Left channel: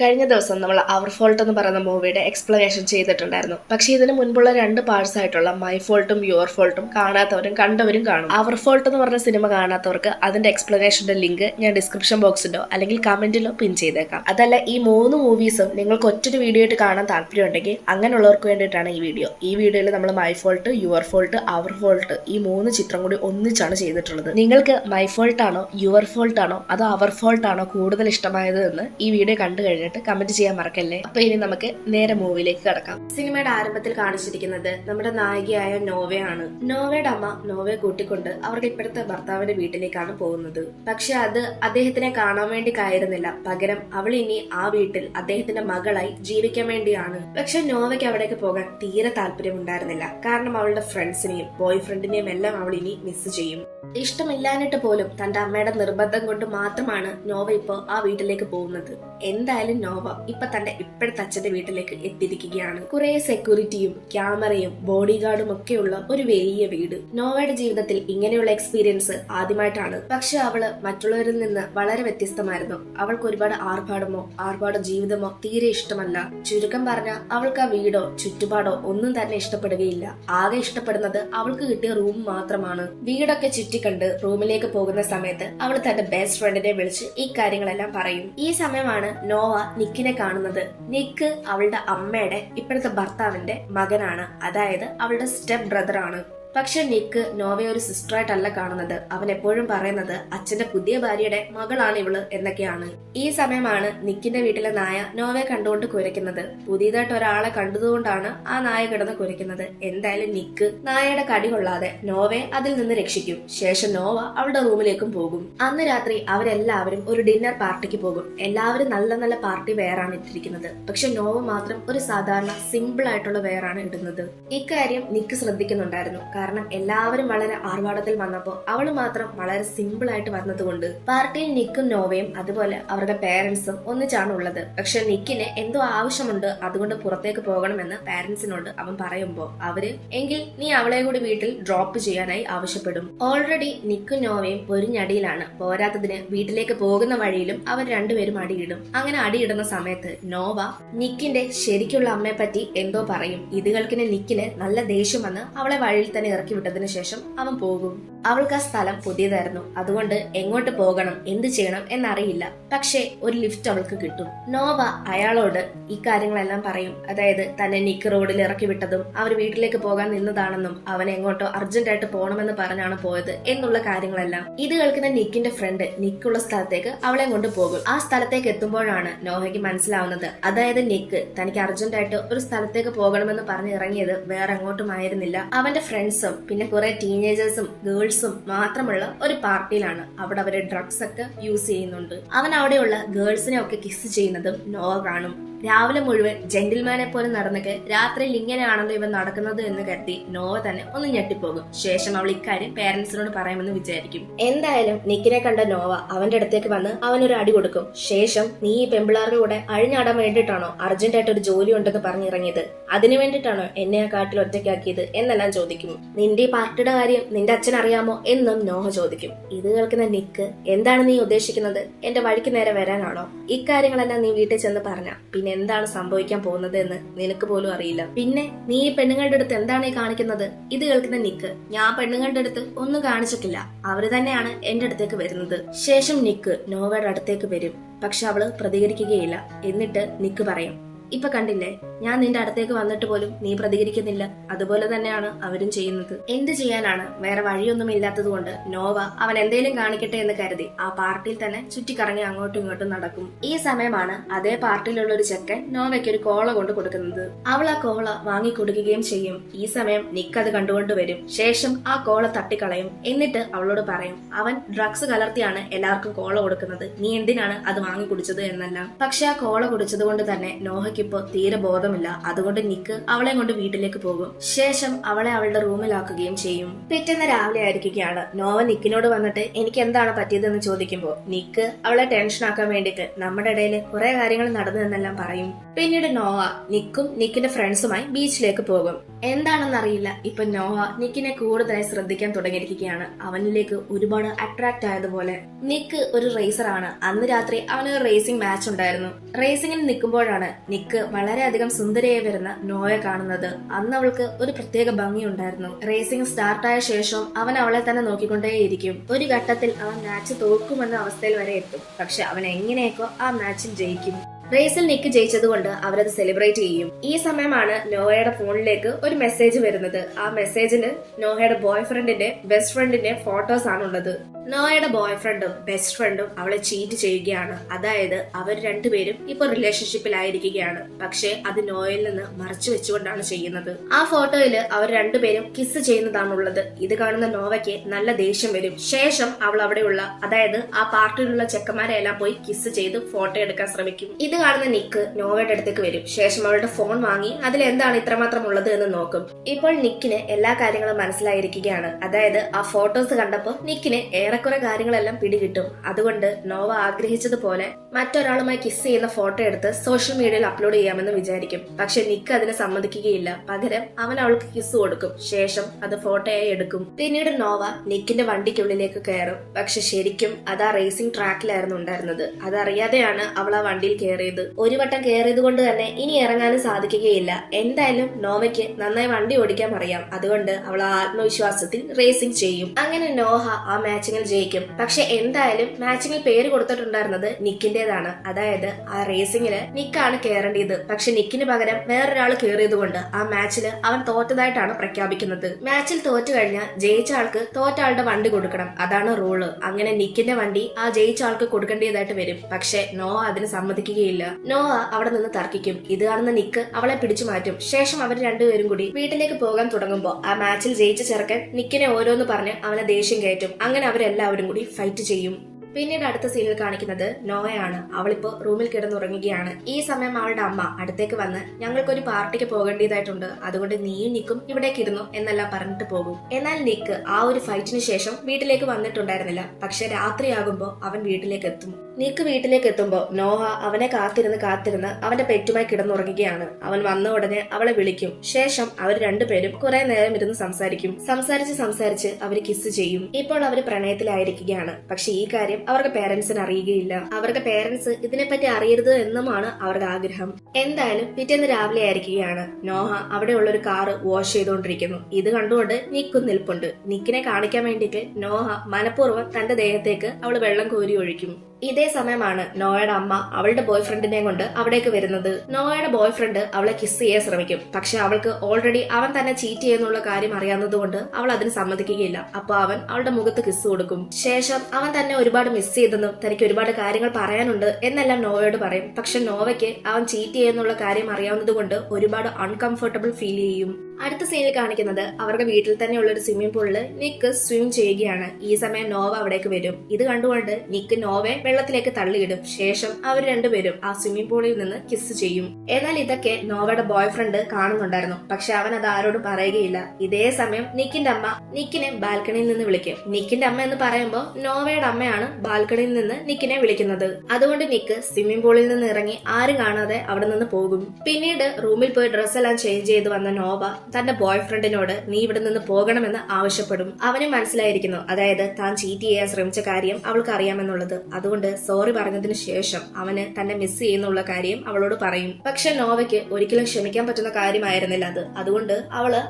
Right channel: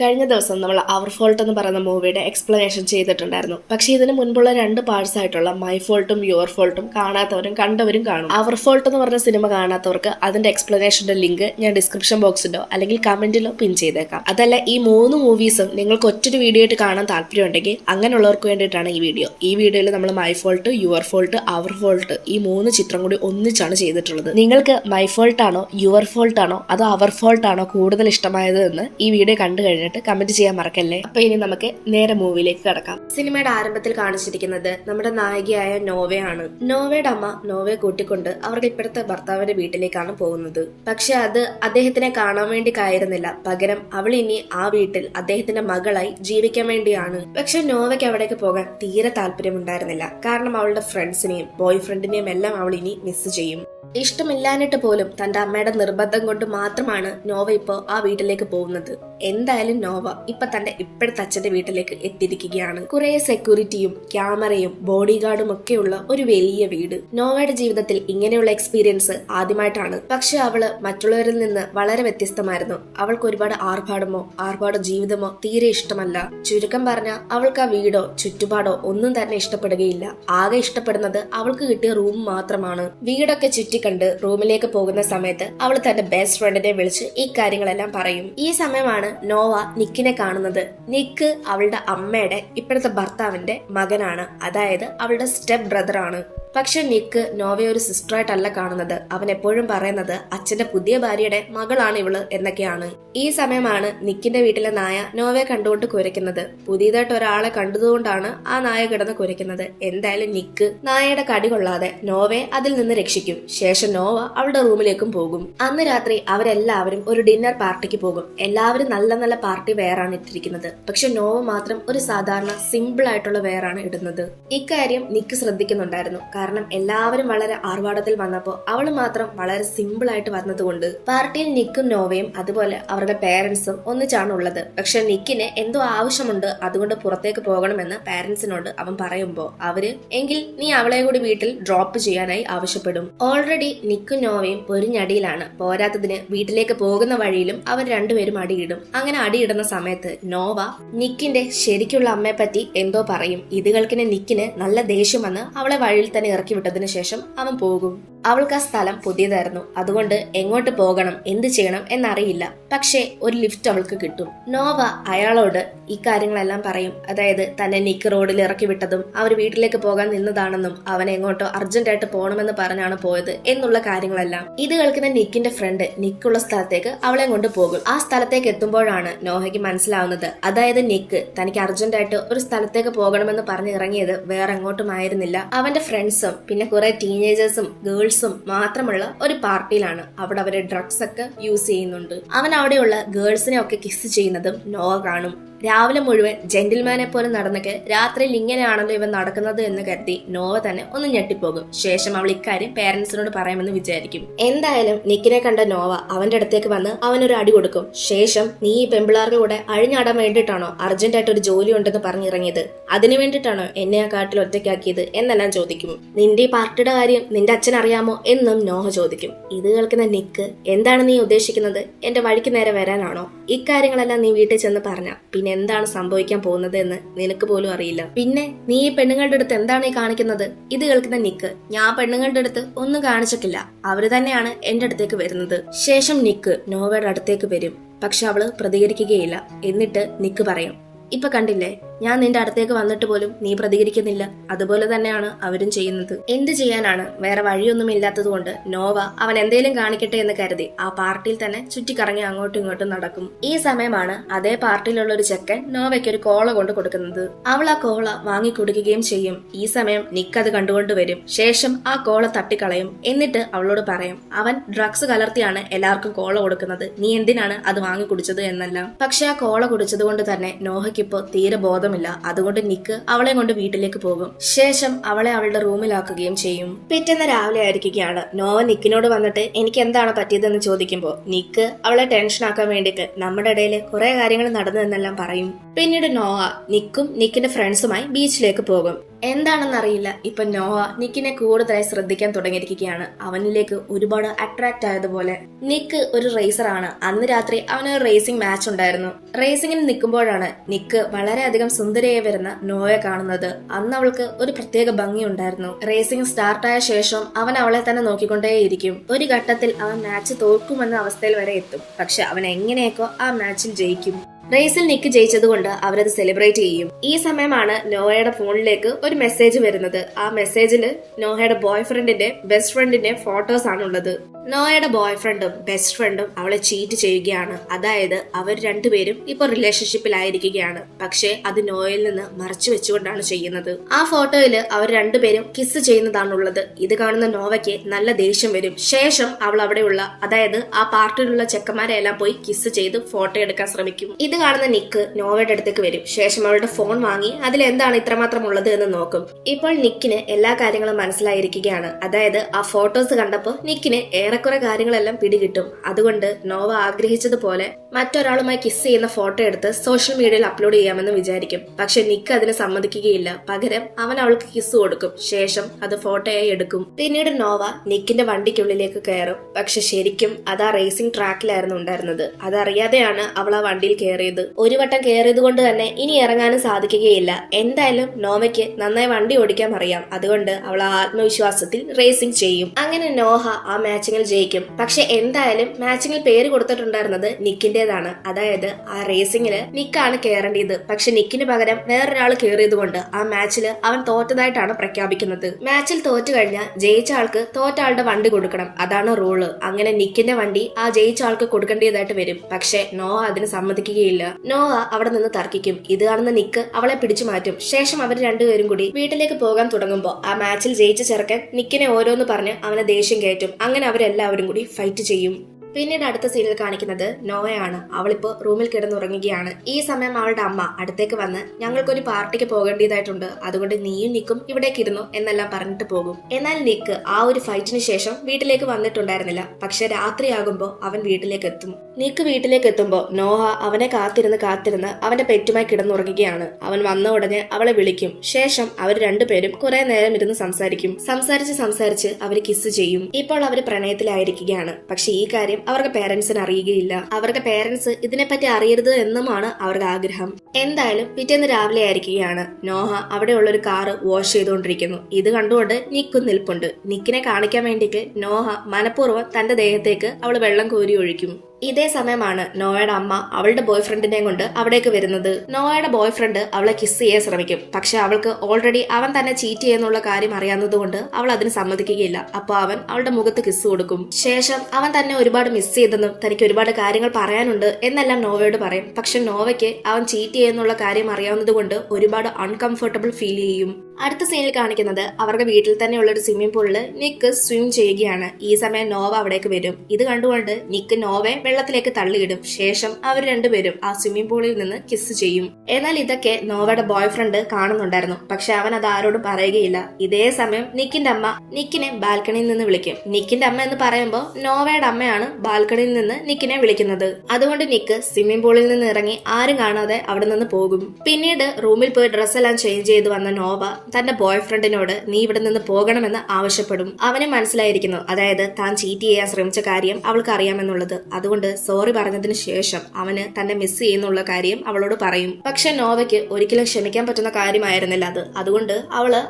കഴിഞ്ഞ ദിവസം നമ്മൾ അവർ ഫോൾട്ട് എന്ന് പറയുന്ന മൂവിയുടെ എക്സ്പ്ലനേഷൻ ചെയ്തിട്ടുണ്ടായിരുന്നു. പക്ഷെ ഇതിന് മുൻപുള്ള 2 പാർട്സ് ആയിട്ടുള്ള മൈ ഫോൾട്ടും യുവർ ഫോൾട്ടും കാണാത്തവരും കണ്ടവരും കാണും. അവർ ഫോൾട്ട് എന്ന് പറഞ്ഞ സിനിമ കാണാത്തവർക്ക് അതിന്റെ എക്സ്പ്ലനേഷന്റെ ലിങ്ക് ഞാൻ ഡിസ്ക്രിപ്ഷൻ ബോക്സിലോ അല്ലെങ്കിൽ കമന്റിലോ പിൻ ചെയ്തേക്കാം. അതല്ല, ഈ 3 മൂവീസും നിങ്ങൾക്ക് ഒറ്റൊരു വീഡിയോ ആയിട്ട് കാണാൻ താല്പര്യമുണ്ടെങ്കിൽ അങ്ങനെയുള്ളവർക്ക് വേണ്ടിയിട്ടാണ് ഈ വീഡിയോ. ഈ വീഡിയോയിൽ നമ്മൾ my fault, your fault, our fault ഈ 3 ചിത്രം കൂടി ഒന്നിച്ചാണ് ചെയ്തിട്ടുള്ളത്. നിങ്ങൾക്ക് മൈ ഫോൾട്ട് ആണോ, യുവർ ഫോൾട്ട് ആണോ, അതോ അവർ ഫോൾട്ട് ആണോ കൂടുതൽ ഇഷ്ടമായത് എന്ന് ഈ വീഡിയോ കണ്ടു കഴിഞ്ഞാൽ കമന്റ് ചെയ്യാൻ മറക്കല്ലേ. അപ്പൊ ഇനി നമുക്ക് നേരെ മൂവിയിലേക്ക് കടക്കാം. സിനിമയുടെ ആരംഭത്തിൽ കാണിച്ചിരിക്കുന്നത് നമ്മുടെ നായികയായ നോവയാണ്. നോവയുടെ അമ്മ നോവയെ കൂട്ടിക്കൊണ്ട് അവരുടെ ഇപ്പോഴത്തെ ഭർത്താവിന്റെ വീട്ടിലേക്കാണ് പോകുന്നത്. പക്ഷെ അത് അദ്ദേഹത്തിനെ കാണാൻ വേണ്ടി കയറുന്നില്ല. പകരം അവൾ ഇനി ആ വീട്ടിൽ അദ്ദേഹത്തിന്റെ മകളായി ജീവിക്കാൻ വേണ്ടിയാണ്. പക്ഷെ നോവയ്ക്ക് അവിടേക്ക് പോകാൻ തീരെ താല്പര്യമുണ്ടായിരുന്നില്ല. കാരണം അവളുടെ ഫ്രണ്ട്സിനെയും ബോയ് ഫ്രണ്ടിനെയും എല്ലാം അവൾ ഇനി മിസ് ചെയ്യും. ഇഷ്ടമില്ലാഞ്ഞിട്ട് പോലും തന്റെ അമ്മയുടെ നിർബന്ധം കൊണ്ട് മാത്രമാണ് നോവ ഇപ്പോ ആ വീട്ടിലേക്ക് പോകുന്നത്. എന്തായാലും നോവ ഇപ്പൊ തന്റെ ഇപ്പോഴത്തെ അച്ഛന്റെ വീട്ടിലേക്ക് എത്തിയിരിക്കുകയാണ്. കുറെ സെക്യൂരിറ്റിയും ക്യാമറയും ബോഡി ഗാർഡും ഒക്കെയുള്ള ഒരു വലിയ വീട്. നോവയുടെ ജീവിതത്തിൽ ഇങ്ങനെയുള്ള എക്സ്പീരിയൻസ് ആദ്യമായിട്ടാണ്. പക്ഷെ അവള് മറ്റുള്ളവരിൽ നിന്ന് വളരെ വ്യത്യസ്തമായിരുന്നു. അവൾക്ക് ഒരുപാട് ആർഭാട ജീവിതമോ തീരെ ഇഷ്ടമല്ല. ചുരുക്കം പറഞ്ഞ അവൾക്ക് ആ വീടോ ചുറ്റുപാടോ ഒന്നും തന്നെ ഇഷ്ടപ്പെടുകയില്ല. ആകെ ഇഷ്ടപ്പെടുന്നത് അവൾക്ക് കിട്ടിയ റൂം മാത്രമാണ്. വീടൊക്കെ ചുറ്റിക്കണ്ട് റൂമിലേക്ക് പോകുന്ന സമയത്ത് അവൾ തന്റെ ബെസ്റ്റ് ഫ്രണ്ടിനെ വിളിച്ച് ഈ കാര്യങ്ങളെല്ലാം പറയും. ഈ സമയമാണ് നോവ നിക്കിനെ കാണുന്നത്. നിക്ക് അവളുടെ അമ്മയുടെ ഇപ്പോഴത്തെ ഭർത്താവിന്റെ മകനാണ്. അതായത് അവളുടെ സ്റ്റെപ്പ് ബ്രദർ ആണ്. പക്ഷെ നിക്ക് നോവയെ ഒരു സിസ്റ്ററായിട്ടല്ല കാണുന്നത്. അവൻ എപ്പോഴും പറയുന്നത് അച്ഛന്റെ പുതിയ ഭാര്യയുടെ മകളാണ് ഇവള് എന്നൊക്കെയാണ്. ഈ സമയമാണ് നിക്കിന്റെ വീട്ടിലെ നായ നോവയെ കണ്ടുകൊണ്ട് കുരയ്ക്കുന്നത്. പുതിയതായിട്ട് ഒരാളെ കണ്ടതുകൊണ്ടാണ് ആ നായ കിടന്ന് കുരയ്ക്കുന്നത്. എന്തായാലും നിക്ക് നായയുടെ കടി കൊള്ളാതെ നോവയെ അതിൽ നിന്ന് രക്ഷിക്കും. ശേഷം നോവ അവളുടെ റൂമിലേക്കും പോകും. അന്ന് രാത്രി അവരെല്ലാവരും ഒരു ഡിന്നർ പാർട്ടിക്ക് പോകും. എല്ലാവരും നല്ല നല്ല പാർട്ടി വെയറാണ് ഇട്ടിരിക്കുന്നത്. പക്ഷെ നോവ മാത്രം ഒരു സാധാരണ സിമ്പിൾ ആയിട്ടുള്ള വെയറാണ് ഇടുന്നത്. ഇക്കാര്യം നിക്ക് ശ്രദ്ധിക്കുന്നുണ്ടായിരുന്നു. കാരണം എല്ലാവരും വളരെ ആർഭാടത്തിൽ വന്നപ്പോൾ അവള് മാത്രം വളരെ സിമ്പിൾ ആയിട്ട് വന്നതുകൊണ്ട് പാർട്ടിയിൽ നിക്കും നോവയും അതുപോലെ അവരുടെ പേരൻസും ഒന്നിച്ചാണ് ഉള്ളത്. പക്ഷെ നിക്കിന് എന്തോ ആവശ്യമുണ്ട്, അതുകൊണ്ട് പുറത്തേക്ക് പോകണമെന്ന് പേരൻസിനോട് അവൻ പറയുമ്പോ അവര് എങ്കിൽ നീ അവളെ കൂടി വീട്ടിൽ ഡ്രോപ്പ് ചെയ്യാനായി ആവശ്യപ്പെടും. ഓൾറെഡി നിക്കും നോവയും പൊരിഞ്ഞടിയിലാണ്. പോരാത്തതിന് വീട്ടിലേക്ക് പോകുന്ന വഴിയിലും അവർ രണ്ടുപേരും അടിയിടും. അങ്ങനെ അടിയിടുന്ന സമയത്ത് നോവ നിക്കിന്റെ ശരിക്കുള്ള അമ്മയെ പറ്റി എന്തോ പറയും. ഇത് കേൾക്കുന്ന നിക്കിന് നല്ല ദേഷ്യം വന്ന് അവളെ വഴിയിൽ തന്നെ ഇറക്കി വിട്ടതിനു ശേഷം അവൻ പോകും. അവൾക്ക് ആ സ്ഥലം പുതിയതായിരുന്നു. അതുകൊണ്ട് എങ്ങോട്ട് പോകണം, എന്ത് ചെയ്യണം എന്നറിയില്ല. പക്ഷേ ഒരു ലിഫ്റ്റ് അവൾക്ക് കിട്ടും. നോവ അയാളോട് ഈ കാര്യങ്ങളെല്ലാം പറയും. അതായത് തന്നെ നിക്ക് റോഡിൽ ഇറക്കി വിട്ടതും അവർ വീട്ടിലേക്ക് പോകാൻ നിന്നതാണെന്നും അവൻ എങ്ങോട്ടോ അർജന്റായിട്ട് പോകണമെന്ന് പറഞ്ഞാണ് പോയത് എന്നുള്ള കാര്യങ്ങളെല്ലാം. ഇത് കേൾക്കുന്ന നിക്കിന്റെ ഫ്രണ്ട് നിക്കുള്ള സ്ഥലത്തേക്ക് അവളെ കൊണ്ട് പോകും. ആ സ്ഥലത്തേക്ക് എത്തുമ്പോഴാണ് നോഹയ്ക്ക് മനസ്സിലാവുന്നത്. അതായത് നിക്ക് തനിക്ക് അർജന്റായിട്ട് ഒരു സ്ഥലത്തേക്ക് പോകണമെന്ന് പറഞ്ഞ് ഇറങ്ങിയത് വേറെ എങ്ങോട്ടും ആയിരുന്നില്ല, അവന്റെ ഫ്രണ്ട്സും പിന്നെ കുറെ ടീനേജേഴ്സും ഗേൾസും മാത്രമുള്ള ഒരു പാർട്ടിയിലാണ്. അവിടെ അവര് ഡ്രഗ്സ് ഒക്കെ യൂസ് ചെയ്യുന്നുണ്ട്. അവൻ അവിടെയുള്ള ഗേൾസിനെ ഒക്കെ കിസ് ചെയ്യുന്നതും നോവ കാണും. രാവിലെ മുഴുവൻ ജെന്റിൽമാനെ പോലെ നടന്നൊക്കെ രാത്രിയിൽ ഇങ്ങനെയാണല്ലോ ഇവൻ നടക്കുന്നത് എന്ന് കരുതി നോവ തന്നെ ഒന്ന് ഞെട്ടിപ്പോകും. ശേഷം അവൾ ഇക്കാര്യം പേരൻസിനോട് പറയാമെന്ന് വിചാരിക്കും. എന്തായാലും നിക്കിനെ കണ്ട നോവ അവന്റെ അടുത്തേക്ക് വന്ന് അവനൊരു അടി കൊടുക്കും. ശേഷം നീ ഈ പെമ്പിളാരുടെ കൂടെ അഴിഞ്ഞാടാൻ വേണ്ടിയിട്ടാണോ അർജന്റായിട്ട് ഒരു ജോലി ഉണ്ടെന്ന് പറഞ്ഞിറങ്ങിയത്? അതിനു വേണ്ടിയിട്ടാണോ എന്നെ ആ കാട്ടിൽ ഒറ്റയ്ക്കാക്കിയത് എന്നെല്ലാം ചോദിക്കും. നിന്റെ ഈ പാർട്ടിയുടെ കാര്യം നിന്റെ അച്ഛൻ അറിയാമോ എന്നും നോഹ ചോദിക്കും. ഇത് കേൾക്കുന്ന നിക്ക് എന്താണ് നീ ഉദ്ദേശിക്കുന്നത്? എന്റെ വഴിക്ക് നേരെ വരാനാണോ? ഇക്കാര്യങ്ങളെല്ലാം നീ വീട്ടിൽ ചെന്ന് പറഞ്ഞ പിന്നെ എന്താണ് സംഭവിക്കാൻ പോകുന്നത് എന്ന് നിനക്ക് പോലും അറിയില്ല. പിന്നെ നീ ഈ പെണ്ണുങ്ങളുടെ അടുത്ത് എന്താണ് ഈ കാണിക്കുന്നത്? ഇത് കേൾക്കുന്ന നിക്ക് ഞാൻ പെണ്ണുങ്ങളുടെ അടുത്ത് ഒന്നും കാണിച്ചിട്ടില്ല, അവര് തന്നെയാണ് എന്റെ അടുത്തേക്ക് വരുന്നത്. ശേഷം നിക്ക് നോവയുടെ അടുത്തേക്ക് വരും. പക്ഷെ അവള് പ്രതികരിക്കുകയില്ല. എന്നിട്ട് നിക്ക് പറയും, ഇപ്പൊ കണ്ടില്ലേ, ഞാൻ നിന്റെ അടുത്തേക്ക് വന്നിട്ട് പോലും നീ പ്രതികരിക്കുന്നില്ല. അതുപോലെ തന്നെയാണ് അവരും ചെയ്യുന്നത്. എന്ത് ചെയ്യാനാണ്, വേറെ വഴിയൊന്നും ഇല്ലാത്തത് കൊണ്ട് നോവ അവൻ എന്തേലും കാണിക്കട്ടെ എന്ന് കരുതി ആ പാർട്ടിയിൽ തന്നെ ചുറ്റിക്കറങ്ങി അങ്ങോട്ടും ഇങ്ങോട്ടും നടക്കും. ഈ സമയമാണ് അതേ പാർട്ടിയിലുള്ള ഒരു ചെക്കൻ നോവയ്ക്ക് ഒരു കോള കൊണ്ട് കൊടുക്കുന്നത്. അവൾ ആ കോള വാങ്ങി കൊടുക്കുകയും ചെയ്യും. ഈ സമയം നിക്ക് അത് കണ്ടുകൊണ്ട് വരും. ശേഷം ആ കോള തട്ടിക്കളയും. എന്നിട്ട് അവളോട് പറയും, അവൻ ഡ്രഗ്സ് കലർത്തിയാണ് എല്ലാവർക്കും കോള കൊടുക്കുന്നത്, നീ എന്തിനാണ് അത് വാങ്ങി കുടിച്ചത് എന്നെല്ലാം. പക്ഷെ ആ കോള കുടിച്ചത് കൊണ്ട് തന്നെ നോഹയ്ക്കിപ്പോ തീരെ ബോധമില്ല. അതുകൊണ്ട് നിക്ക് അവളെ കൊണ്ട് വീട്ടിലേക്ക് പോകും. ശേഷം അവളെ അവളുടെ റൂമിലാക്കുകയും ചെയ്യും. പിറ്റേന്ന് രാവിലെ ആയിരിക്കുകയാണ്. നോവ നിക്കിനോട് വന്നിട്ട് എനിക്ക് എന്താണ് പറ്റിയതെന്ന് ചോദിക്കുമ്പോൾ നിക്ക് അവളെ ടെൻഷൻ ആക്കാൻ വേണ്ടിയിട്ട് നമ്മുടെ ഇടയിൽ കുറെ കാര്യങ്ങൾ നടന്നു എന്നെല്ലാം പറയും. പിന്നീട് നോവ നിക്കും നിക്കിന്റെ ഫ്രണ്ട്സുമായി ബീച്ചിലേക്ക് പോകും. എന്താണെന്നറിയില്ല, ഇപ്പൊ നോവ നിക്കിനെ കൂടുതലായി ശ്രദ്ധിക്കാൻ തുടങ്ങിയിരിക്കുകയാണ്. അവനിലേക്ക് ഒരുപാട് അട്രാക്ട് ആയതുപോലെ. നിക്ക് ഒരു റേസർ ആണ്. അന്ന് രാത്രി അവനൊരു റേസിംഗ് മാച്ച് ഉണ്ടായിരുന്നു. റേസിംഗിൽ നിൽക്കുമ്പോഴാണ് നിക്ക് വളരെയധികം സുന്ദരിയായി വരുന്ന നോവയെ കാണുന്നത്. അന്ന് അവൾക്ക് ഒരു പ്രത്യേക ഭംഗി ഉണ്ടായിരുന്നു. റേസിംഗ് സ്റ്റാർട്ടായ ശേഷം അവൻ അവളെ തന്നെ നോക്കിക്കൊണ്ടേയിരിക്കും. ഒരു ഘട്ടത്തിൽ അവൻ മാച്ച് തോൽക്കുമെന്ന അവസ്ഥയിൽ വരെ എത്തും. പക്ഷെ അവൻ എങ്ങനെയൊക്കെ ആ മാച്ചിൽ ജയിക്കും. റേസിൽ നിക്ക് ജയിച്ചതുകൊണ്ട് അവരത് സെലിബ്രേറ്റ് ചെയ്യും. ഈ സമയമാണ് നോഹയുടെ ഫോണിലേക്ക് ഒരു മെസ്സേജ് വരുന്നത്. ആ മെസ്സേജില് നോഹയുടെ ബോയ് ഫ്രണ്ടിന്റെ ബെസ്റ്റ് ഫ്രണ്ടിന്റെ ഫോട്ടോസ് ആണുള്ളത്. നോഹയുടെ ബോയ് ഫ്രണ്ടും ബെസ്റ്റ് ഫ്രണ്ടും അവളെ ചീറ്റ് ചെയ്യുകയാണ്. അതായത് അവർ രണ്ടുപേരും ഇപ്പൊ റിലേഷൻഷിപ്പിലായിരിക്കുകയാണ്. പക്ഷെ അത് നോഹയിൽ നിന്ന് മറച്ചു വെച്ചുകൊണ്ടാണ് ചെയ്യുന്നത്. ആ ഫോട്ടോയില് അവർ രണ്ടുപേരും കിസ് ചെയ്യുന്നതാണുള്ളത്. ഇത് കാണുന്ന നോവയ്ക്ക് നല്ല ദേഷ്യം വരും. ശേഷം അവൾ അവിടെയുള്ള, അതായത് ആ പാർട്ടിയിലുള്ള ചെക്കന്മാരെ എല്ലാം പോയി കിസ് ചെയ്ത് ഫോട്ടോ എടുക്കാൻ ശ്രമിക്കും. ഇത് കാണുന്ന നിക്ക് നോവയുടെ അടുത്തേക്ക് വരും. ശേഷം അവളുടെ ഫോൺ വാങ്ങി അതിൽ എന്താണ് ഇത്രമാത്രം ഉള്ളത് എന്ന് നോക്കും. ഇപ്പോൾ നിക്കിന് എല്ലാ കാര്യങ്ങളും മനസ്സിലായിരിക്കുകയാണ്. അതായത് ആ ഫോട്ടോസ് കണ്ടപ്പോൾ നിക്കിന് ഏറെക്കുറെ കാര്യങ്ങളെല്ലാം പിടികിട്ടും. അതുകൊണ്ട് നോവ ആഗ്രഹിച്ചതുപോലെ മറ്റൊരാളുമായി കിസ് ചെയ്യുന്ന ഫോട്ടോ എടുത്ത് സോഷ്യൽ മീഡിയയിൽ അപ്ലോഡ് ചെയ്യാമെന്ന് വിചാരിക്കും. പക്ഷെ നിക്ക് അതിന് സമ്മതിക്കുകയില്ല. പകരം അവൻ അവൾക്ക് കിസ് കൊടുക്കും. ശേഷം അത് ഫോട്ടോയായി എടുക്കും. പിന്നീട് നോവ നിക്കിന്റെ വണ്ടിക്കുള്ളിലേക്ക് കയറും. പക്ഷെ ശരിക്കും അത് ആ റേസിംഗ് ട്രാക്കിലായിരുന്നു ഉണ്ടായിരുന്നത്. അതറിയാതെയാണ് അവൾ ആ വണ്ടിയിൽ കയറിയത്. ഒരു വട്ടം കയറിയത് കൊണ്ട് തന്നെ ഇനി ഇറങ്ങാനും സാധിക്കുകയില്ല. എന്തായാലും നോവയ്ക്ക് നന്നായി വണ്ടി ഓടിക്കാൻ അറിയാം. അതുകൊണ്ട് അവൾ ആ ആത്മവിശ്വാസത്തിൽ റേസിംഗ് ചെയ്യും. അങ്ങനെ നോഹ ആ മാച്ചിങ്ങിൽ ജയിക്കും. പക്ഷെ എന്തായാലും മാച്ചിങ്ങിൽ പേര് കൊടുത്തിട്ടുണ്ടായിരുന്നത് നിക്കിന്റേതാണ്. അതായത് ആ റേസിംഗില് നിക്കാണ് കയറേണ്ടത്. പക്ഷെ നിക്കിന് പകരം വേറൊരാൾ കയറിയത് കൊണ്ട് ആ മാച്ചില് അവൻ തോറ്റതായിട്ടാണ് പ്രഖ്യാപിക്കുന്നത്. മാച്ചിൽ തോറ്റു കഴിഞ്ഞാൽ ജയിച്ച ആൾക്ക് തോറ്റ ആളുടെ വണ്ടി കൊടുക്കണം. അതാണ് റൂള്. അങ്ങനെ നിക്കിന്റെ വണ്ടി ആ ജയിച്ച ആൾക്ക് കൊടുക്കേണ്ടതായിട്ട് വരും. പക്ഷെ നോഹ അതിന് സമ്മതിക്കുകയില്ല. നോവ അവിടെ നിന്ന് തർക്കിക്കും. ഇത് കാണുന്ന നിക്ക് അവളെ പിടിച്ചു മാറ്റും. ശേഷം അവർ രണ്ടുപേരും കൂടി വീട്ടിലേക്ക് പോകാൻ തുടങ്ങുമ്പോൾ ആ മാച്ചിൽ ജയിച്ച ചെറുക്കൻ നിക്കിനെ ഓരോന്ന് പറഞ്ഞ് അവനെ ദേഷ്യം കയറ്റും. അങ്ങനെ അവരെല്ലാവരും കൂടി ഫൈറ്റ് ചെയ്യും. പിന്നീട് അടുത്ത സീനിൽ കാണിക്കുന്നത് നോവയാണ്. അവളിപ്പോ റൂമിൽ കിടന്നുറങ്ങുകയാണ്. ഈ സമയം അവളുടെ അമ്മ അടുത്തേക്ക് വന്ന് ഞങ്ങൾക്കൊരു പാർട്ടിക്ക് പോകേണ്ടതായിട്ടുണ്ട്, അതുകൊണ്ട് നീയും നിക്കും ഇവിടേക്ക് ഇരുന്നു എന്നെല്ലാം പറഞ്ഞിട്ട് പോകും. എന്നാൽ നിക്ക് ആ ഒരു ഫൈറ്റിന് ശേഷം വീട്ടിലേക്ക് വന്നിട്ടുണ്ടായിരുന്നില്ല. പക്ഷെ രാത്രിയാകുമ്പോ അവൻ വീട്ടിലേക്ക് എത്തും. നിക്ക് വീട്ടിലേക്ക് എത്തുമ്പോ നോഹ അവനെ കാത്തിരുന്ന് അവന്റെ പെറ്റുമായി കിടന്നുറങ്ങുകയാണ്. അവൻ വന്ന ഉടനെ അവളെ വിളിക്കും. ശേഷം അവർ രണ്ടുപേരും കുറെ നേരം ഇരുന്ന് സംസാരിച്ച് അവർ കിസ് ചെയ്യും. ഇപ്പോൾ അവർ പ്രണയത്തിലായിരിക്കുകയാണ്. പക്ഷെ ഈ കാര്യം അവർക്ക് പേരൻസിന് അറിയുകയില്ല. അവർക്ക് പേരൻസ് ഇതിനെപ്പറ്റി അറിയരുത് എന്നുമാണ് അവർക്ക് ആഗ്രഹം. എന്തായാലും പിറ്റേന്ന് രാവിലെ ആയിരിക്കുകയാണ്. നോഹ അവിടെയുള്ള ഒരു കാറ് വാഷ് ചെയ്തുകൊണ്ടിരിക്കുന്നു. ഇത് കണ്ടുകൊണ്ട് നിക്കും നിൽപ്പുണ്ട്. നിക്കിനെ കാണിക്കാൻ വേണ്ടിയിട്ട് നോഹ മനഃപൂർവ്വം തന്റെ ദേഹത്തേക്ക് അവൾ വെള്ളം കോരി ഒഴിക്കും. ഇതേ സമയമാണ് നോയുടെ അമ്മ അവളുടെ ബോയ് ഫ്രണ്ടിനെ കൊണ്ട് അവിടേക്ക് വരുന്നത്. നോയുടെ ബോയ് ഫ്രണ്ട് അവളെ കിസ് ചെയ്യാൻ ശ്രമിക്കും. പക്ഷെ അവൾക്ക് ഓൾറെഡി അവൻ തന്നെ ചീറ്റ് ചെയ്യുന്നുള്ള കാര്യം അറിയാവുന്നതുകൊണ്ട് അവൾ അതിന് സമ്മതിക്കുകയില്ല. അപ്പൊ അവൻ അവളുടെ മുഖത്ത് കിസ് കൊടുക്കും. ശേഷം അവൻ തന്നെ ഒരുപാട് മിസ് ചെയ്തെന്നും തനിക്ക് ഒരുപാട് കാര്യങ്ങൾ പറയാനുണ്ട് എന്നെല്ലാം നോവയോട് പറയും. പക്ഷെ നോവയ്ക്ക് അവൻ ചീറ്റ് ചെയ്യുന്നുള്ള കാര്യം അറിയാവുന്നത് കൊണ്ട് ഒരുപാട് അൺകംഫർട്ടബിൾ ഫീൽ ചെയ്യും. അടുത്ത സീനിൽ കാണിക്കുന്നത് അവരുടെ വീട്ടിൽ തന്നെയുള്ള ഒരു സ്വിമ്മിംഗ് പൂളിൽ നിക്ക് സ്വിം ചെയ്യുകയാണ്. ഈ സമയം നോവ അവിടേക്ക് വരും. ഇത് കണ്ടുകൊണ്ട് നിക്ക് നോവയെ വെള്ളത്തിലേക്ക് തള്ളിയിടും. ശേഷം അവർ രണ്ടുപേരും ആ സ്വിമ്മിംഗ് പൂളിൽ നിന്ന് കിസ് ചെയ്യും. എന്നാൽ ഇതൊക്കെ നോവയുടെ ബോയ് ഫ്രണ്ട് കാണുന്നുണ്ടായിരുന്നു. പക്ഷെ അവൻ അത് ആരോടും പറയുകയില്ല. ഇതേ സമയം നിക്കിന്റെ അമ്മ നിക്കിനെ ബാൽക്കണിയിൽ നിന്ന് വിളിക്കും. നിക്കിന്റെ അമ്മ എന്ന് പറയുമ്പോൾ നോവയുടെ അമ്മയാണ് ബാൽക്കണിയിൽ നിന്ന് നിക്കിനെ വിളിക്കുന്നത്. അതുകൊണ്ട് നിക്ക് സ്വിമ്മിംഗ് പൂളിൽ നിന്ന് ഇറങ്ങി ആരും കാണാതെ അവിടെ നിന്ന് പോകും. പിന്നീട് റൂമിൽ പോയി ഡ്രസ്സെല്ലാം ചേഞ്ച് ചെയ്ത് വന്ന നോവ തന്റെ ബോയ് ഫ്രണ്ടിനോട് നീ ഇവിടെ നിന്ന് പോകണമെന്ന് ആവശ്യപ്പെടും. അവന് മനസ്സിലായിരിക്കുന്നു, അതായത് താൻ ചീറ്റ് ചെയ്യാൻ ശ്രമിച്ച കാര്യം അവൾക്ക് അറിയാമെന്നുള്ളത്. അതുകൊണ്ട് സോറി പറഞ്ഞതിന് ശേഷം അവന് തന്നെ മിസ് ചെയ്യുന്നുള്ള കാര്യം അവളോട് പറയും. പക്ഷെ നോവയ്ക്ക് ഒരിക്കലും ക്ഷമിക്കാൻ പറ്റുന്ന കാര്യമായിരുന്നില്ല അത്. അതുകൊണ്ട്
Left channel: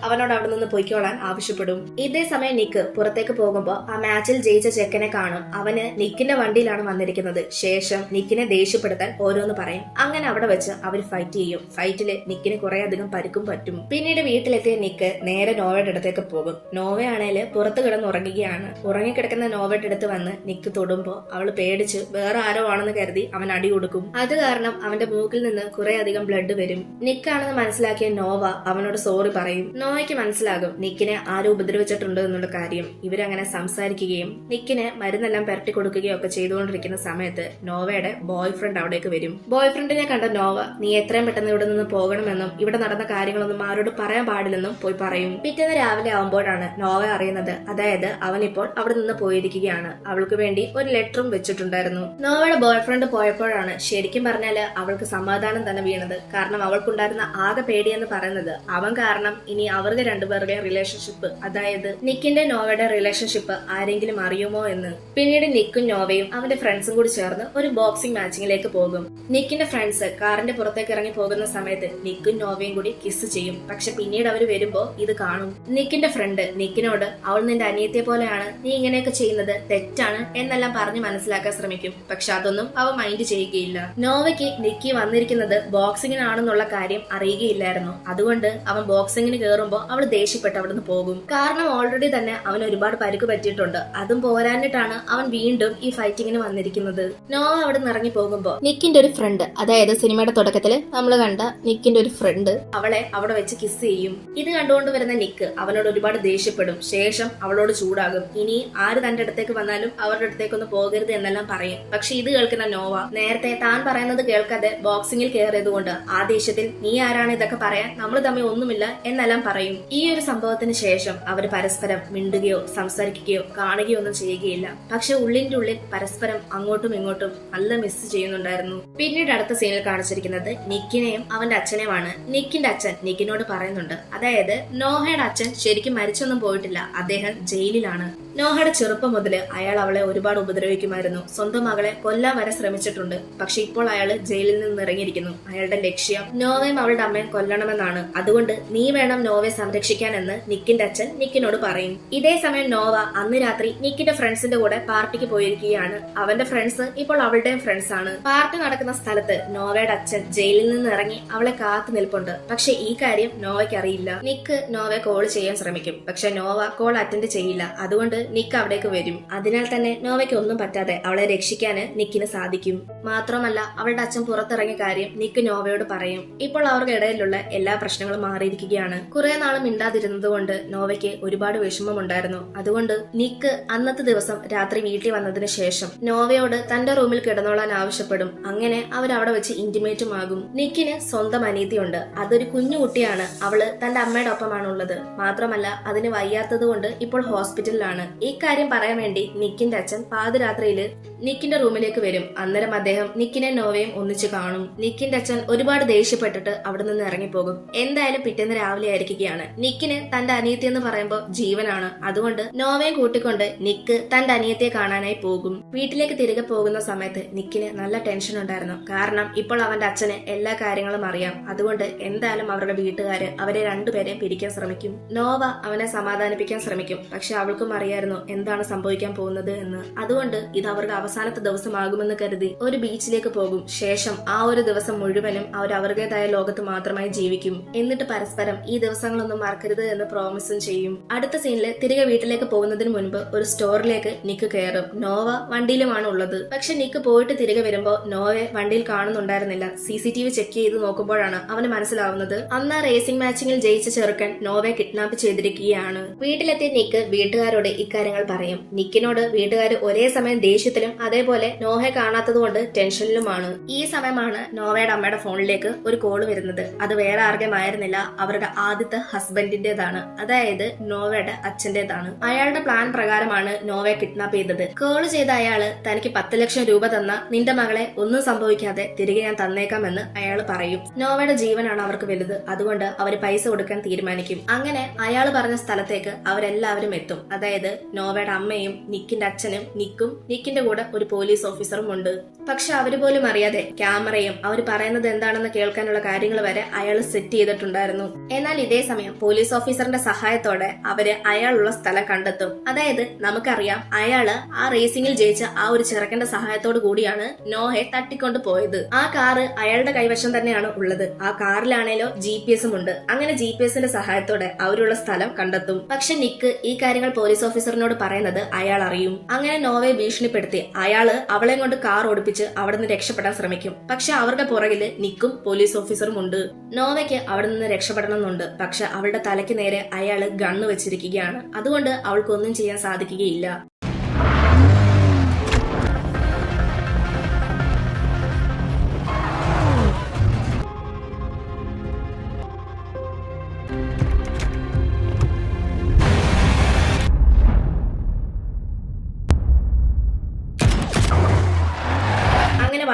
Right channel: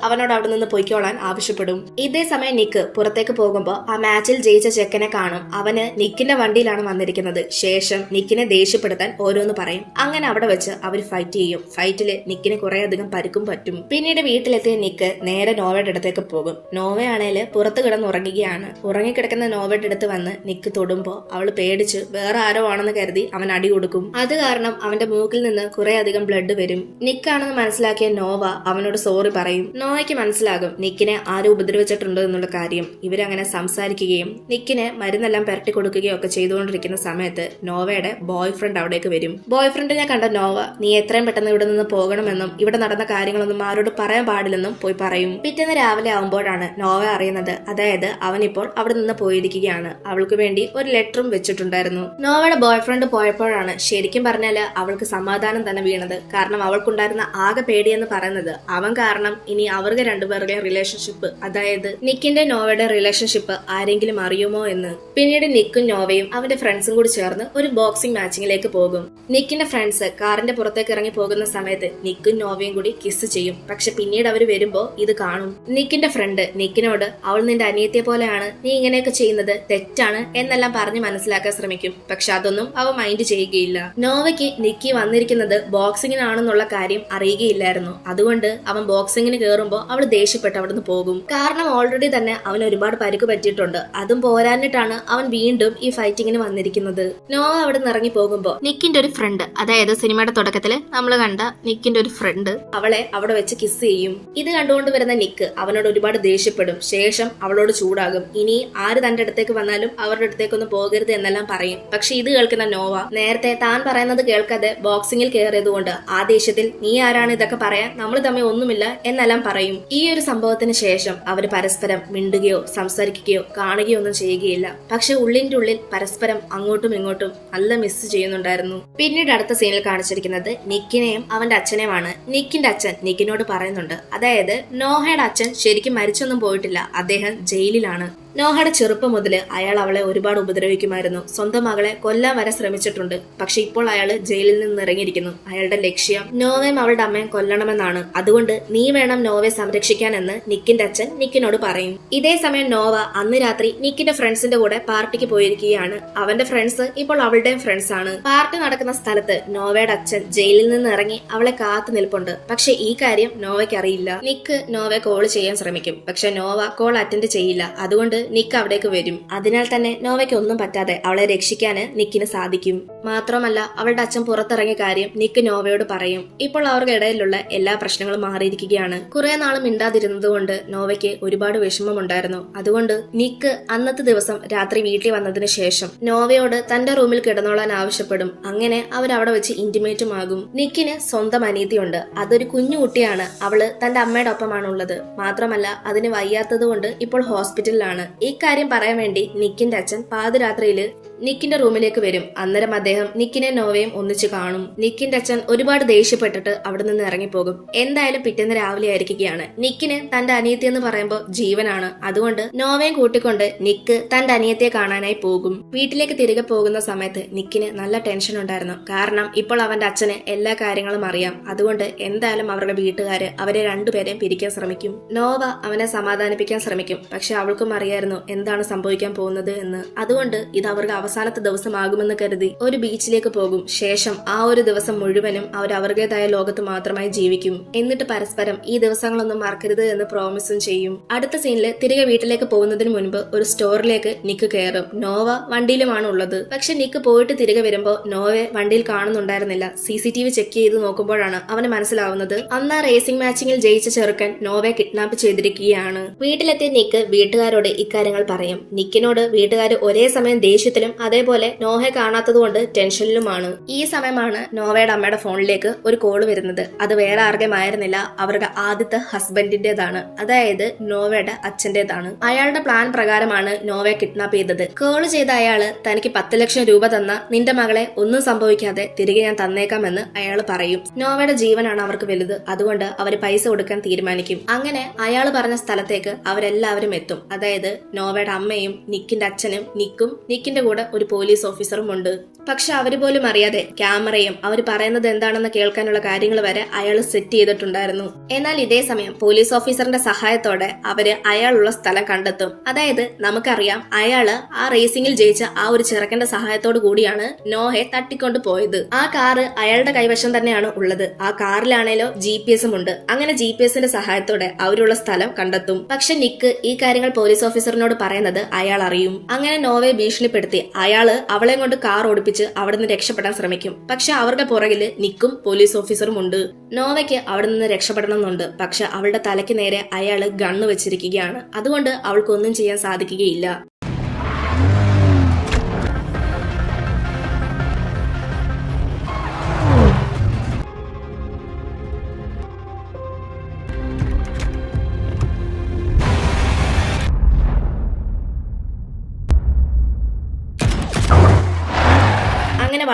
അവനോട് അവിടെ നിന്ന് പൊയ്ക്കോളാൻ ആവശ്യപ്പെടും. ഇതേ സമയം നിക്ക് പുറത്തേക്ക് പോകുമ്പോൾ ആ മാച്ചിൽ ജയിച്ച ചെക്കനെ കാണും. അവന് നിക്കിന്റെ വണ്ടിയിലാണ് വന്നിരിക്കുന്നത്. ശേഷം നിക്കിനെ ദേഷ്യപ്പെടുത്താൻ ഓരോന്ന് പറയും. അങ്ങനെ അവിടെ വെച്ച് അവർ ഫൈറ്റ് ചെയ്യും. ഫൈറ്റില് നിക്കിന് കുറെ അധികം പരിക്കും പറ്റും. പിന്നീട് വീട്ടിലെത്തിയ നിക്ക് നേരെ നോവയുടെ അടുത്തേക്ക് പോകും. നോവയാണേല് പുറത്ത് കിടന്നുറങ്ങുകയാണ്. ഉറങ്ങിക്കിടക്കുന്ന നോവയുടെ അടുത്ത് വന്ന് നിക്ക് തൊടുമ്പോ അവൾ പേടിച്ച് വേറെ ആരോ ആണെന്ന് കരുതി അവൻ അടി കൊടുക്കും. അത് കാരണം അവന്റെ മൂക്കിൽ നിന്ന് കുറെ അധികം ബ്ലഡ് വരും. നിക്കാണെന്ന് മനസ്സിലാക്കിയ നോവ അവനോട് സോറി പറയും. നോവയ്ക്ക് മനസ്സിലാകും നിക്കിനെ ആരും ഉപദ്രവിച്ചിട്ടുണ്ട് എന്നുള്ള കാര്യം. ഇവരങ്ങനെ സംസാരിക്കുകയും നിക്കിന് മരുന്നെല്ലാം പുരട്ടി കൊടുക്കുകയും ഒക്കെ ചെയ്തുകൊണ്ടിരിക്കുന്ന സമയത്ത് നോവയുടെ ബോയ് ഫ്രണ്ട് അവിടേക്ക് വരും. ബോയ് ഫ്രണ്ടിനെ കണ്ട നോവ നീ എത്രയും പെട്ടെന്ന് ഇവിടെ നിന്ന് പോകണമെന്നും ഇവിടെ നടന്ന കാര്യങ്ങളൊന്നും ആരോട് പറയാൻ പാടില്ലെന്നും പോയി പറയും. പിറ്റേന്ന് രാവിലെ ആവുമ്പോഴാണ് നോവ അറിയുന്നത്, അതായത് അവനിപ്പോൾ അവിടെ നിന്ന് പോയിരിക്കുകയാണ്. അവൾക്ക് വേണ്ടി ഒരു ലെറ്ററും വെച്ചിട്ടുണ്ടായിരുന്നു. നോവയുടെ ബോയ്ഫ്രണ്ട് പോയപ്പോഴാണ് ശരിക്കും പറഞ്ഞാല് അവൾക്ക് സമാധാനം തന്നെ വീണത്. കാരണം അവൾക്കുണ്ടായിരുന്ന ആകെ പേടിയെന്ന് പറയുന്നത് അവൻ കാരണം ഇനി അവർക്ക് രണ്ടുപേരുടെ റിലേഷൻഷിപ്പ്, അതായത് നിക്കിന്റെ നോവയുടെ റിലേഷൻഷിപ്പ് ആരെങ്കിലും അറിയുമോ എന്ന്. പിന്നീട് നിക്കും നോവയും അവന്റെ ഫ്രണ്ട്സും കൂടി ചേർന്ന് ഒരു ബോക്സിംഗ് മാച്ചിങ്ങിലേക്ക് പോകും. നിക്കിന്റെ ഫ്രണ്ട്സ് കാറിന്റെ പുറത്തേക്ക് ഇറങ്ങി പോകുന്ന സമയത്ത് നിക്കും നോവയും കൂടി കിസ് ചെയ്യും. പക്ഷെ പിന്നീട് അവർ വരുമ്പോ ഇത് കാണും. നിക്കിന്റെ ഫ്രണ്ട് നിക്കിനോട് അവൾ നിന്റെ അനിയത്തിയെ പോലെയാണ്, നീ ഇങ്ങനെയൊക്കെ ചെയ്യുന്നത് തെറ്റാണ് എന്നെല്ലാം പറഞ്ഞ് മനസ്സിലാക്കാൻ ശ്രമിക്കും. പക്ഷെ അതൊന്നും അവൻ മൈൻഡ് ചെയ്യുകയില്ല. നോവയ്ക്ക് നിക്കി വന്നിരിക്കുന്നത് ബോക്സിങ്ങിനാണെന്നുള്ള കാര്യം അറിയുകയില്ലായിരുന്നു. അതുകൊണ്ട് അവൻ ബോക്സിങ്ങിന് കയറുമ്പോ അവൾ ദേഷ്യപ്പെട്ട് അവിടുന്ന് പോകും. കാരണം ഓൾറെഡി തന്നെ അവന് ഒരുപാട് പരിക്ക് പറ്റിയിട്ടുണ്ട്. അതും പോരാഞ്ഞിട്ടാണ് അവൻ വീണ്ടും ഈ ഫൈറ്റിങ്ങിന് വന്നിരിക്കുന്നത്. നോവ അവിടെ നിന്ന് ഇറങ്ങി പോകുമ്പോ നിക്കിന്റെ ഒരു ഫ്രണ്ട്, അതായത് സിനിമയുടെ തുടക്കത്തില് നമ്മൾ കണ്ട നിക്കിന്റെ ഒരു ഫ്രണ്ട് അവളെ അവിടെ വെച്ച് കിസ് ചെയ്യും. ഇത് കണ്ടുകൊണ്ട് വരുന്ന നിക്ക് അവനോട് ഒരുപാട് ദേഷ്യപ്പെടും. ശേഷം അവളോട് ചൂടാകും. ഇനി ആര് തന്റെ അടുത്തേക്ക് വന്നാലും അവരുടെ അടുത്തേക്കൊന്നും പോകരുത് എന്നെല്ലാം പറയും. പക്ഷെ ഇത് കേൾക്കുന്ന നോവ നേരത്തെ താൻ പറയുന്നത് കേൾക്കാതെ ബോക്സിംഗിൽ കയറിയതുകൊണ്ട് ആ ദേഷ്യത്തിൽ നീ ആരാണ് ഇതൊക്കെ പറയാൻ, നമ്മൾ തമ്മിൽ ഒന്നുമില്ല എന്നെല്ലാം പറയും. ഈ ഒരു സംഭവത്തിന് ശേഷം അവർ പരസ്പരം മിണ്ടുകയോ സംസാരിക്കുകയോ കാണുകയോ ഒന്നും ചെയ്യുകയില്ല. പക്ഷെ ഉള്ളിന്റെ ഉള്ളിൽ പരസ്പരം അങ്ങോട്ടും ഇങ്ങോട്ടും നല്ല മിസ് ചെയ്യുന്നുണ്ടായിരുന്നു. പിന്നീട് അടുത്ത സീനിൽ കാണിച്ചിരിക്കുന്നത് നിക്കിനെയും അവന്റെ അച്ഛനെയുമാണ്. നിക്കിന്റെ അച്ഛൻ നിക്കിനോട് പറയുന്നുണ്ട്, അതായത് നോഹയുടെ അച്ഛൻ ശരിക്കും മരിച്ചൊന്നും പോയിട്ടില്ല, അദ്ദേഹം ജയിലിലാണ്. നോഹയുടെ ചെറുപ്പം മുതല് അയാൾ അവളെ ഒരുപാട് ഉപദ്രവിക്കുമായിരുന്നു. സ്വന്തം മകളെ കൊല്ലാൻ വരെ ശ്രമിച്ചിട്ടുണ്ട്. പക്ഷെ ഇപ്പോൾ അയാൾ ജയിലിൽ നിന്ന് ഇറങ്ങിയിരിക്കുന്നു. അയാളുടെ ലക്ഷ്യം നോവയും അവളുടെ അമ്മയും കൊല്ലണമെന്നാണ്. അതുകൊണ്ട് നീ വേണം നോവയെ സംരക്ഷിക്കാൻ എന്ന് നിക്കിന്റെ അച്ഛൻ നിക്കിനോട് പറയും. ഇതേ സമയം നോവ അന്ന് രാത്രി നിക്കിന്റെ ഫ്രണ്ട്സിന്റെ കൂടെ പാർട്ടിക്ക് പോയിരിക്കുകയാണ്. അവന്റെ ഫ്രണ്ട്സ് ഇപ്പോൾ അവളുടെയും ഫ്രണ്ട്സ് ആണ്. പാർട്ടി നടക്കുന്ന സ്ഥലത്ത് നോവയുടെ അച്ഛൻ ജയിലിൽ നിന്ന് ഇറങ്ങി അവളെ കാത്തു നിൽപ്പുണ്ട്. പക്ഷെ ഈ കാര്യം നോവയ്ക്ക് അറിയില്ല. നിക്ക് നോവയെ കോൾ ചെയ്യാൻ ശ്രമിക്കും. പക്ഷെ നോവ കോൾ അറ്റൻഡ് ചെയ്യില്ല. അതുകൊണ്ട് നിക്ക് അവിടേക്ക് വരും. അതിനാൽ തന്നെ നോവയ്ക്ക് ഒന്നും പറ്റാതെ അവളെ രക്ഷിക്കാന് നിക്കിന് സാധിക്കും. മാത്രമല്ല അവളുടെ അച്ഛൻ പുറത്തിറങ്ങിയ കാര്യം നിക്ക് നോവയോട് പറയും. ഇപ്പോൾ അവർക്ക് ഇടയിലുള്ള എല്ലാ പ്രശ്നങ്ങളും മാറിയിരിക്കുകയാണ്. കുറെ നാൾ മിണ്ടാതിരുന്നത് കൊണ്ട് നോവയ്ക്ക് ഒരുപാട് വിഷമമുണ്ടായിരുന്നു. അതുകൊണ്ട് നിക്ക് അന്നത്തെ ദിവസം രാത്രി വീട്ടിൽ വന്നതിന് ശേഷം നോവയോട് തന്റെ റൂമിൽ കിടന്നോളാൻ ആവശ്യപ്പെടും. അങ്ങനെ അവരവിടെ വെച്ച് ഇന്റിമേറ്റും ആകും. നിക്കിന് സ്വന്തം അനീതിയുണ്ട്. അതൊരു കുഞ്ഞു കുട്ടിയാണ്. അവള് തന്റെ അമ്മയുടെ ഒപ്പമാണുള്ളത്. മാത്രമല്ല അതിന് വയ്യാത്തത് കൊണ്ട് ഇപ്പോൾ ഹോസ്പിറ്റലിലാണ്. ഇക്കാര്യം പറയാൻ വേണ്ടി നിക്കിന്റെ അച്ഛൻ പാതിരാത്രിയില് നിക്കിന്റെ റൂമിലേക്ക് വരും. അന്നേരം അദ്ദേഹം നിക്കിനെ നോവയും ഒന്നിച്ച് കാണും. നിക്കിന്റെ അച്ഛൻ ഒരുപാട് ദേഷ്യപ്പെട്ടിട്ട് അവിടെ നിന്ന് ഇറങ്ങിപ്പോകും. എന്തായാലും പിറ്റേന്ന് രാവിലെ ആയിരിക്കുകയാണ്. നിക്കിന് തന്റെ അനിയത്തി എന്ന് പറയുമ്പോൾ ജീവനാണ്. അതുകൊണ്ട് നോവയും കൂട്ടിക്കൊണ്ട് നിക്ക് തന്റെ അനിയത്തിയെ കാണാനായി പോകും. വീട്ടിലേക്ക് തിരികെ പോകുന്ന സമയത്ത് നിക്കിന് നല്ല ടെൻഷൻ ഉണ്ടായിരുന്നു. കാരണം ഇപ്പോൾ അവന്റെ അച്ഛന് എല്ലാ കാര്യങ്ങളും അറിയാം. അതുകൊണ്ട് എന്തായാലും അവരുടെ വീട്ടുകാര് അവരെ രണ്ടുപേരെയും പിരിക്കാൻ ശ്രമിക്കും. നോവ അവനെ സമാധാനിപ്പിക്കാൻ ശ്രമിക്കും. പക്ഷെ അവൾക്കും അറിയായിരുന്നു എന്താണ് സംഭവിക്കാൻ പോകുന്നത് എന്ന്. അതുകൊണ്ട് ഇത് അവർക്ക് അവസാനത്തെ ദിവസമാകുമെന്ന് കരുതി ഒരു ബീച്ചിലേക്ക് പോകും. ശേഷം ആ ഒരു ദിവസം മുഴുവനും അവർ അവരുടേതായ ലോകത്ത് മാത്രമായി ജീവിക്കും. എന്നിട്ട് പരസ്പരം ഈ ദിവസങ്ങളൊന്നും മറക്കരുത് എന്ന് പ്രോമിസും ചെയ്യും. അടുത്ത സീനില് തിരികെ വീട്ടിലേക്ക് പോകുന്നതിന് മുൻപ് ഒരു സ്റ്റോറിലേക്ക് നിക്ക് കയറും. നോവ വണ്ടിയിലുമാണ് ഉള്ളത്. പക്ഷെ നിക്ക് പോയിട്ട് തിരികെ വരുമ്പോ നോവയെ വണ്ടിയിൽ കാണുന്നുണ്ടായിരുന്നില്ല. CCTV ചെക്ക് ചെയ്ത് നോക്കുമ്പോഴാണ് അവന് മനസ്സിലാവുന്നത് അന്ന് റേസിംഗ് മാച്ചിങ്ങിൽ ജയിച്ച ചെറുക്കൻ നോവയെ കിഡ്നാപ്പ് ചെയ്തിരിക്കുകയാണ്. വീട്ടിലെത്തിയ നിക്ക് വീട്ടുകാരോട് ഇക്കാര്യങ്ങൾ പറയും. നിക്കിനോട് വീട്ടുകാർ ഒരേ സമയം ദേഷ്യത്തിലും അതേപോലെ നോഹയെ കാണാത്തതുകൊണ്ട് ടെൻഷനിലുമാണ്. ഈ സമയമാണ് നോവയുടെ അമ്മയുടെ ഫോണിലേക്ക് ഒരു കോള് വരുന്നത്. അത് വേറെ ആർക്കും ആയിരുന്നില്ല, അവരുടെ ആദ്യത്തെ ഹസ്ബൻഡിന്റേതാണ്, അതായത് നോവയുടെ അച്ഛന്റേതാണ്. അയാളുടെ പ്ലാൻ പ്രകാരമാണ് നോവയെ കിഡ്നാപ്പ് ചെയ്തത്. കോള് ചെയ്ത അയാള് തനിക്ക് 10 ലക്ഷം രൂപ തന്ന നിന്റെ മകളെ ഒന്നും സംഭവിക്കാതെ തിരികെ ഞാൻ തന്നേക്കാമെന്ന് അയാൾ പറയും. നോവയുടെ ജീവനാണ് അവർക്ക് വലുത്. അതുകൊണ്ട് അവര് പൈസ കൊടുക്കാൻ തീരുമാനിക്കും. അങ്ങനെ അയാൾ പറഞ്ഞ സ്ഥലത്തേക്ക് അവരെല്ലാവരും എത്തും. അതായത് നോവയുടെ അമ്മയും നിക്കിന്റെ അച്ഛനും നിക്കും നിക്കിന്റെ കൂടെ ഒരു പോലീസ് ഓഫീസറും ഉണ്ട്. പക്ഷെ അവര് പോലും അറിയാതെ ക്യാമറയും അവർ പറയുന്നത് എന്താണെന്ന് കേൾക്കാനുള്ള കാര്യങ്ങൾ വരെ അയാൾ സെറ്റ് ചെയ്തിട്ടുണ്ടായിരുന്നു. എന്നാൽ ഇതേ സമയം പോലീസ് ഓഫീസറിന്റെ സഹായത്തോടെ അവര് അയാളുള്ള സ്ഥലം കണ്ടെത്തും. അതായത് നമുക്കറിയാം അയാള് ആ റേസിംഗിൽ ജയിച്ച ആ ഒരു ചെറുക്കന്റെ സഹായത്തോടു കൂടിയാണ് നോഹയെ തട്ടിക്കൊണ്ട് പോയത്. ആ കാറ് അയാളുടെ കൈവശം തന്നെയാണ് ഉള്ളത്. ആ കാറിലാണേലോ GPS ഉണ്ട്. അങ്ങനെ GPSന്റെ സഹായത്തോടെ അവരുള്ള സ്ഥലം കണ്ടെത്തും. പക്ഷെ നിക്ക് ഈ കാര്യങ്ങൾ പോലീസ് ഓഫീസറിനോട് പറയുന്നത് അയാൾ അറിയും. അങ്ങനെ നോവയെ ഭീഷണിപ്പെടുത്തി അയാള് അവളെ കൊണ്ട് കാർ ഓടിപ്പിച്ച് അവിടെ നിന്ന് രക്ഷപ്പെടാൻ ശ്രമിക്കും. പക്ഷെ അവരുടെ പുറകില് നിക്കും പോലീസ് ഓഫീസറും ഉണ്ട്. നോവയ്ക്ക് അവിടെ നിന്ന് രക്ഷപ്പെടണമെന്നുണ്ട്. പക്ഷെ അവളുടെ തലയ്ക്ക് നേരെ അയാള് ഗണ്ണ് വെച്ചിരിക്കുകയാണ്. അതുകൊണ്ട് അവൾക്കൊന്നും ചെയ്യാൻ സാധിക്കുകയില്ല.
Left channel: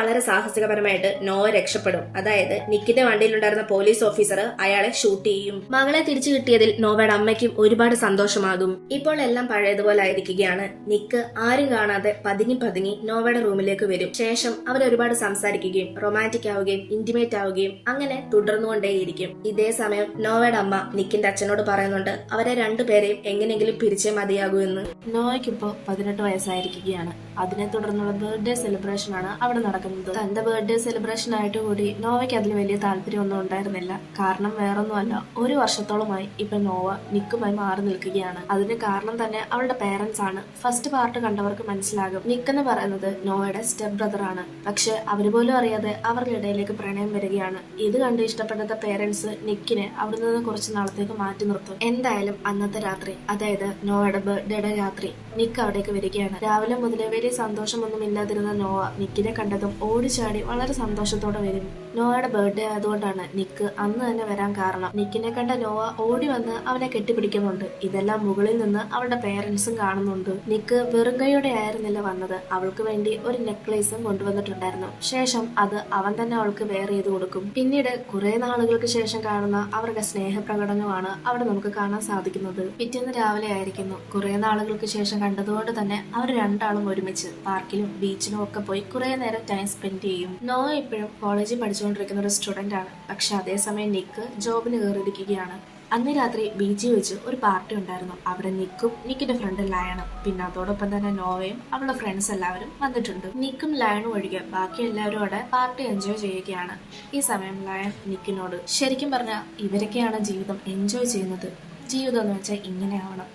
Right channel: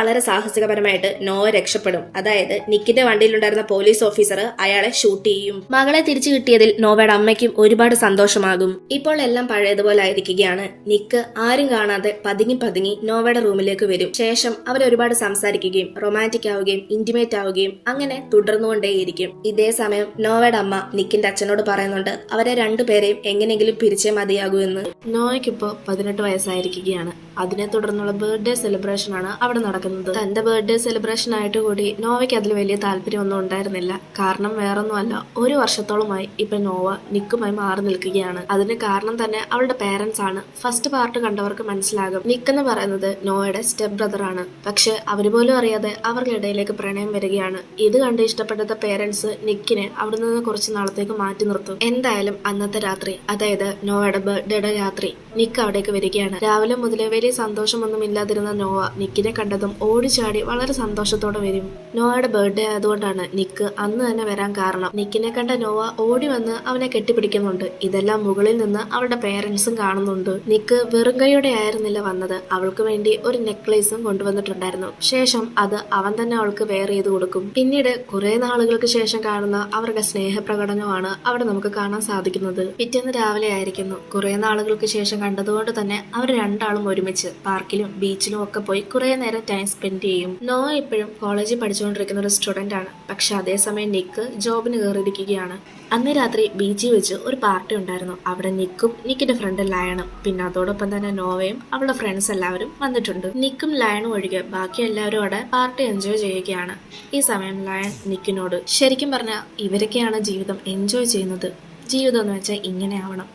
വളരെ സാഹസികപരമായിട്ട് നോവ രക്ഷപ്പെടും. അതായത് നിക്കിന്റെ വണ്ടിയിലുണ്ടായിരുന്ന പോലീസ് ഓഫീസർ അയാളെ ഷൂട്ട് ചെയ്യും. മകളെ തിരിച്ചു കിട്ടിയതിൽ നോവയുടെ അമ്മയ്ക്കും ഒരുപാട് സന്തോഷമാകും. ഇപ്പോൾ എല്ലാം പഴയതുപോലെ ആയിരിക്കുകയാണ്. നിക്ക് ആരും കാണാതെ പതുങ്ങി പതുങ്ങി നോവയുടെ റൂമിലേക്ക് വരും. ശേഷം അവർ ഒരുപാട് സംസാരിക്കുകയും റൊമാൻറ്റിക് ആവുകയും ഇന്റിമേറ്റ് ആവുകയും അങ്ങനെ തുടർന്നുകൊണ്ടേയിരിക്കും. ഇതേ സമയം നോവയുടെ അമ്മ നിക്കിന്റെ അച്ഛനോട് പറയുന്നുണ്ട് അവരെ രണ്ടുപേരെയും എങ്ങനെയെങ്കിലും പിരിച്ചേ മതിയാകൂ എന്ന്. നോവയ്ക്കിപ്പോ 18 വയസ്സായിരിക്കുകയാണ്. അതിനെ തുടർന്നുള്ള ബർത്ത്ഡേ സെലിബ്രേഷൻ ആണ് അവിടെ നടക്കുന്നത്. തന്റെ ബർത്ത്ഡേ സെലിബ്രേഷൻ ആയിട്ട് കൂടി നോവയ്ക്ക് അതിൽ വലിയ താല്പര്യമൊന്നും ഉണ്ടായിരുന്നില്ല. കാരണം വേറൊന്നുമല്ല, ഒരു വർഷത്തോളമായി ഇപ്പൊ നോവ നിക്കുമായി മാറി നിൽക്കുകയാണ്. അതിന് കാരണം തന്നെ അവളുടെ പേരൻസ് ആണ്. ഫസ്റ്റ് പാർട്ട് കണ്ടവർക്ക് മനസ്സിലാകും. നിക്ക് എന്ന് പറയുന്നത് നോവയുടെ സ്റ്റെപ്പ് ബ്രദർ ആണ്. പക്ഷെ അവര് പോലും അറിയാതെ അവരുടെ ഇടയിലേക്ക് പ്രണയം വരികയാണ്. ഇത് കണ്ട് ഇഷ്ടപ്പെട്ട പേരൻസ് നിക്കിനെ അവിടെ നിന്ന് കുറച്ച് നാളത്തേക്ക് മാറ്റി നിർത്തും. എന്തായാലും അന്നത്തെ രാത്രി, അതായത് നോവയുടെ ബർത്ത്ഡേയുടെ രാത്രി, നിക്ക് അവിടേക്ക് വരികയാണ്. രാവിലെ മുതലേ വലിയ സന്തോഷമൊന്നും ഇല്ലാതിരുന്ന നോവ നിക്കിനെ കണ്ടതും ഓടിച്ചാടി വളരെ സന്തോഷത്തോടെ വരും. നോവയുടെ ബർത്ത്ഡേ ആയതുകൊണ്ടാണ് നിക്ക് അന്ന് തന്നെ വരാൻ കാരണം. നിക്കിനെ കണ്ട നോവ ഓടി വന്ന് അവനെ കെട്ടിപ്പിടിക്കുന്നുണ്ട്. ഇതെല്ലാം മുകളിൽ നിന്ന് അവളുടെ പേരൻസും കാണുന്നുണ്ട്. നിക്ക് വെറും കൈയോടെ ആയിരുന്നില്ല വന്നത്. അവൾക്ക് വേണ്ടി ഒരു നെക്ലേസും കൊണ്ടുവന്നിട്ടുണ്ടായിരുന്നു. ശേഷം അത് അവൻ തന്നെ അവൾക്ക് വെയർ ചെയ്ത് കൊടുക്കും. പിന്നീട് കുറെ നാളുകൾക്ക് ശേഷം കാണുന്ന അവരുടെ സ്നേഹപ്രകടനമാണ് അവിടെ നമുക്ക് കാണാൻ സാധിക്കുന്നത്. പിറ്റേന്ന് രാവിലെ ആയിരിക്കുന്നു. കുറെ നാളുകൾക്ക് ശേഷം കണ്ടതുകൊണ്ട് തന്നെ അവർ രണ്ടാളും ഒരുമിച്ച് പാർക്കിലും ബീച്ചിലും ഒക്കെ പോയി കുറെ നേരം ടൈം സ്പെൻഡ് ചെയ്യും. നോവ ഇപ്പോഴും കോളേജിൽ പഠിച്ചുകൊണ്ടിരിക്കുന്ന ഒരു സ്റ്റുഡന്റ് ആണ്. പക്ഷെ അതേസമയം നിക്ക് ജോബിന് കയറിയിരിക്കുകയാണ്. അന്ന് രാത്രി ബീച്ചിൽ വെച്ച് ഒരു പാർട്ടി ഉണ്ടായിരുന്നു. അവിടെ നിക്കും നിക്കിന്റെ ഫ്രണ്ട് ലയണും പിന്നെ അതോടൊപ്പം തന്നെ നോവയും അവളുടെ ഫ്രണ്ട്സ് എല്ലാവരും വന്നിട്ടുണ്ട്. നിക്കും ലയണും ഒഴികെ ബാക്കി എല്ലാവരും അവിടെ പാർട്ടി എൻജോയ് ചെയ്യുകയാണ്. ഈ സമയം ലയൺ നിക്കിനോട്, ശരിക്കും പറഞ്ഞാൽ ഇവരൊക്കെയാണ് ജീവിതം എൻജോയ് ചെയ്യുന്നത്. ജീവിതം എന്ന് വെച്ചാൽ ഇങ്ങനെ ആവണം.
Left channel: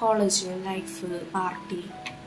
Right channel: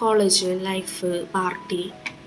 കോളേജ് ലൈഫ്, പാർട്ടി,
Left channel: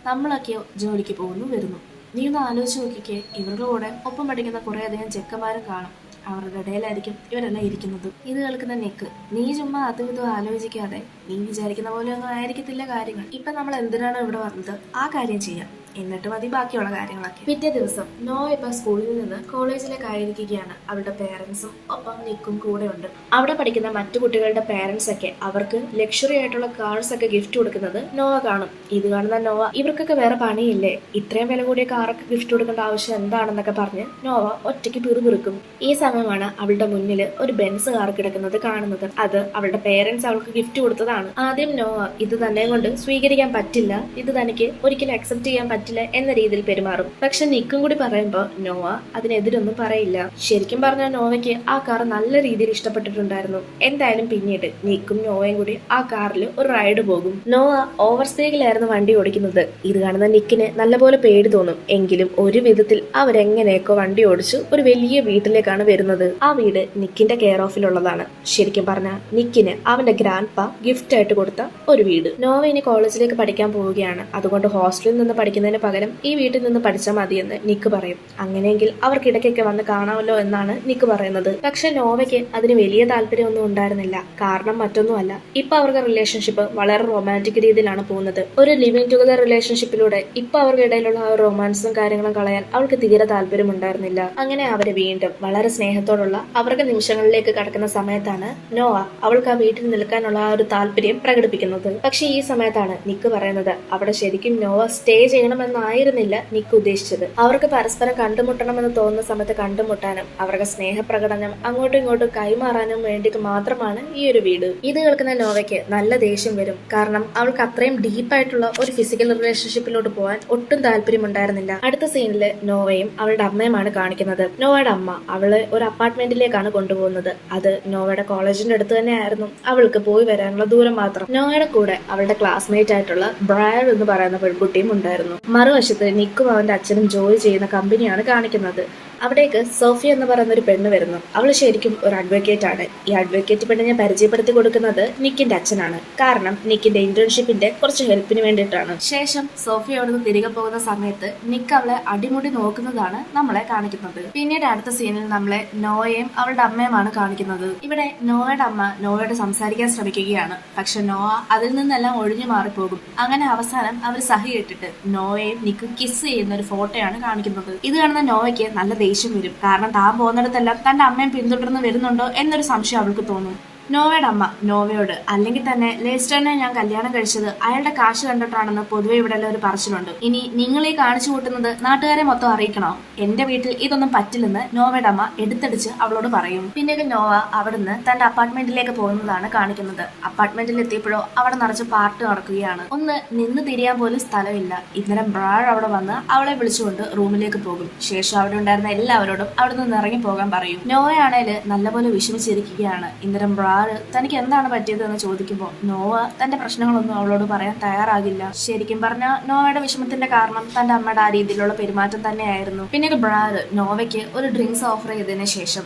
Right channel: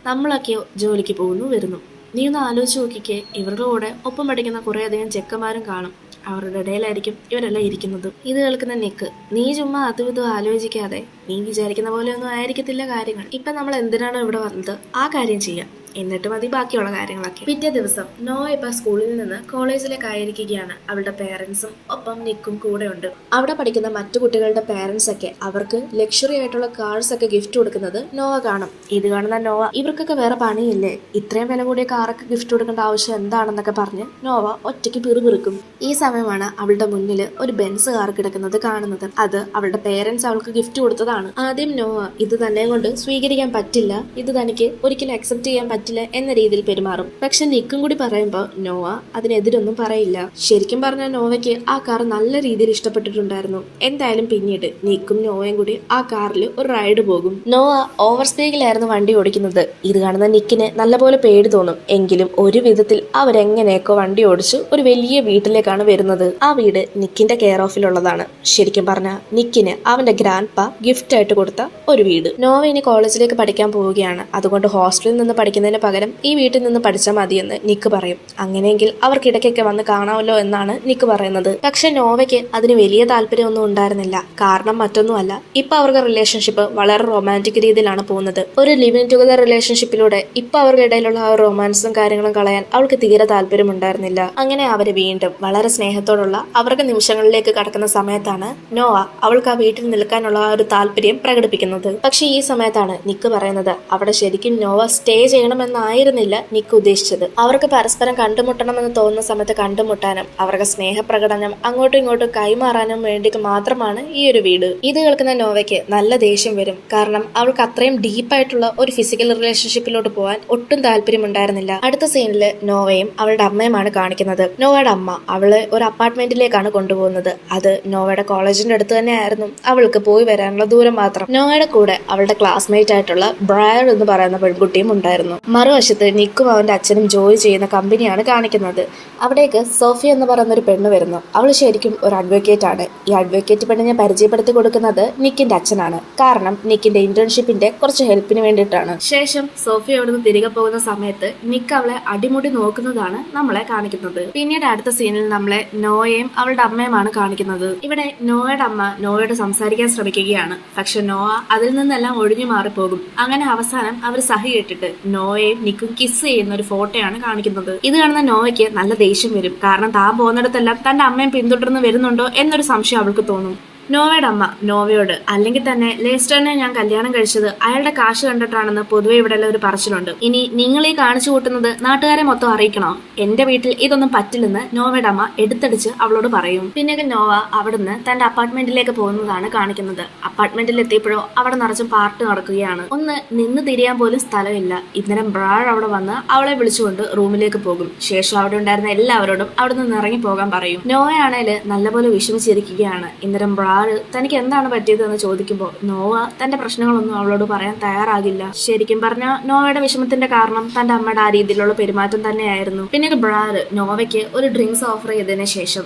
നമ്മളൊക്കെയോ ജോലിക്ക് പോകുന്നു വരുന്നു. നീ ഒന്ന് ആലോചിച്ച് നോക്കിക്കേ, ഇവരുടെ കൂടെ ഒപ്പം പഠിക്കുന്ന കുറേ അധികം ചെക്കന്മാരും കാണും. അവരുടെ ഇടയിലായിരിക്കും ഇവരെല്ലാം ഇരിക്കുന്നത്. ഇത് കേൾക്കുന്ന നിക്ക്, നീ ചുമ്മാ അതും ഇതും ആലോചിക്കാതെ, നീ വിചാരിക്കുന്ന പോലെയൊന്നും ആയിരിക്കത്തില്ല കാര്യങ്ങൾ. ഇപ്പൊ നമ്മൾ എന്തിനാണോ ഇവിടെ വന്നത് ആ കാര്യം ചെയ്യാം, എന്നിട്ട് മതി ബാക്കിയുള്ള കാര്യങ്ങളൊക്കെ. പിറ്റേ ദിവസം നോവ ഇപ്പൊ സ്കൂളിൽ നിന്ന് കോളേജിലേക്ക് ആയിരിക്കുകയാണ്. അവളുടെ പേരൻസും ഒപ്പം നിക്കും കൂടെ ഉണ്ട്. അവിടെ പഠിക്കുന്ന മറ്റു കുട്ടികളുടെ പേരൻസ് ഒക്കെ അവർക്ക് ലക്ഷറി ആയിട്ടുള്ള കാർസ് ഒക്കെ ഗിഫ്റ്റ് കൊടുക്കുന്നത് നോവ കാണും. ഇത് കാണുന്ന നോവ, ഇവർക്കൊക്കെ വേറെ പണിയില്ലേ, ഇത്രയും വില കൂടിയ കാറൊക്കെ ഗിഫ്റ്റ് കൊടുക്കേണ്ട ആവശ്യം എന്താണെന്നൊക്കെ പറഞ്ഞ് നോവ ഒറ്റയ്ക്ക് പിറുപിറുക്കും. ഈ സമയമാണ് അവളുടെ മുന്നിൽ ഒരു ബെൻസ് കാർ കിടക്കുന്നത് കാണുന്നത്. അത് അവളുടെ പേരൻസ് അവൾക്ക് ഗിഫ്റ്റ് കൊടുത്തതാണ്. ആദ്യം നോവ ഇത് തന്നെ കൊണ്ട് സ്വീകരിക്കാൻ പറ്റില്ല, ഇത് തനിക്ക് ഒരിക്കലും അക്സെപ്റ്റ് ചെയ്യാൻ പറ്റില്ല എന്ന രീതിയിൽ പെരുമാറും. പക്ഷെ നിക്കും കൂടി പറയുമ്പോ നോവ അതിനെതിരൊന്നും പറയില്ല. ശരിക്കും പറഞ്ഞ നോവയ്ക്ക് ആ കാർ നല്ല രീതിയിൽ ഇഷ്ടപ്പെട്ടിട്ടുണ്ടായിരുന്നു. എന്തായാലും പിന്നീട് നിക്കും നോവയും കൂടി ആ കാറിൽ ഒരു റൈഡ് പോകും. നോവ ഓവർ സ്പീഡിലായിരുന്നു വണ്ടി ഓടിക്കുന്നത്. ഇത് കാണുന്ന നിക്കിന് നല്ലപോലെ പേടി തോന്നും. എങ്കിലും ഒരു വിധത്തിൽ അവരെങ്ങനെയൊക്കെ വണ്ടി ഓടിച്ച് ഒരു വലിയ വീട്ടിലേക്കാണ് വരുന്നത്. ആ വീട് നിക്കിന്റെ കെയർ ഓഫിലുള്ളതാണ്. ശരിക്കും പറഞ്ഞ നിക്കിന് അവന്റെ ഗ്രാൻഡ് പാ ഗിഫ്റ്റ് ആയിട്ട് കൊടുത്ത ഒരു വീട്. നോവ ഇനി കോളേജിലേക്ക് പഠിക്കാൻ പോവുകയാണ്. അതുകൊണ്ട് ഹോസ്റ്റലിൽ നിന്ന് പഠിക്കുന്നതിന് പകരം ഈ വീട്ടിൽ നിന്ന് പഠിച്ചാൽ മതിയെന്ന് നിക്ക് പറയും. അങ്ങനെയെങ്കിൽ അവർക്ക് ഇടയ്ക്കൊക്കെ വന്ന് കാണാമല്ലോ എന്നാണ് നിക്ക് പറയുന്നത്. പക്ഷെ നോവയ്ക്ക് അതിന് വലിയ താല്പര്യമൊന്നും ഉണ്ടായിരുന്നില്ല. കാരണം മറ്റൊന്നുമല്ല, ഇപ്പൊ അവർക്ക് റിലേഷൻഷിപ്പ് വളരെ റൊമാൻറ്റിക് രീതിയിലാണ് പോകുന്നത്. ഒരു ലിവിങ് ടുഗദർ റിലേഷൻഷിപ്പിലൂടെ ഇപ്പൊ അവരുടെ ഇടയിലുള്ള ആ റൊമാൻസും കാര്യങ്ങളും കളയാൻ അവൾക്ക് തീരെ താല്പര്യം ഉണ്ടായിരുന്നില്ല. അങ്ങനെ അവര് വീണ്ടും വളരെ സ്നേഹത്തോടുള്ള അവരുടെ നിമിഷങ്ങളിലേക്ക് കടക്കുന്ന സമയത്താണ് നോവ അവൾക്ക് ആ വീട്ടിൽ നിൽക്കാനുള്ള ആ ഒരു താല്പര്യം പ്രകടിപ്പിക്കുന്നത്. പക്ഷെ ഈ സമയത്താണ് നിക്ക് പറയുന്നത് അവിടെ ശരിക്കും നോവ സ്റ്റേ ചെയ്യണമെന്നായിരുന്നില്ല നിക്ക് ഉദ്ദേശിച്ചത്. അവർക്ക് പരസ്പരം കണ്ടുമുട്ടണമെന്ന് തോന്നുന്ന സമയത്ത് കണ്ടുമുട്ടാനും അവർക്ക് സ്നേഹപ്രകടനം അങ്ങോട്ടും ഇങ്ങോട്ടും കൈമാറാനും വേണ്ടിയിട്ട് മാത്രമാണ് ഈ ഒരു വീട്. ഇത് കേൾക്കുന്ന നോവയ്ക്ക് നല്ല ദേഷ്യം വരും. കാരണം അവൾക്ക് അത്രയും ഡീപ്പായിട്ടുള്ള ഒരു ഫിസിക്കൽ റിലേഷൻഷിപ്പിലോട്ട് പോകാൻ ഒട്ടും താല്പര്യം ഉണ്ടായിരുന്നില്ല. അടുത്ത സീനില് നോവയും അവളുടെ അമ്മയുമാണ് കാണിക്കുന്നത്. നോവയുടെ അമ്മ അവള് ഒരു അപ്പാർട്ട്മെന്റിലേക്കാണ് കൊണ്ടുപോകുന്നത്. അത് നോവയുടെ കോളേജിന്റെ അടുത്ത് തന്നെ ആയിരുന്നു. അവൾക്ക് പോയി വരാനുള്ള ദൂരം മാത്രം. നോവയുടെ കൂടെ അവളുടെ ക്ലാസ്മേറ്റ് ആയിട്ടുള്ള ബ്രയർ എന്ന് പറയുന്ന പെൺകുട്ടിയും ഉണ്ടായിരുന്നു. മറുവശത്ത് നിക്കും അവന്റെ അച്ഛനും ജോലി ചെയ്യുന്ന കമ്പനിയാണ് കാണിക്കുന്നത്. അവിടേക്ക് സോഫി എന്ന് പറയുന്ന ഒരു പെണ്ണ് വരുന്നു. അവൾ ശരിക്കും ഒരു അഡ്വക്കേറ്റ് ആണ്. ഈ അഡ്വക്കേറ്റ് പെണ്ണിനെ പരിചയപ്പെടുത്തി കൊടുക്കുന്നത് നിക്കിന്റെ അച്ഛനാണ്. കാരണം നിക്കിന്റെ ഇന്റേൺഷിപ്പിന്റെ കുറച്ച് ഹെൽപ്പിന് വേണ്ടിയിട്ടാണ്. ശേഷം സോഫി അവിടുന്ന് തിരികെ പോകുന്ന സമയത്ത് നിക്ക് അവളെ അടിമുടി നോക്കുന്നതാണ് നമ്മളെ കാണിക്കുന്നത്. പിന്നീട് അടുത്ത സീനിൽ നമ്മളെ നോവയും അവളുടെ അമ്മയുമാണ് കാണിക്കുന്നത്. ഇവിടെ നോവയുടെ അമ്മ നോവയോട് സംസാരിക്കാൻ ശ്രമിക്കുകയാണ്. പക്ഷെ നോവ അതിൽ നിന്നെല്ലാം ഒഴിഞ്ഞു മാറിപ്പോകും. അങ്ങനെ അവസാനം അവർ സഹി കേട്ടിട്ട് നോവയും നിക്കും കിസ് ചെയ്യുന്ന ഒരു ഫോട്ടോയാണ് കാണിക്കുന്നത്. ഇത് കാണുന്ന നോവയ്ക്ക് നല്ല ദേഷ്യം വരും. കാരണം താൻ പോകുന്നിടത്തെല്ലാം തന്റെ അമ്മയും പിന്തുടർന്ന് വരുന്നുണ്ടോ എന്നൊരു സംശയം അവൾക്ക് തോന്നും. നോവയുടെ അമ്മ നോവയോട് അല്ലെങ്കിൽ തന്നെ ലേസ്റ്ററിനെ ഞാൻ കല്യാണം കഴിച്ചത് അയാളുടെ കാശ് കണ്ടിട്ടാണെന്ന് പൊതുവെ ഇവിടെ ഒരു പറച്ചിലുണ്ട്. ഇനി നിങ്ങൾ ഈ കാണിച്ചു കൂട്ടുന്നത് നാട്ടുകാരെ മൊത്തം അറിയിക്കണോ? എന്റെ വീട്ടിൽ ഇതൊന്നും പറ്റില്ലെന്ന് നോവയുടെ അമ്മ എടുത്തടിച്ച് അവളോട് പറയും. പിന്നീട് നോവ അവിടുന്ന് തന്റെ അപ്പാർട്ട്മെന്റിലേക്ക് പോകുന്നതാണ് കാണിക്കുന്നത്. അപ്പാർട്ട്മെന്റിൽ എത്തിയപ്പോഴോ അവിടെ നിറച്ച് പാർട്ടി നടക്കുകയാണ്. ഒന്ന് നിന്ന് തിരിയാൻ പോലും സ്ഥലമില്ല. ഇന്നരം ബ്രാഡ് അവിടെ വന്ന് അവളെ വിളിച്ചുകൊണ്ട് റൂമിലേക്ക് പോകും. ശേഷം അവിടെ ഉണ്ടായിരുന്ന എല്ലാവരോടും അവിടെ നിന്ന് ഇറങ്ങി പോകാൻ പറയും. നോവയാണേല് നല്ലപോലെ വിഷമിച്ചിരിക്കുകയാണ്. ഇന്നരം ബ്രാഡ് തനിക്ക് എന്താണ് പറ്റിയത് എന്ന് ചോദിക്കുമ്പോൾ നോവ തന്റെ പ്രശ്നങ്ങളൊന്നും അവളോട് പറയാൻ തയ്യാറാകില്ല. ശരിക്കും പറഞ്ഞാൽ നോവയുടെ വിഷമത്തിന്റെ കാരണം തന്റെ അമ്മയുടെ ആ രീതിയിലുള്ള പെരുമാറ്റം തന്നെയായിരുന്നു. പിന്നീട് ബ്രാഡ് നോവയ്ക്ക് ഒരു ഡ്രിങ്ക്സ് ഓഫർ ചെയ്തതിനു ശേഷം,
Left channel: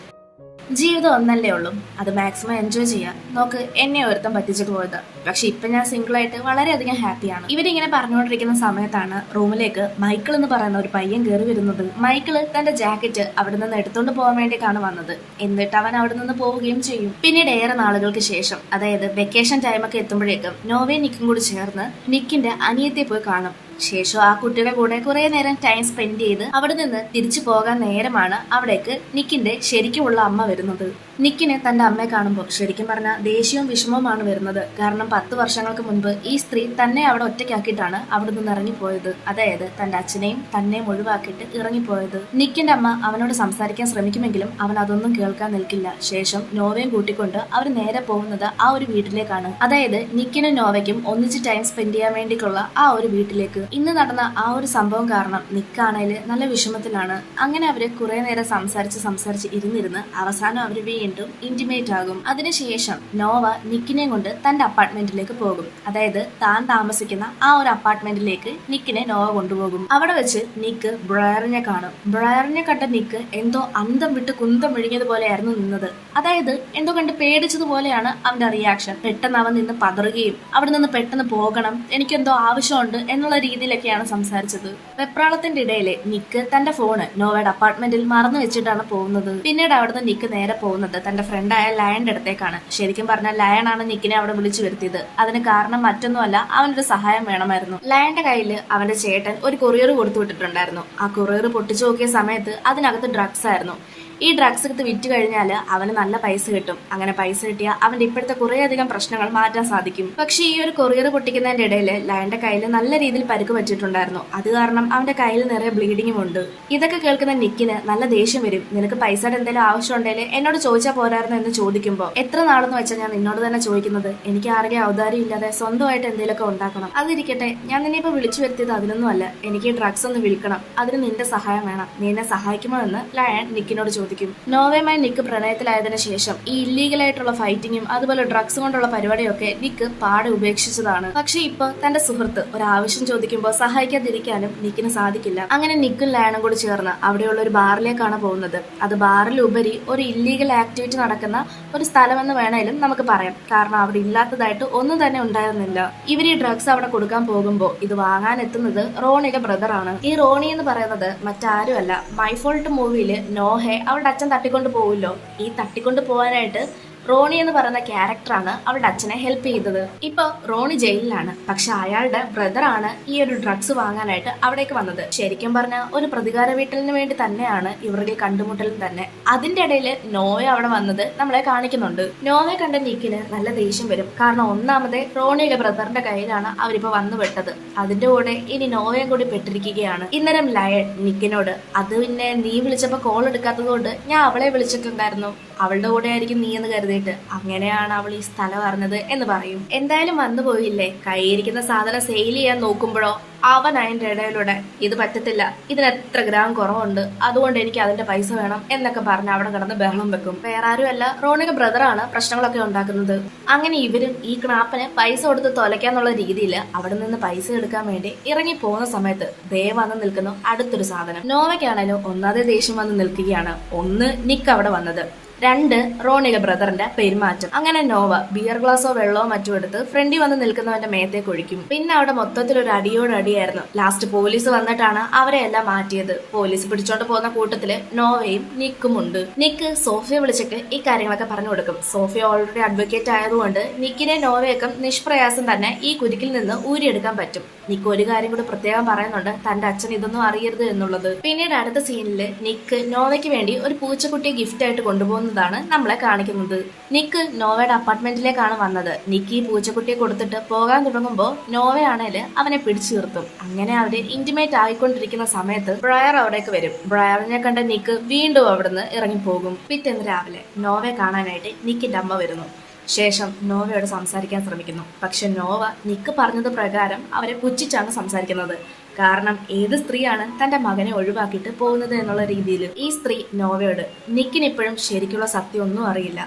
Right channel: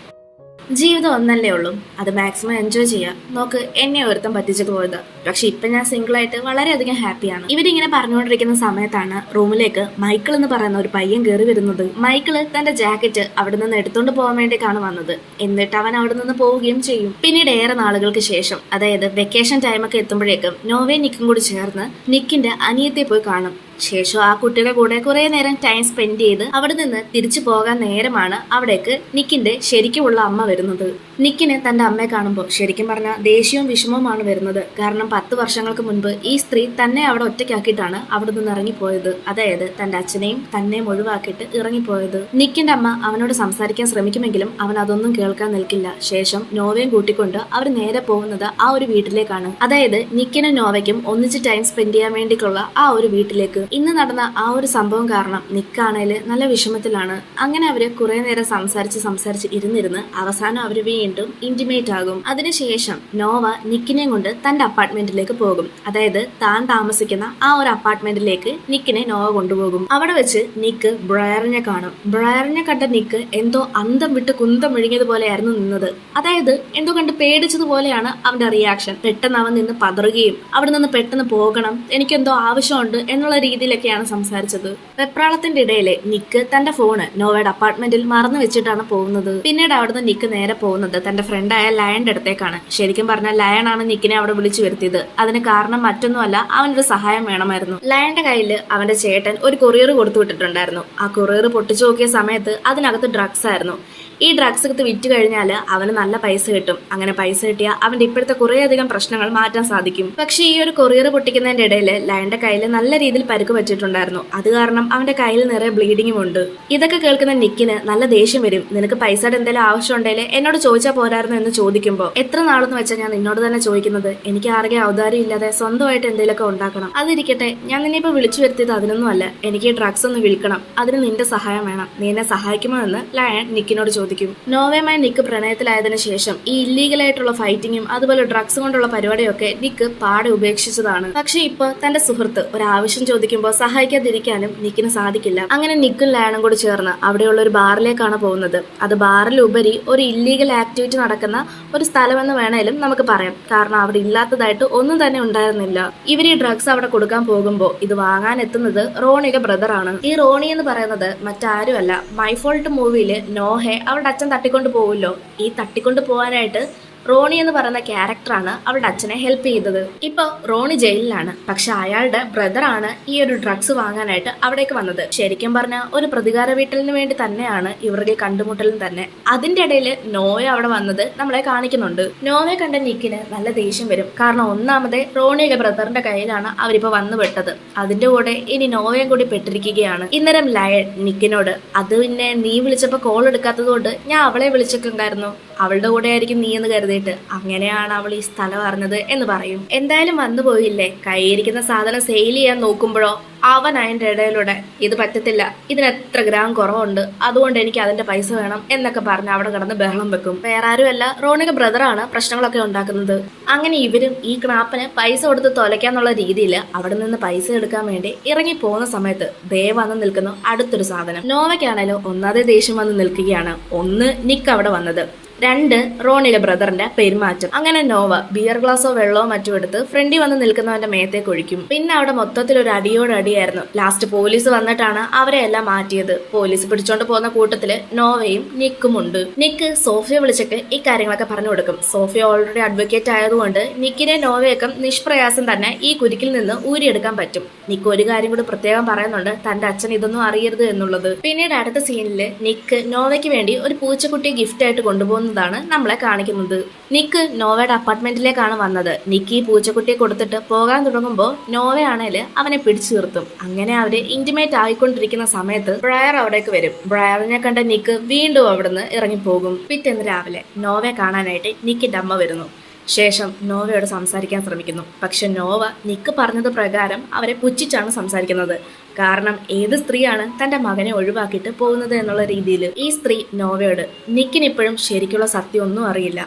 ജീവിതം ഒന്നല്ലേ ഉള്ളൂ, അത് മാക്സിമം എൻജോയ് ചെയ്യാം. നോക്ക്, എന്നെ ഒരുത്തം പറ്റിച്ചിട്ട് പോയത്, പക്ഷെ ഇപ്പൊ ഞാൻ സിംഗിൾ ആയിട്ട് വളരെയധികം ഹാപ്പിയാണ്. ഇവരിങ്ങനെ പറഞ്ഞുകൊണ്ടിരിക്കുന്ന സമയത്താണ് റൂമിലേക്ക് മൈക്കിൾ എന്ന് പറയുന്ന ഒരു പയ്യൻ കയറി വരുന്നത്. മൈക്കിള് തന്റെ ജാക്കറ്റ് അവിടെ നിന്ന് എടുത്തോണ്ട് പോകാൻ വേണ്ടിയിട്ടാണ് വന്നത്. എന്നിട്ട് അവൻ അവിടെ നിന്ന് പോവുകയും ചെയ്യും. പിന്നീട് ഏറെ നാളുകൾക്ക് ശേഷം, അതായത് വെക്കേഷൻ ടൈമൊക്കെ എത്തുമ്പോഴേക്കും നോവയും നിക്കും കൂടി ചേർന്ന് നിക്കിന്റെ അനിയത്തെ പോയി കാണും. ശേഷം ആ കുട്ടിയുടെ കൂടെ കുറെ നേരം ടൈം സ്പെൻഡ് ചെയ്ത് അവിടെ നിന്ന് തിരിച്ചു പോകാൻ നേരമാണ് അവിടേക്ക് നിക്കിന്റെ ശരിക്കുമുള്ള അമ്മ വരുന്നത്. നിക്കിന് തന്റെ അമ്മയെ കാണുമ്പോൾ ശരിക്കും പറഞ്ഞാൽ ദേഷ്യവും വിഷമവുമാണ് വരുന്നത്. കാരണം 10 വർഷങ്ങൾക്ക് മുൻപ് ഈ സ്ത്രീ തന്നെ അവിടെ ഒറ്റയ്ക്കാക്കിയിട്ടാണ് അവിടെ നിന്ന് ഇറങ്ങിപ്പോയത്. അതായത് തന്റെ അച്ഛനെയും തന്നെയും ഒഴിവാക്കിയിട്ട് ഇറങ്ങിപ്പോയത്. നിക്കിന്റെ അമ്മ അവനോട് സംസാരിക്കാൻ ശ്രമിക്കുമെങ്കിലും അവൻ അതൊന്നും കേൾക്കാൻ നിൽക്കില്ല. ശേഷം നോവയും കൂട്ടിക്കൊണ്ട് അവർ നേരെ പോകുന്നത് ആ ഒരു വീട്ടിലേക്കാണ്. അതായത് നിക്കിനും നോവയ്ക്കും ഒന്നിച്ച് ടൈം സ്പെൻഡ് ചെയ്യാൻ വേണ്ടിയിട്ടുള്ള ആ ഒരു വീട്ടിലേക്ക്. ഇന്ന് നടന്ന ആ ഒരു സംഭവം കാരണം നിക്കാണേല് നല്ല വിഷമത്തിലാണ്. അങ്ങനെ അവര് കുറെ നേരം സംസാരിച്ച് ഇരുന്നിരുന്ന് അവസാനം അവര് വീണ്ടും ഇന്റിമേറ്റ് ആകും. അതിനുശേഷം നോവ നിക്കിനെ കൊണ്ട് തന്റെ അപ്പാർട്ട്മെന്റിലേക്ക് പോകും. അതായത് താൻ താമസിക്കുന്ന ആ ഒരു അപ്പാർട്ട്മെന്റിലേക്ക് നിക്കിനെ നോവ കൊണ്ടുപോകും. അവിടെ വെച്ച് നിക്ക് ബ്രയറിനെ കാണും. ബ്രയറിനെ കണ്ട നിക്ക് എന്തോ അന്തം വിട്ട് കുന്തം വിഴുങ്ങിയതുപോലെയായിരുന്നു നിന്നത്. അതായത് എന്തോ കണ്ട് പേടിച്ചതുപോലെയാണ് അവന്റെ റിയാക്ഷൻ. പെട്ടെന്ന് അവൻ നിന്ന് പതറുകയും അവിടെ നിന്ന് പെട്ടെന്ന് പോകണം, എനിക്കെന്തോ ആവശ്യമുണ്ട് എന്നുള്ള രീതിയിലൊക്കെയാണ് സംസാരിച്ചത്. വെപ്രാളത്തിന്റെ ഇടയില് നിക്ക് തന്റെ ഫോണ് നോവയുടെ അപ്പാർട്ട്മെന്റിൽ മറന്നു വെച്ചിട്ടാണ് പോകുന്നത്. പിന്നീട് അവിടുന്ന് നിക്ക് നേരെ പോകുന്നത് തന്റെ ഫ്രണ്ടായ ലയന്റെ അടുത്തേക്കാണ്. ശരിക്കും പറഞ്ഞാൽ ലയൺ ആണ് നിക്കിനെ അവിടെ വിളിച്ചു വരുത്തിയത്. അതിന് കാരണം മറ്റൊന്നുമല്ല, അവനൊരു സഹായം വേണമായിരുന്നു. ലയന്റെ കയ്യിൽ അവന്റെ ചേട്ടൻ ഒരു കൊറിയർ കൊടുത്തു വിട്ടിട്ടുണ്ടായിരുന്നു. ആ കൊറിയർ പൊട്ടിച്ചു നോക്കിയ സമയത്ത് അതിനകത്ത് ഡ്രഗ്സ് ആയിരുന്നു. ഈ ഡ്രഗ്സ് എടുത്ത് വിറ്റ് കഴിഞ്ഞാൽ അവന് നല്ല പൈസ കിട്ടും. അങ്ങനെ പൈസ കിട്ടിയാൽ അവന്റെ ഇപ്പോഴത്തെ കുറേയധികം പ്രശ്നങ്ങൾ മാറ്റാൻ സാധിക്കും. പക്ഷെ ഈ ഒരു കൊറിയർ പൊട്ടിക്കുന്നതിന്റെ ഇടയിൽ ലയന്റെ കയ്യിൽ നല്ല രീതിയിൽ പരുക്ക് പറ്റിയിട്ടുണ്ടായിരുന്നു. അത് കാരണം അവന്റെ കയ്യിൽ നിറയെ ബ്ലീഡിങ്ങും ഉണ്ട്. ഇതൊക്കെ കേൾക്കുന്ന നിക്കിന് നല്ല ദേഷ്യം വരും. നിനക്ക് പൈസയുടെ എന്തെങ്കിലും ആവശ്യം ഉണ്ടെങ്കിൽ എന്നോട് ചോദിച്ചാൽ പോരായിരുന്നു എന്ന് ചോദിക്കുമ്പോൾ, എത്ര നാളെന്ന് വെച്ചാൽ ഞാൻ നിന്നോട് തന്നെ ചോദിക്കുന്നത്, എനിക്ക് ആരുടെ ഔദാര്യം ഇല്ലാതെ സ്വന്തമായിട്ട് എന്തെങ്കിലുമൊക്കെ ഉണ്ടാക്കണം. അതിരിക്കട്ടെ, ഞാൻ നിന്നിപ്പോ വിളിച്ചു വരുത്തിയത് അതിനൊന്നും അല്ല, എനിക്ക് ഡ്രഗ്സ് ഒന്ന് വിൽക്കണം, അതിന് നിന്റെ സഹായം വേണം, നീ എന്നെ സഹായിക്കുമോ എന്ന് ലയൺ നിക്കിനോട് ചോദിക്കും. നോവയുമായി നിക്ക് പ്രണയത്തിലായതിനു ശേഷം ഈ ഇല്ലീഗലായിട്ടുള്ള ഫൈറ്റിങ്ങും അതുപോലെ ഡ്രഗ്സ് കൊണ്ടുള്ള പരിപാടിയൊക്കെ നിക്ക് പാടെ ഉപേക്ഷിച്ചതാണ്. പക്ഷെ ഇപ്പൊ തന്റെ സുഹൃത്ത് ഒരു ആവശ്യം ചോദിക്കുമ്പോൾ സഹായിക്കാതിരിക്കാനും നിക്കിന് സാധിക്കില്ല. അങ്ങനെ നിക്കും ലയണും കൂടി ചേർന്ന് അവിടെയുള്ള ഒരു ബാറിലേക്കാണ് പോകുന്നത്. അത് ബാറിലുപരി ഒരു ഇല്ലീഗൽ ആക്ടിവിറ്റി നടക്കുന്ന ഒരു സ്ഥലമെന്ന് വേണേലും നമുക്ക് പറയാം. കാരണം അവിടെ ഇല്ലാത്തതായിട്ട് ഒന്നും തന്നെ ഉണ്ടായിരുന്നില്ല. ഇവർ ഈ ഡ്രഗ്സ് അവിടെ കൊടുക്കാൻ പോകുമ്പോൾ ഇത് വാങ്ങാൻ എത്തുന്നത് റോണിയുടെ ബ്രദറാണ്. ഈ റോണി എന്ന് പറയുന്നത് മറ്റാരുമല്ല, മൈ ഫോൾട്ട് മൂവിയില് നോഹെ അവളുടെ അച്ഛൻ തട്ടിക്കൊണ്ട് പോവുമല്ലോ, ഈ തട്ടിക്കൊണ്ട് പോകാനായിട്ട് റോണി എന്ന് പറയുന്ന ക്യാരക്ടറാണ് അവളുടെ അച്ഛനെ ഹെൽപ്പ് ചെയ്തത്. ഇപ്പൊ റോണി ജയിലിലാണ്. പക്ഷെ അയാളുടെ ബ്രദറാണ് ഈ ഒരു ഡ്രഗ്സ് വാങ്ങാനായിട്ട് അവിടേക്ക് വന്നത്. ശരിക്കും പറഞ്ഞാൽ ഒരു പ്രതികാര വീട്ടലിന് വേണ്ടി തന്നെയാണ് ഇവരുടെ കണ്ടുമുട്ടലും തന്നെ. അതിന്റെ ഇടയിൽ നോയ അവിടെ വന്നത് നമ്മളെ കാണിക്കുന്നുണ്ട്. നോവയെ കണ്ട നിക്കിന് നല്ല ദേഷ്യം വരും. കാരണം ഒന്നാമത് റോണിയുടെ ബ്രദറിന്റെ കയ്യിലാണ് അവരിപ്പോ വന്നു പെട്ടത്. അതിന്റെ കൂടെ ഇനി നോവയും കൂടി പെട്ടിരിക്കുകയാണ്. ഇന്നരം ലയൺ നിക്കിനോട്, അത് പിന്നെ നീ വിളിച്ചപ്പോ കോൾ എടുക്കാത്തത് കൊണ്ട് ഞാൻ അവളെ വിളിച്ചിട്ടുണ്ടായിരുന്നു, അവളുടെ കൂടെ ആയിരിക്കും നീ എന്ന് കരുതിയിട്ട് അങ്ങനെയാണ് അവൾ ഈ സ്ഥലം അറിഞ്ഞത് എന്ന് പറയും. എന്തായാലും വന്നു പോയില്ലേ, കയ്യിരിക്കുന്ന സാധനം സെയിൽ ചെയ്യാൻ നോക്കുമ്പോഴോ അവൻ അതിന്റെ ഇടയിലൂടെ ഇത് പറ്റത്തില്ല, ഇതിന് എത്ര ഗ്രാം കുറവുണ്ട്, അതുകൊണ്ട് എനിക്ക് അതിന്റെ പൈസ വേണം എന്നൊക്കെ പറഞ്ഞ് അവിടെ കിടന്ന് ബഹളം വെക്കും. വേറെ ആരുമല്ല, റോണിയുടെ ബ്രദറാണ് പ്രശ്നങ്ങളൊക്കെ ഉണ്ടാക്കുന്നത്. അങ്ങനെ ഇവരും ഈ ക്നാപ്പിന് പൈസ കൊടുത്ത് തൊലയ്ക്കാന്നുള്ള രീതിയിൽ അവിടെ നിന്ന് പൈസ എടുക്കാൻ വേണ്ടി ഇറങ്ങി പോകുന്ന സമയത്ത് ദേ വന്ന് നിൽക്കുന്നു അടുത്തൊരു സാധനം. നോവയ്ക്കാണേലോ ഒന്നാതെ ദേഷ്യം വന്ന് നിൽക്കുകയാണ്. ഒന്ന് നിക്ക് അവിടെ വന്നത്, 2 റോണിയുടെ ബ്രദറിന്റെ പെരുമാറ്റം. അങ്ങനെ നോവ ബിയർ ഗ്ലാസോ വെള്ളമോ മറ്റോ എടുത്ത് ഫ്രണ്ടിൽ വന്ന് നിൽക്കുന്നവന്റെ മേത്തേക്ക് ഒഴിക്കും. പിന്നെ അവിടെ മൊത്തത്തിൽ ഒരു അടിയോടടിയായിരുന്നു. ലാസ്റ്റ് പോലീസ് വന്നിട്ടാണ് അവരെ എല്ലാം മാറ്റിയത്. പോലീസ് പിടിച്ചോണ്ട് പോകുന്ന കൂട്ടത്തില് നോവയും നിക്കും ഉണ്ട്. നിക്ക് സോഫിയെ വിളിച്ചിട്ട് ഈ കാര്യങ്ങളൊക്കെ പറഞ്ഞു കൊടുക്കും. സോഫിയ ഓൾറെഡി അഡ്വക്കേറ്റ് ആയതുകൊണ്ട് നിക്കിനെ നോവയൊക്കെ നിഷ്പ്രയാസം തന്നെ ഈ കുരുക്കിൽ നിന്ന് ഊരിയെടുക്കാൻ പറ്റും. നിക്ക് ഒരു കാര്യം കൂടി പ്രത്യേകം പറയുന്നുണ്ട്, തന്റെ അച്ഛൻ ഇതൊന്നും അറിയരുത് എന്നുള്ളത്. പിന്നീട് അടുത്ത സീനില് നിക്ക് നോവയ്ക്ക് വേണ്ടി ഒരു പൂച്ചക്കുട്ടിയെ ഗിഫ്റ്റ് ആയിട്ട് കൊണ്ടുപോകുന്ന പോകുന്നതാണ് നമ്മളെ കാണിക്കുന്നത്. നിക്ക് നോവയുടെ അപ്പാർട്ട്മെന്റിലേക്കാണ് വന്നത്. നിക്ക് ഈ പൂച്ചക്കുട്ടിയെ കൊടുത്തിട്ട് പോകാൻ തുടങ്ങുമ്പോൾ നോവയാണേല് അവനെ പിടിച്ചു നിർത്തും. അങ്ങനെ അവര് ഇന്റിമേറ്റ് ആയിക്കൊണ്ടിരിക്കുന്ന സമയത്ത് ബ്രയർ അവിടേക്ക് വരും. ബ്രയറിനെ കണ്ട നിക്ക് വീണ്ടും അവിടുന്ന് ഇറങ്ങിപ്പോകും. പിറ്റേന്ന് രാവിലെ നോവയെ കാണാനായിട്ട് നിക്കിന്റെ അമ്മ വരുന്നു. ശേഷം നോവയോട് സംസാരിക്കാൻ ശ്രമിക്കുന്നു. പക്ഷെ നോവ നിക്ക് പറഞ്ഞത് പ്രകാരം അവരെ പുച്ഛിച്ചാണ് സംസാരിക്കുന്നത്. കാരണം ഏത് സ്ത്രീയാണ് തന്റെ മകനെ ഒഴിവാക്കിയിട്ട് പോകുന്നത് എന്നുള്ള രീതിയിൽ ഈ സ്ത്രീ നോവയോട് നിക്കിനിപ്പോഴും ശരിക്കുള്ള സത്യം ഒന്നും അറിയില്ല,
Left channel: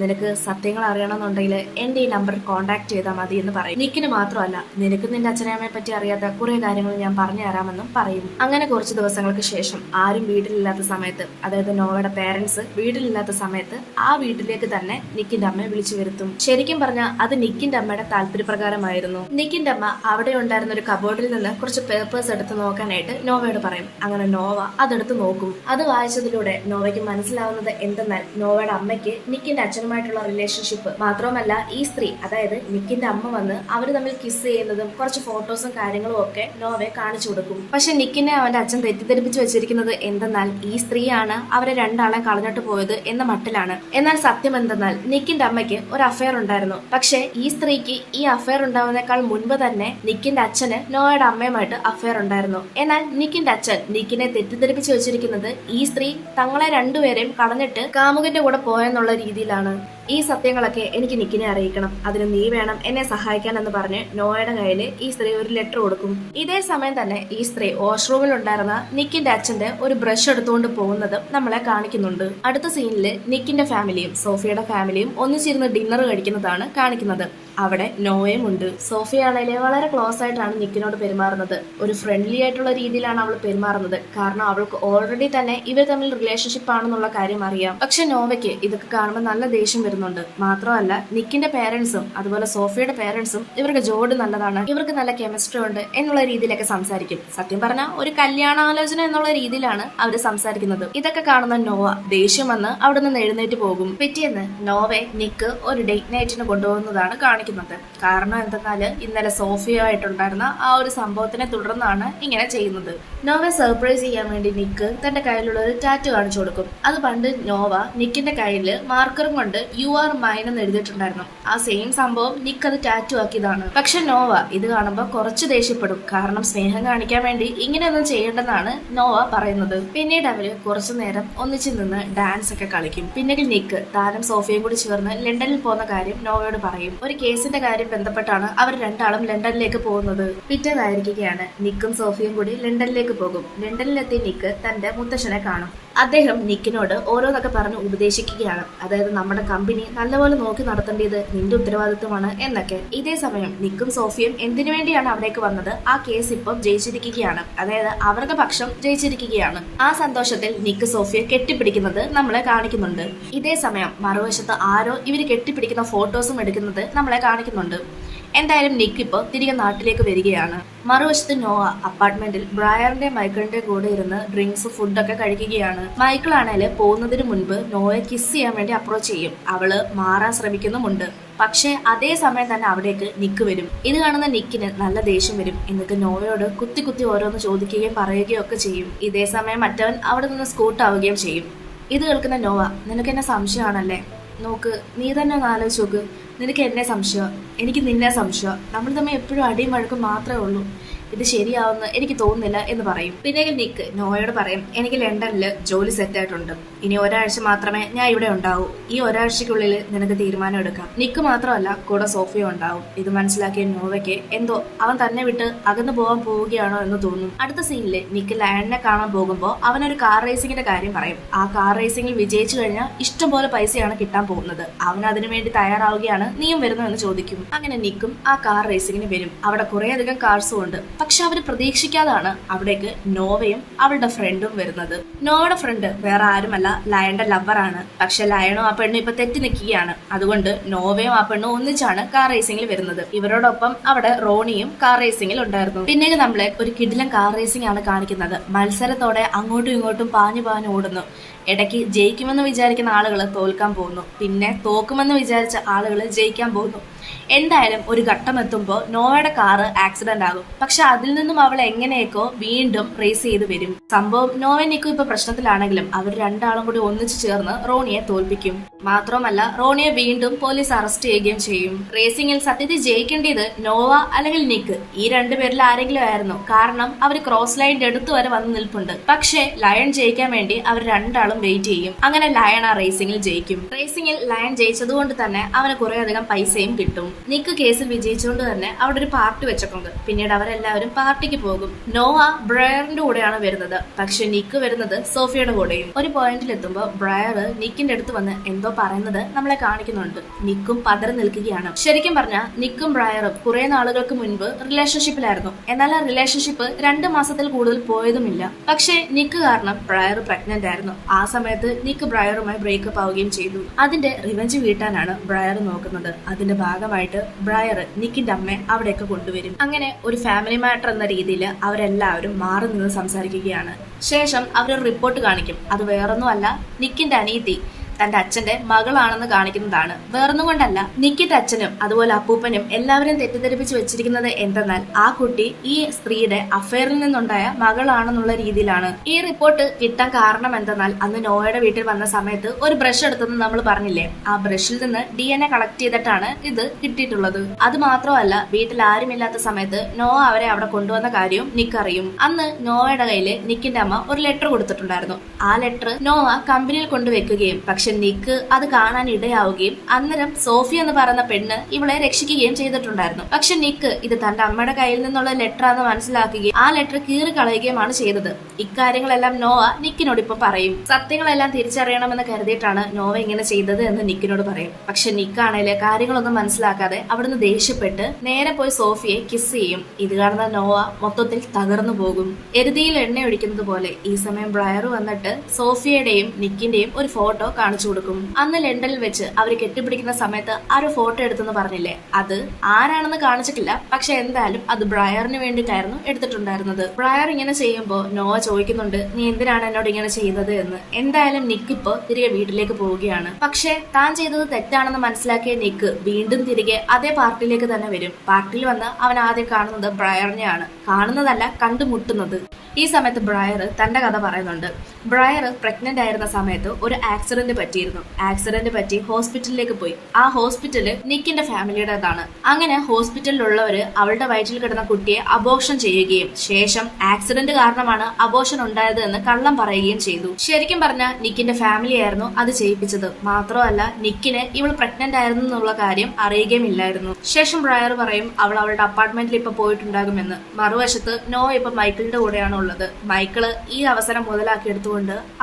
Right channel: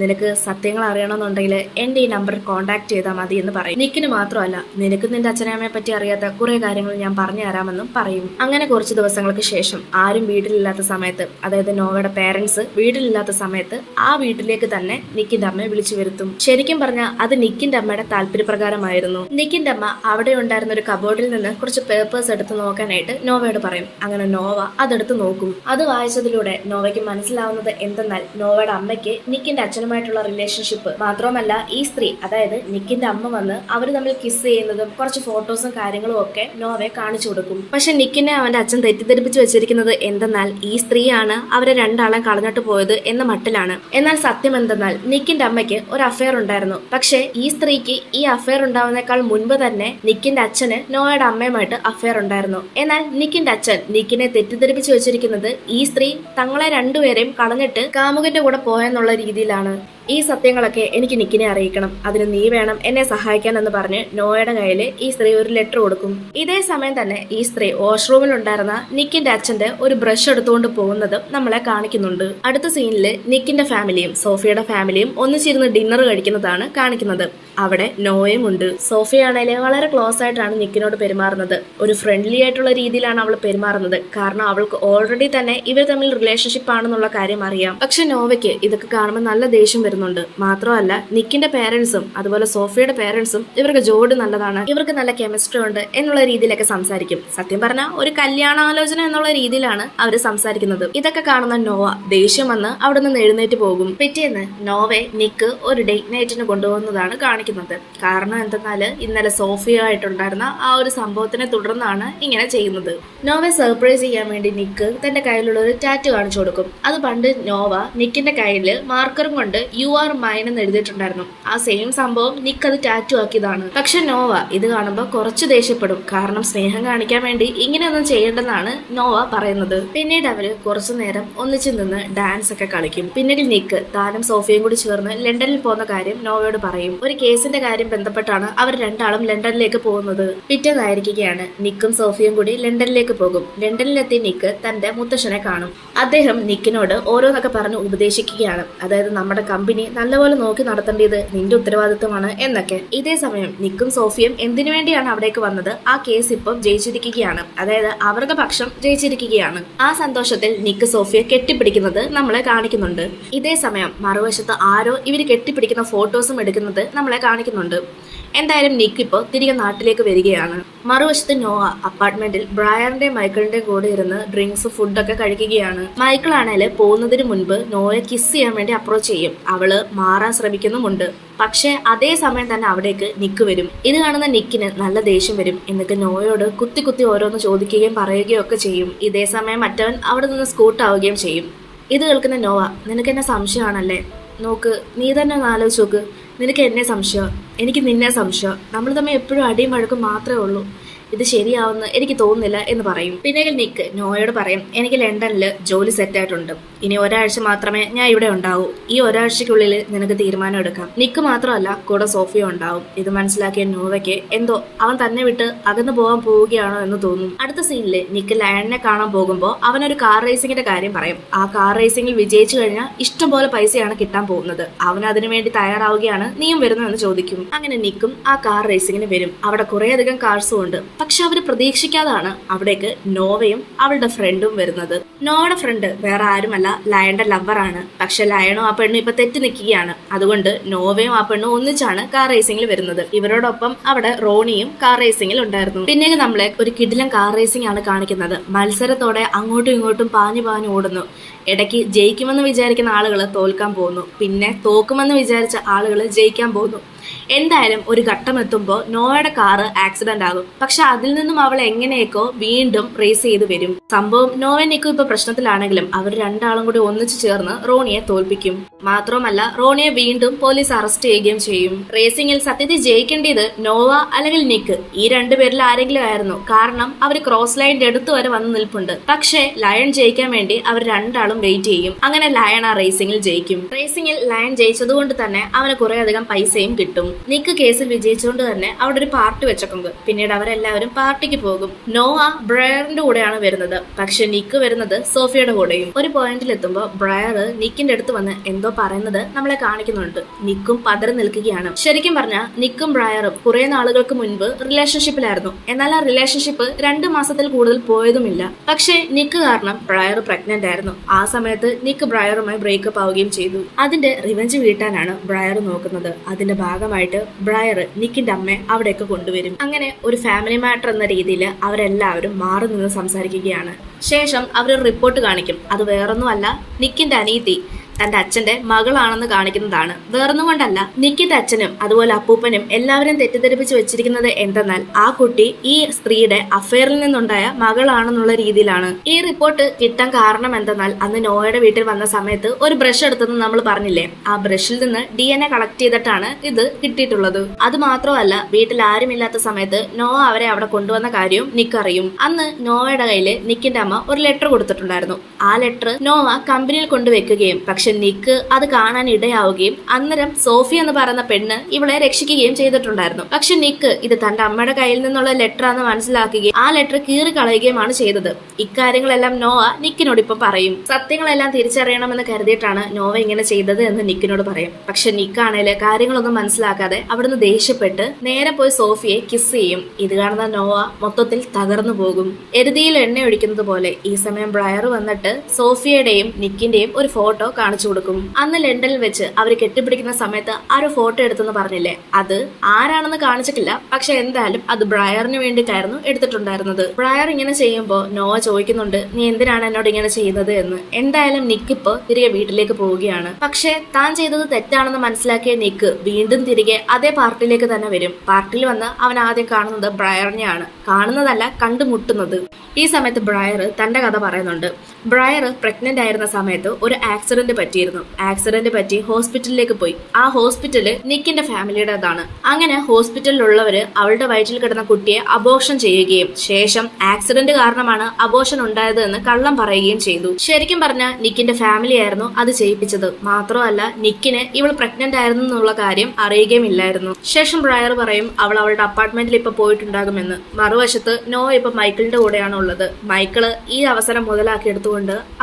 നിനക്ക് സത്യങ്ങൾ അറിയണമെന്നുണ്ടെങ്കിൽ എൻ്റെ ഈ നമ്പറിൽ കോൺടാക്ട് ചെയ്താൽ മതി എന്ന് പറയും. നിക്കിന് മാത്രമല്ല, നിനക്ക് നിന്റെ അച്ഛനമ്മയെ പറ്റി അറിയാത്ത കുറെ കാര്യങ്ങൾ ഞാൻ പറഞ്ഞു തരാമെന്നും പറയും. അങ്ങനെ കുറച്ച് ദിവസങ്ങൾക്ക് ശേഷം ആരും വീട്ടിലില്ലാത്ത സമയത്ത്, അതായത് നോവയുടെ പേരൻസ് വീട്ടിലില്ലാത്ത സമയത്ത് ആ വീട്ടിലേക്ക് തന്നെ നിക്കിന്റെ അമ്മയെ വിളിച്ചു വരുത്തും. ശരിക്കും പറഞ്ഞാൽ അത് നിക്കിന്റെ അമ്മയുടെ താല്പര്യപ്രകാരമായിരുന്നു. നിക്കിന്റെ അമ്മ അവിടെ ഉണ്ടായിരുന്ന ഒരു കബോർഡിൽ നിന്ന് കുറച്ച് പേപ്പേഴ്സ് എടുത്ത് നോക്കാനായിട്ട് നോവയോട് പറയും. അങ്ങനെ നോവ അതെടുത്ത് നോക്കും. അത് വായിച്ചതിലൂടെ നോവയ്ക്ക് മനസ്സിലാവുന്നത് എന്തെന്നാൽ നോവയുടെ അമ്മയ്ക്ക് നിക്കിന്റെ അച്ഛനുമായിട്ടുള്ള റിലേഷൻഷിപ്പ് മാത്രമല്ല, ഈ സ്ത്രീ അതായത് നിക്കിന്റെ അമ്മ വന്ന് അവർ തമ്മിൽ കിസ് ചെയ്യുന്നതും കുറച്ച് ഫോട്ടോസും കാര്യങ്ങളും ഒക്കെ നോവയെ കാണിച്ചു കൊടുക്കും. പക്ഷെ നിക്കിനെ അവന്റെ അച്ഛൻ തെറ്റിദ്ധരിപ്പിച്ചു വെച്ചിരിക്കുന്നത് എന്തെന്നാൽ ഈ സ്ത്രീയാണ് അവരെ രണ്ടാളും കളഞ്ഞിട്ട് പോയത് എന്ന മട്ടിലാണ്. എന്നാൽ സത്യം എന്തെന്നാൽ നിക്കിന്റെ അമ്മയ്ക്ക് ഒരു അഫയർ ഉണ്ടായിരുന്നു. പക്ഷെ ഈ സ്ത്രീക്ക് ഈ അഫയർ ഉണ്ടാവുന്നേക്കാൾ മുൻപ് തന്നെ നിക്കിന്റെ അച്ഛന് നോവയുടെ അമ്മയുമായിട്ട് അഫയർ ഉണ്ടായിരുന്നു. എന്നാൽ നിക്കിന്റെ അച്ഛൻ നിക്കിനെ തെറ്റിദ്ധരിപ്പിച്ചു വെച്ചിരിക്കുന്നത് ഈ സ്ത്രീ തങ്ങളെ രണ്ടുപേരെയും കളഞ്ഞിട്ട് കാമുകന്റെ കൂടെ പോയെന്നുള്ള രീതിയിലാണ്. ഈ സത്യങ്ങളൊക്കെ എനിക്ക് നിക്കിനെ അറിയിക്കണം, അതിന് നീ വേണം എന്നെ സഹായിക്കാൻ എന്ന് പറഞ്ഞ് നോയയുടെ കയ്യിൽ ഈ സ്ത്രീ ഒരു ലെറ്റർ കൊടുക്കും. ഇതേ സമയം തന്നെ ഈ സ്ത്രീ വാഷ്റൂമിൽ ഉണ്ടായിരുന്ന നിക്കിന്റെ അച്ഛന്റെ ഒരു ബ്രഷ് എടുത്തുകൊണ്ട് പോകുന്നതും നമ്മളെ കാണിക്കുന്നുണ്ട്. അടുത്ത സീനില് നിക്കിന്റെ ഫാമിലിയും സോഫിയയുടെ ഫാമിലിയും ഒന്നിച്ചിരുന്ന് ഡിന്നർ കഴിക്കുന്നതാണ് കാണിക്കുന്നത്. അവിടെ നോയയും ഉണ്ട്. സോഫിയാണേല് വളരെ ക്ലോസ് ആയിട്ടാണ് നിക്കിനോട് പെരുമാറുന്നത്. ഒരു ഫ്രണ്ട്ലി ആയിട്ടുള്ള രീതിയിലാണ് അവൾ പെരുമാറുന്നത്. കാരണം അവൾക്ക് ഓൾറെഡി തന്നെ ഇവർ തമ്മിൽ റിലേഷൻഷിപ്പ് ആണെന്നുള്ള കാര്യം അറിയാം. പക്ഷെ നോവയ്ക്ക് ഇതൊക്കെ കാണുമ്പോൾ നല്ല ദേഷ്യം വരുന്നുണ്ട്. മാത്രമല്ല നിക്കിന്റെ പേരൻസും അതുപോലെ സോഫിയയുടെ പേരൻസും ഇവർക്ക് ജോഡി നല്ലതാണ്, ഇവർക്ക് നല്ല കെമിസ്ട്രി ഉണ്ട് എന്നുള്ള രീതിയിലൊക്കെ സംസാരിക്കും. സത്യം പറഞ്ഞാൽ ഒരു കല്യാണാലോചന എന്നുള്ള രീതിയിലാണ് അവർ സംസാരിക്കുന്നത്. ഇതൊക്കെ കാണുന്ന നോവ ദേഷ്യം വന്ന് അവിടെ നിന്ന് എഴുന്നേറ്റ് പോകും. പിറ്റേന്ന് നോവയെ നിക്ക് ഒരു ഡേറ്റ് നൈറ്റിന് കൊണ്ടുപോകുന്നതാണ് കാണിക്കുന്നത്. കാരണം എന്തെന്നാല് ഇന്നലെ സോഫിയായിട്ടുണ്ടായിരുന്ന ആ ഒരു സംഭവത്തിനെ തുടർന്നാണ് ഇങ്ങനെ ചെയ്യുന്നത്. നോവയെ സർപ്രൈസ് ചെയ്യാൻ വേണ്ടി നിക്ക് തന്റെ കയ്യിലുള്ള ഒരു ടാറ്റു കാണിച്ചു കൊടുക്കും. അത് പണ്ട് നോവ നിക്കിന്റെ കയ്യിൽ മാർക്കറും കൊണ്ട് യു ആർ മൈൻ എന്ന് എഴുതിയിട്ടുണ്ടായിരുന്നു. ആ സെയിം സംഭവം നിക്ക് അത് ടാറ്റു ആക്കിയതാണ്. പക്ഷെ നോവ ഇത് കാണുമ്പോൾ കുറച്ച് ദേഷ്യപ്പെടും. കാരണം സ്നേഹം കാണിക്കാൻ വേണ്ടി ഇങ്ങനെയൊന്നും ചെയ്യേണ്ടെന്നാണ് നോവ പറയുന്നത്. പിന്നീട് അവര് കുറച്ചു നേരം ഒന്നിച്ചു നിന്ന് ഡാൻസ് ഒക്കെ കളിക്കും. പിന്നീട് നിക്ക് താനും സോഫിയയും കൂടി ചേർന്ന് ലണ്ടനിൽ പോകുന്ന കാര്യം നോവയോട് പറയും. ഒരു കേസിന്റെ കാര്യം ബന്ധപ്പെട്ടാണ് അവർ രണ്ടാളും ലണ്ടനിലേക്ക് പോകുന്നത്. പിറ്റേന്നായിരിക്കുകയാണ് നിക്കും സോഫിയും കൂടി ലണ്ടനിലേക്ക് പോകും. ലണ്ടനിലെത്തി നിക്ക് തന്റെ മുത്തശ്ശനെ കാണും. അദ്ദേഹം നിക്കിനോട് ഓരോന്നൊക്കെ പറഞ്ഞ് ഉപദേശിക്കുകയാണ്. അതായത് നമ്മുടെ കമ്പനി നല്ലപോലെ നോക്കി നടത്തേണ്ടത് നിന്റെ ഉത്തരവാദിത്വമാണ് എന്നൊക്കെ. ഇതേ സമയം നിക്കും സോഫിയും എന്തിനു വേണ്ടിയാണ് അവിടേക്ക് വന്നത്, ആ കേസ് ഇപ്പം ജയിച്ചിരിക്കുകയാണ്. അതായത് അവരുടെ പക്ഷം ജയിച്ചിരിക്കുകയാണ്. ആ സന്തോഷത്തിൽ നിക്ക് സോഫിയെ കെട്ടിപ്പിടിക്കുന്നത് നമ്മളെ കാണിക്കുന്നുണ്ട്. ഇതേ സമയം മറുവശത്ത് ആരോ ഇവര് കെട്ടിപ്പിടിക്കുന്ന ഫോട്ടോസും എടുക്കുന്നത് നമ്മളെ കാണിക്കുന്നുണ്ട്. എന്തായാലും നിക്ക് ഇപ്പോൾ തിരികെ നാട്ടിലേക്ക് വരികയാണ്. മറുവശത്ത് നോവ അപ്പാർട്ട്മെന്റിൽ ബ്രയറിന്റെ മൈക്കിളിന്റെ കൂടെ ഇരുന്ന് ഡ്രിങ്ക്സ് ഫുഡൊക്കെ കഴിക്കുകയാണ്. മൈക്കിൾ ആണേല് പോകുന്നതിന് മുൻപ് നോയെ കിസ് ചെയ്യാൻ വേണ്ടി അപ്രോച്ച് ചെയ്യും. അവള് മാറാൻ ശ്രമിക്കുന്നുമുണ്ട്. പക്ഷെ അതേ സമയം തന്നെ അവിടേക്ക് നിക്ക് വരും. ഇത് കാണുന്ന നിക്കിന് നല്ല ദേഷ്യം വരും. എന്നിട്ട് നോയോട് കുത്തി കുത്തി ഓരോന്ന് ചോദിക്കുകയും പറയുകയും ഒക്കെ ചെയ്യും. ഇതേ സമയം മറ്റവൻ അവിടെ നിന്ന് സ്കൂട്ടാവുകയും ചെയ്യും. ഇത് കേൾക്കുന്ന നോവ, നിനക്ക് എന്നെ സംശയമാണല്ലേ, നോക്ക് നീ തന്നെ ഒന്ന് ആലോചിച്ച് നോക്ക്, നിനക്ക് എന്നെ സംശയം, എനിക്ക് നിന്നെ സംശയം, നമ്മൾ തമ്മിൽ എപ്പോഴും അടിയും വഴക്കും മാത്രമേ ഉള്ളൂ, ഇത് ശരിയാവുന്ന എനിക്ക് തോന്നുന്നില്ല എന്ന് പറയും. പിന്നെ നിക്ക് നോയോട് പറയും, എനിക്ക് ലണ്ടനിൽ ജോലി സെറ്റ് ആയിട്ടുണ്ട്, ഇനി ഒരാഴ്ച മാത്രമേ ഞാൻ ഇവിടെ ഉണ്ടാവൂ, ഈ ഒരാഴ്ചക്കുള്ളിൽ നിനക്ക് തീരുമാനം എടുക്കാം. നിക്ക് മാത്രമല്ല കൂടെ സോഫിയ ഉണ്ടാവും. ഇത് മനസ്സിലാക്കിയ നോവയ്ക്ക് എന്തോ അവൻ തന്നെ വിട്ട് അകന്നു പോകാൻ പോവുകയാണോ എന്ന് തോന്നും. അടുത്ത സീനില് നിക്ക് ലയണിനെ കാണാൻ പോകുമ്പോൾ അവനൊരു കാർ റേസിംഗിന്റെ കാര്യം പറയും. ആ കാർ റേസിംഗിൽ വിജയിച്ചു കഴിഞ്ഞാൽ ഇഷ്ടംപോലെ പൈസയാണ് കിട്ടാൻ പോകുന്നത്. അവൻ അതിനുവേണ്ടി തയ്യാറാവുകയാണ്, നീയും വരുന്നു എന്ന് ചോദിക്കും. അങ്ങനെ നിക്കും ആ കാർ റേസിംഗിന് വരും. അവിടെ കുറേയധികം കാർസും ഉണ്ട്. പക്ഷെ അവര് പ്രതീക്ഷിക്കാതാണ് അവിടേക്ക് നോവയും അവളുടെ ഫ്രണ്ടും വരുന്നത്. നോവയുടെ ഫ്രണ്ട് വേറെ ആരുമല്ല, ലയന്റെ ലവറാണ്. പക്ഷെ ലയണും ആ പെണ്ണും ഇപ്പൊ തെറ്റി നിൽക്കുകയാണ്. അതുകൊണ്ട് നോവയും ആ പെണ്ണും ഒന്നിച്ചാണ് കാർ റേസിംഗിൽ വരുന്നത്. ഇവരോടൊപ്പം അവിടെ റോണിയും കാർ റേസിംഗിൽ ഉണ്ടായിരുന്നു. പിന്നീട് നമ്മളെ ഒരു കിടിലൻ കാർ റേസിംഗ് ആണ് കാണിക്കുന്നത്. മത്സരത്തോടെ അങ്ങോട്ടും ഇങ്ങോട്ടും പാഞ്ഞു പാഞ്ഞു ഓടുന്നു. ഇടയ്ക്ക് ജയിക്കുമെന്ന് വിചാരിക്കുന്ന ആളുകൾ തോൽക്കാൻ പോകുന്നു, പിന്നെ തോക്കുമെന്ന് വിചാരിച്ച ആളുകൾ ജയിക്കാൻ പോകുന്നു. എന്തായാലും ഒരു ഘട്ടം എത്തുമ്പോൾ നോവയുടെ കാറ് ആക്സിഡന്റ് ആകും. പക്ഷെ അതിൽ നിന്നും അവൾ എങ്ങനെയൊക്കെ വീണ്ടും റേസ് ചെയ്ത് വരും. സംഭവം നോവയും നിക്കും ഇപ്പൊ പ്രശ്നത്തിലാണെങ്കിലും അവർ രണ്ടാളും കൂടി ഒന്നിച്ചു ചേർന്ന് റോണിയെ തോൽപ്പിക്കും. മാത്രമല്ല റോണിയെ വീണ്ടും പോലീസ് അറസ്റ്റ് ചെയ്യുകയും ചെയ്യും. റേസിംഗിൽ സത്യത്തിൽ ജയിക്കേണ്ടത് നോവ അല്ലെങ്കിൽ നിക്ക്, ഈ രണ്ടുപേരിൽ ആരെങ്കിലും ആയിരുന്നു. കാരണം അവർ ക്രോസ് ലൈനിന്റെ അടുത്ത് വരെ വന്ന് നിൽപ്പുണ്ട്. പക്ഷേ ലയൺ ജയിക്കാൻ വേണ്ടി അവർ രണ്ടാളും വെയിറ്റ് ചെയ്യും. അങ്ങനെ ലയൺ ആ റേസിംഗിൽ ജയിക്കും. റേസിംഗിൽ ലയൺ ജയിച്ചതുകൊണ്ട് തന്നെ അവന് കുറെ അധികം പൈസയും കിട്ടും. നിക്ക് കേസിൽ വിജയിച്ചുകൊണ്ട് തന്നെ അവിടെ ഒരു പാർട്ടി വെച്ചേക്കുന്നത്. പിന്നീട് അവരെല്ലാവരും പാർട്ടിക്ക് പോകും. നോവ ബ്രയറിന്റെ കൂടെയാണ് വരുന്നത്. പക്ഷെ നിക്ക് വരുന്നത് സോഫിയയുടെ കൂടെയും. ഒരു പോയിന്റിൽ എത്തുമ്പോൾ ബ്രയർ നിക്കിന്റെ അടുത്ത് വന്ന് എന്തോ പറയുന്നത് നമ്മളെ കാണിക്കുന്നുണ്ട്. നിക്കും പതറി നിൽക്കുകയാണ്. ശരിക്കും പറഞ്ഞാൽ നിക്കും ബ്രയറും കുറെ നാളുകൾക്ക് മുൻപ് റിലേഷൻഷിപ്പിലായിരുന്നു. എന്നാൽ ആ റിലേഷൻഷിപ്പ് 2 മാസത്തിൽ കൂടുതൽ പോയതുമില്ല. പക്ഷെ നിക്ക് കാരണം ബ്രയർ പ്രഗ്നന്റ് ആയിരുന്നു. ആ സമയത്ത് നിക്ക് ബ്രയറുമായി ബ്രേക്കപ്പ് ആവുകയും ചെയ്തു. അതിന്റെ റിവെഞ്ച് വീട്ടാനാണ് ബ്രയർ നോക്കുന്നത്. അതിന്റെ ഭാഗമായിട്ട് ബ്രയർ നിക്കിന്റെ അമ്മയെ അവിടേക്ക് കൊണ്ടുവരും. അങ്ങനെ ഒരു ഫാമിലി മാറ്റർ എന്ന രീതിയിൽ അവരെല്ലാവരും മാറി നിന്ന് സംസാരിക്കുകയാണ്. ശേഷം അവരൊരു റിപ്പോർട്ട് കാണിക്കും. അത് വേറൊന്നുമല്ല, നിക്കിന്റെ അനീതി തന്റെ അച്ഛന്റെ മകളാണെന്ന് കാണിക്കുന്നതാണ്. വേറൊന്നും കൊണ്ടല്ല, നിക്കിന്റെ അച്ഛനും അതുപോലെ അപ്പൂപ്പനും എല്ലാവരും തെറ്റിദ്ധരിപ്പിച്ച് വെച്ചിരിക്കുന്നത് എന്തെന്നാൽ ആ കുട്ടി ഈ സ്ത്രീയുടെ അഫയറിൽ നിന്നുണ്ടായ മകളാണെന്നുള്ള രീതിയിലാണ്. ഈ റിപ്പോർട്ട് കിട്ടാൻ കാരണം എന്തെന്നാൽ അന്ന് നോയയുടെ വീട്ടിൽ വന്ന സമയത്ത് ഒരു ബ്രഷ് എടുത്തെന്ന് നമ്മൾ പറഞ്ഞില്ലേ, ആ ബ്രഷിൽ നിന്ന് DNA കളക്ട് ചെയ്തിട്ടാണ് ഇത് കിട്ടിയിട്ടുള്ളത്. അത് മാത്രമല്ല, വീട്ടിൽ ആരുമില്ലാത്ത സമയത്ത് നോവ അവരെ അവിടെ കൊണ്ടുവന്ന കാര്യവും നിക്ക് അറിയും. അന്ന് നോവയുടെ കയ്യില് നിക്കിന്റെ അമ്മ ഒരു ലെറ്റർ കൊടുത്തിട്ടുണ്ടായിരുന്നു. ആ ലെറ്റർ നോവ കമ്പനിയിൽ കൊണ്ടുവെക്കുകയും പക്ഷെ നിക്ക് അത് കാണാൻ ഇടയാവുകയും അന്നേരം സോഫി എന്ന് പറയുന്ന പെണ്ണ് ഇവളെ രക്ഷിക്കുകയും ചെയ്തിട്ടുണ്ടായിരുന്നു. പക്ഷെ നിക്ക് ഇത് തന്റെ അമ്മയുടെ കയ്യിൽ നിന്നുള്ള ലെറ്റർ ആണെന്ന് മനസ്സിലാക്കുകയും ആ ലെറ്റർ കീറി കളയുകയുമാണ് ചെയ്തത്. ഇക്കാര്യങ്ങളെല്ലാം നോവ നിക്കിനോട് ഇപ്പൊ പറയും. സത്യങ്ങളെല്ലാം തിരിച്ചറിയണമെന്ന് കരുതിയിട്ടാണ് നോവ ഇങ്ങനെ ചെയ്തത് എന്ന് നിക്കിനോട് പറയും. പക്ഷെ നിക്കാണേല് കാര്യങ്ങളൊന്നും മനസ്സിലാക്കാതെ അവിടുന്ന് ദേഷ്യപ്പെട്ട് നേരെ പോയി സോഫിയെ കിസ് ചെയ്യും. ഇത് കാണുന്ന നോവ മൊത്തത്തിൽ തകർന്നു പോകും. എരുതിയിൽ എണ്ണ ഒഴിക്കുന്നത് പോലെ ഈ സമയം ബ്രയർ വന്നിട്ട് സോഫിയുടെയും നിക്കിന്റെയും ഒരു ഫോട്ടോ കാണിച്ചു കൊടുക്കും. അന്ന് ലണ്ടനിൽ വെച്ച് അവർ കെട്ടിപ്പിടിക്കുന്ന സമയത്ത് ആ ഒരു ഫോട്ടോ എടുത്തെന്ന് പറഞ്ഞില്ലേ, അത് ആരാണെന്ന് കാണിച്ചിട്ടില്ല. പക്ഷെ എന്തായാലും അത് ബ്രയറിന് വേണ്ടിയിട്ടായിരുന്നു എടുത്തിട്ടുണ്ടായിരുന്നത്. ബ്രയർ ഇങ്ങനെ ചെയ്യുമ്പോൾ നോവ ചോദിക്കുന്നുണ്ട്, നീ എന്തിനാണ് എന്നോട് ഇങ്ങനെ ചെയ്യുന്നത് എന്ന്. എന്തായാലും നിക്ക് ഇപ്പൊ തിരികെ വീട്ടിലേക്ക് പോവുകയാണ്. പക്ഷെ താൻ ചെയ്തത് തെറ്റാണെന്ന് മനസ്സിലാക്കിയ നിക്ക് വീണ്ടും തിരികെ അതേ പാർട്ടിയിലേക്ക് തന്നെ വരും. പാർട്ടിയിൽ വന്ന് അവൻ ആദ്യം കാണുന്നത് ബ്രയറിനെയാണ്. കാണുന്നതല്ല, കണ്ടുമുട്ടുന്നത്. ഈ സമയത്ത് ബ്രയർ തന്റെ കഥ പറയുന്നുണ്ട്. ബ്രയർ പ്രഗ്നന്റ് ആയിരുന്ന സമയത്ത് ഒരു ആക്സിഡന്റ് പറ്റിയിരുന്നു. ആക്സിഡന്റ് പറ്റി ഹോസ്പിറ്റലിലേക്ക് പോയി. ആ ഹോസ്പിറ്റല് നിക്കിന്റെ ഫാമിലിയുടേതാണ്. അങ്ങനെ ഹോസ്പിറ്റലിലുള്ളവര് അവളുടെ വയറ്റിൽ കിടന്ന കുട്ടിയെ അബോർഷൻ ചെയ്യുകയും ശേഷം ആക്സിഡന്റ് കാരണമാണ് അബോർഷൻ ഉണ്ടായത് എന്ന് കള്ളം പറയുകയും ചെയ്തു. ശരിക്കും പറഞ്ഞാൽ നിക്കിന്റെ ഫാമിലി ആയിരുന്നു അത് ചെയ്യിപ്പിച്ചത്. മാത്രമല്ല, നിക്കിന് ഇവൾ പ്രഗ്നന്റ് ആയിരുന്നു എന്നുള്ള കാര്യം അറിയുകയും ഇല്ലായിരുന്നു. ശേഷം ബ്രയർ പറയും അവൾ അവളുടെ അപ്പാർട്ട്മെന്റിൽ ഇപ്പൊ പോയിട്ടുണ്ടാകുമെന്ന്. മറുവശത്ത് നോ ഇപ്പൊ മൈക്കിളിന്റെ കൂടെയാണ് ഉള്ളത്. മൈക്കിള് ഈ അവസരം മുതലാക്കി എടുത്തുകൊണ്ട്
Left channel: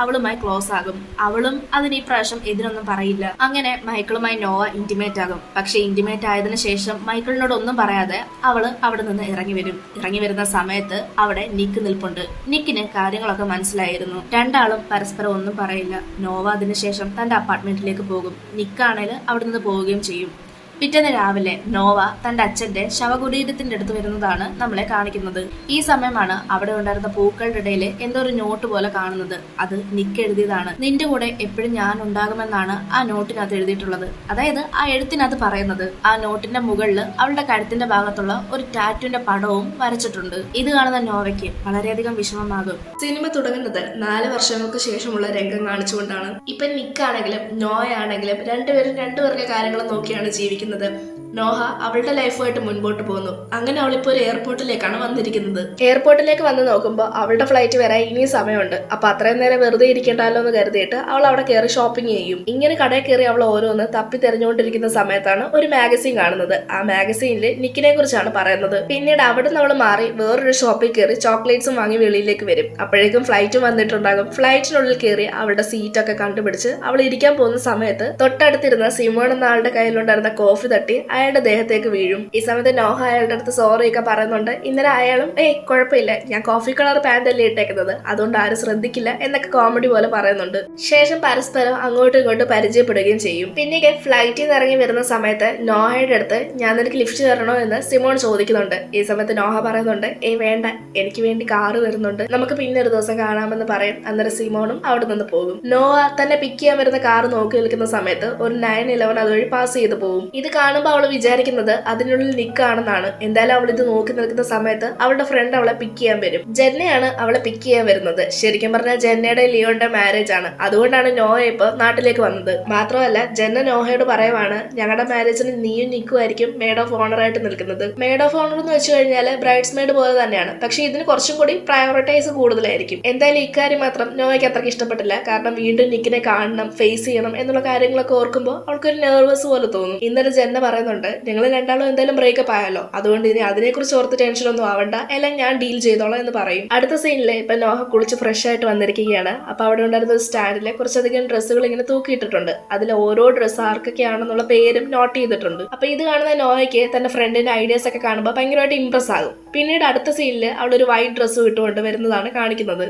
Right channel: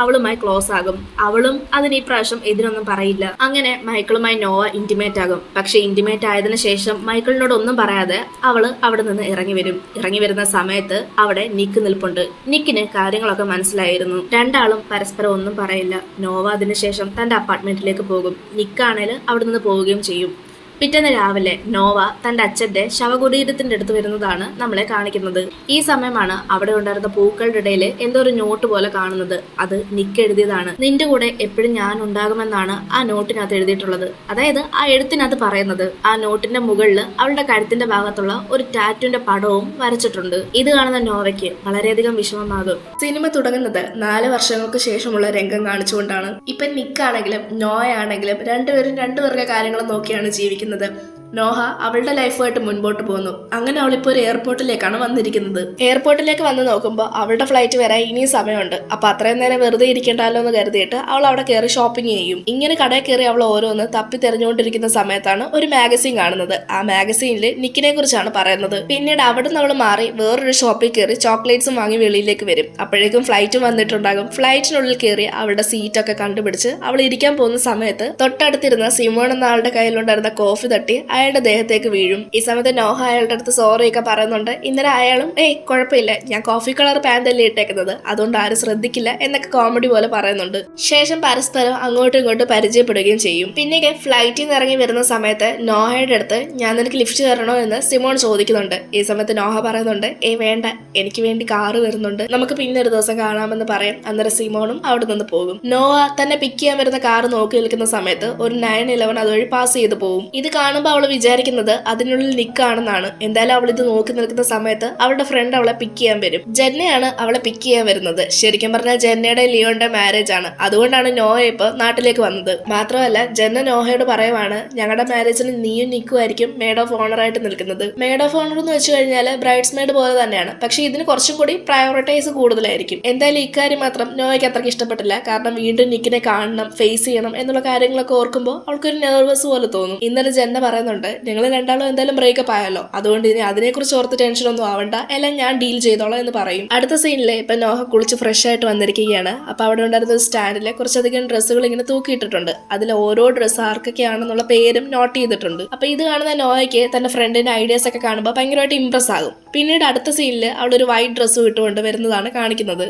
അവളുമായി ക്ലോസ് ആകും. അവളും അതിന് ഈ പ്രാവശ്യം ഇതിനൊന്നും പറയില്ല. അങ്ങനെ മൈക്കിളുമായി നോവ ഇന്റിമേറ്റ് ആകും. പക്ഷെ ഇന്റിമേറ്റ് ആയതിനു ശേഷം മൈക്കിളിനോട് ഒന്നും പറയാതെ അവള് അവിടെ നിന്ന് ഇറങ്ങി വരും. ഇറങ്ങി വരുന്ന സമയത്ത് അവിടെ നിക്ക് നിൽപ്പുണ്ട്. നിക്കിന് കാര്യങ്ങളൊക്കെ മനസ്സിലായിരുന്നു. രണ്ടാളും പരസ്പരം ഒന്നും പറയില്ല. നോവ അതിനുശേഷം തന്റെ അപ്പാർട്ട്മെന്റിലേക്ക് പോകും. നിക്കാണേല് അവിടെ നിന്ന് പോവുകയും ചെയ്യും. പിറ്റേന്ന് രാവിലെ നോവ തന്റെ അച്ഛന്റെ ശവകുടീരത്തിന്റെ അടുത്ത് വരുന്നതാണ് നമ്മളെ കാണിക്കുന്നത്. ഈ സമയമാണ് അവിടെ ഉണ്ടായിരുന്ന പൂക്കളുടെ ഇടയിൽ എന്തോ ഒരു നോട്ട് പോലെ കാണുന്നത്. അത് നിക്ക് എഴുതിയതാണ്. നിന്റെ കൂടെ എപ്പോഴും ഞാൻ ഉണ്ടാകുമെന്നാണ് ആ നോട്ടിനകത്ത് എഴുതിയിട്ടുള്ളത്. അതായത് ആ എഴുത്തിനകത്ത് പറയുന്നത്. ആ നോട്ടിന്റെ മുകളിൽ അവളുടെ കഴുത്തിന്റെ ഭാഗത്തുള്ള ഒരു ടാറ്റുവിന്റെ പടവും വരച്ചിട്ടുണ്ട്. ഇത് കാണുന്ന നോവയ്ക്ക് വളരെയധികം വിഷമമാകും. സിനിമ തുടങ്ങുന്നത് 4 വർഷങ്ങൾക്ക് ശേഷമുള്ള രംഗം കാണിച്ചുകൊണ്ടാണ്. ഇപ്പൊ നിക്കാണെങ്കിലും നോയാണെങ്കിലും രണ്ടുപേരും രണ്ടുപേരുടെ കാര്യങ്ങൾ നോക്കിയാണ് ജീവിക്കുന്നത്. നോഹ അവളുടെ ലൈഫുമായിട്ട് മുൻപോട്ട് പോകുന്നു. അങ്ങനെ അവളിപ്പോൾ ഒരു എയർപോർട്ടിലേക്കാണ് വന്നിരിക്കുന്നത്. എയർപോർട്ടിലേക്ക് വന്ന് നോക്കുമ്പോൾ അവളുടെ ഫ്ലൈറ്റ് വരാൻ ഇനിയും സമയമുണ്ട്. അപ്പൊ അത്രയും നേരം വെറുതെ ഇരിക്കണ്ടല്ലോ എന്ന് കരുതിയിട്ട് അവൾ അവിടെ കയറി ഷോപ്പിംഗ് ചെയ്യും. ഇങ്ങനെ കടയിൽ കയറി അവൾ ഓരോന്ന് തപ്പി തെരഞ്ഞുകൊണ്ടിരിക്കുന്ന സമയത്താണ് ഒരു മാഗസീൻ കാണുന്നത്. ആ മാഗസീനിൽ നിക്കിനെ കുറിച്ചാണ് പറയുന്നത്. പിന്നീട് അവിടുന്ന് അവൾ മാറി വേറൊരു ഷോപ്പിൽ കയറി ചോക്ലേറ്റ്സും വാങ്ങി വെളിയിലേക്ക് വരും. അപ്പോഴേക്കും ഫ്ലൈറ്റും വന്നിട്ടുണ്ടാകും. ഫ്ലൈറ്റിനുള്ളിൽ കയറി അവളുടെ സീറ്റൊക്കെ കണ്ടുപിടിച്ച് അവൾ ഇരിക്കാൻ പോകുന്ന സമയത്ത് തൊട്ടടുത്തിരുന്ന സിമോൺ എന്ന ആളുടെ കയ്യിലുണ്ടായിരുന്ന കോഫി തട്ടി അയാളുടെ ദേഹത്തേക്ക് വീഴും. ഈ സമയത്ത് നോഹ അയാളുടെ അടുത്ത് സോറി ഒക്കെ പറയുന്നുണ്ട്. ഇന്നലെ അയാളും കുഴപ്പമില്ല, ഞാൻ കോഫി കളർ പാന്റ് അല്ലേ ഇട്ടേക്കുന്നത്, അതുകൊണ്ട് ആരും ശ്രദ്ധിക്കില്ല എന്നൊക്കെ കോമഡി പോലെ പറയുന്നുണ്ട്. ശേഷം പരസ്പരം അങ്ങോട്ടും ഇങ്ങോട്ടും പരിചയപ്പെടുകയും ചെയ്യും. പിന്നെ ഫ്ലൈറ്റിൽ നിന്ന് ഇറങ്ങി വരുന്ന സമയത്ത് നോഹയുടെ അടുത്ത് ഞാൻ നിനക്ക് ലിഫ്റ്റ് കയറണോ എന്ന് സിമോൺ ചോദിക്കുന്നുണ്ട്. ഈ സമയത്ത് നോഹ പറയുന്നുണ്ട് വേണ്ട, എനിക്ക് വേണ്ടി കാറ് വരുന്നുണ്ട്, നമുക്ക് പിന്നെ ഒരു ദിവസം കാണാമെന്ന് പറയും. അന്നേരം സിമോണും അവിടെ നിന്ന് പോകും. നോഹ തന്നെ പിക്ക് ചെയ്യാൻ വരുന്ന കാറ് നോക്കി നിൽക്കുന്ന സമയത്ത് ഒരു 911 അതുവഴി പാസ് ചെയ്ത് പോകും. ഇത് കാണുമ്പോൾ അവൾ വിചാരിക്കുന്നത് അതിനുള്ളിൽ നിക്കാണെന്നാണ്. എന്തായാലും അവൾ ഇത് നോക്കി നിൽക്കുന്ന സമയത്ത് അവളുടെ ഫ്രണ്ട് അവളെ പിക്ക് ചെയ്യാൻ വരും. ജെന്നയാണ് അവളെ പിക്ക് ചെയ്യാൻ വരുന്നത്. ശരിക്കും പറഞ്ഞാൽ ജെന്നയുടെ ലിയോന്റെ മാരേജ് ആണ്. അതുകൊണ്ടാണ് നോഹ ഇപ്പൊ നാട്ടിലേക്ക് വന്നത്. മാത്രമല്ല ജെന്ന നോഹയോട് പറയുവാണ്, ഞങ്ങളുടെ മാരേജിന് നീയും നിക്കുമായിരിക്കും മെയ്ഡ് ഓഫ് ഓണർ ആയിട്ട് നിൽക്കുന്നത്. മെയ്ഡ് ഓഫ് ഓണർ എന്ന് വെച്ച് കഴിഞ്ഞാൽ ബ്രൈഡ്സ് മെയ്ഡ് പോലെ തന്നെയാണ്, പക്ഷെ ഇതിന് കുറച്ചും കൂടി പ്രയോറിറ്റൈസ് കൂടുതലായിരിക്കും. എന്തായാലും ഇക്കാര്യം മാത്രം നോഹയ്ക്ക് അത്രയ്ക്ക് ഇഷ്ടപ്പെട്ടില്ല. കാരണം വീണ്ടും നിക്കിനെ കാണണം, ഫേസ് ചെയ്യണം എന്നുള്ള കാര്യങ്ങളൊക്കെ ഓർക്കുമ്പോൾ അവൾക്കൊരു നെർവസ് പോലെ തോന്നും. ഇന്നലെ ജെന്ന പറയുന്നുണ്ട്, നിങ്ങൾ രണ്ടാളും എന്തായാലും ബ്രേക്കപ്പ് ആയല്ലോ, അതുകൊണ്ട് ഇനി അതിനെക്കുറിച്ച് ഓർത്ത് ടെൻഷൻ ഒന്നും ആവണ്ട, എല്ലാം ഞാൻ ഡീൽ ചെയ്തോളാം എന്ന് പറയും. അടുത്ത സീനില് ഇപ്പൊ നോഹ കുളിച്ച് ഫ്രഷ് ആയിട്ട് വന്നിരിക്കുകയാണ്. അപ്പൊ അവിടെ ഉണ്ടായിരുന്ന ഒരു സ്റ്റാൻഡില് കുറച്ചധികം ഡ്രസ്സുകൾ ഇങ്ങനെ തൂക്കിയിട്ടിട്ടുണ്ട്. അതിൽ ഓരോ ഡ്രസ്സ് ആർക്കൊക്കെയാണെന്നുള്ള പേരും നോട്ട് ചെയ്തിട്ടുണ്ട്. അപ്പൊ ഇത് കാണുന്ന നോഹയ്ക്ക് തന്റെ ഫ്രണ്ടിന്റെ ഐഡിയാസ് ഒക്കെ കാണുമ്പോൾ ഭയങ്കരമായിട്ട് ഇംപ്രസ് ആകും. പിന്നീട് അടുത്ത സീനില് അവളൊരു വൈറ്റ് ഡ്രസ്സ് ഇട്ടുകൊണ്ട് വരുന്നതാണ് കാണിക്കുന്നത്.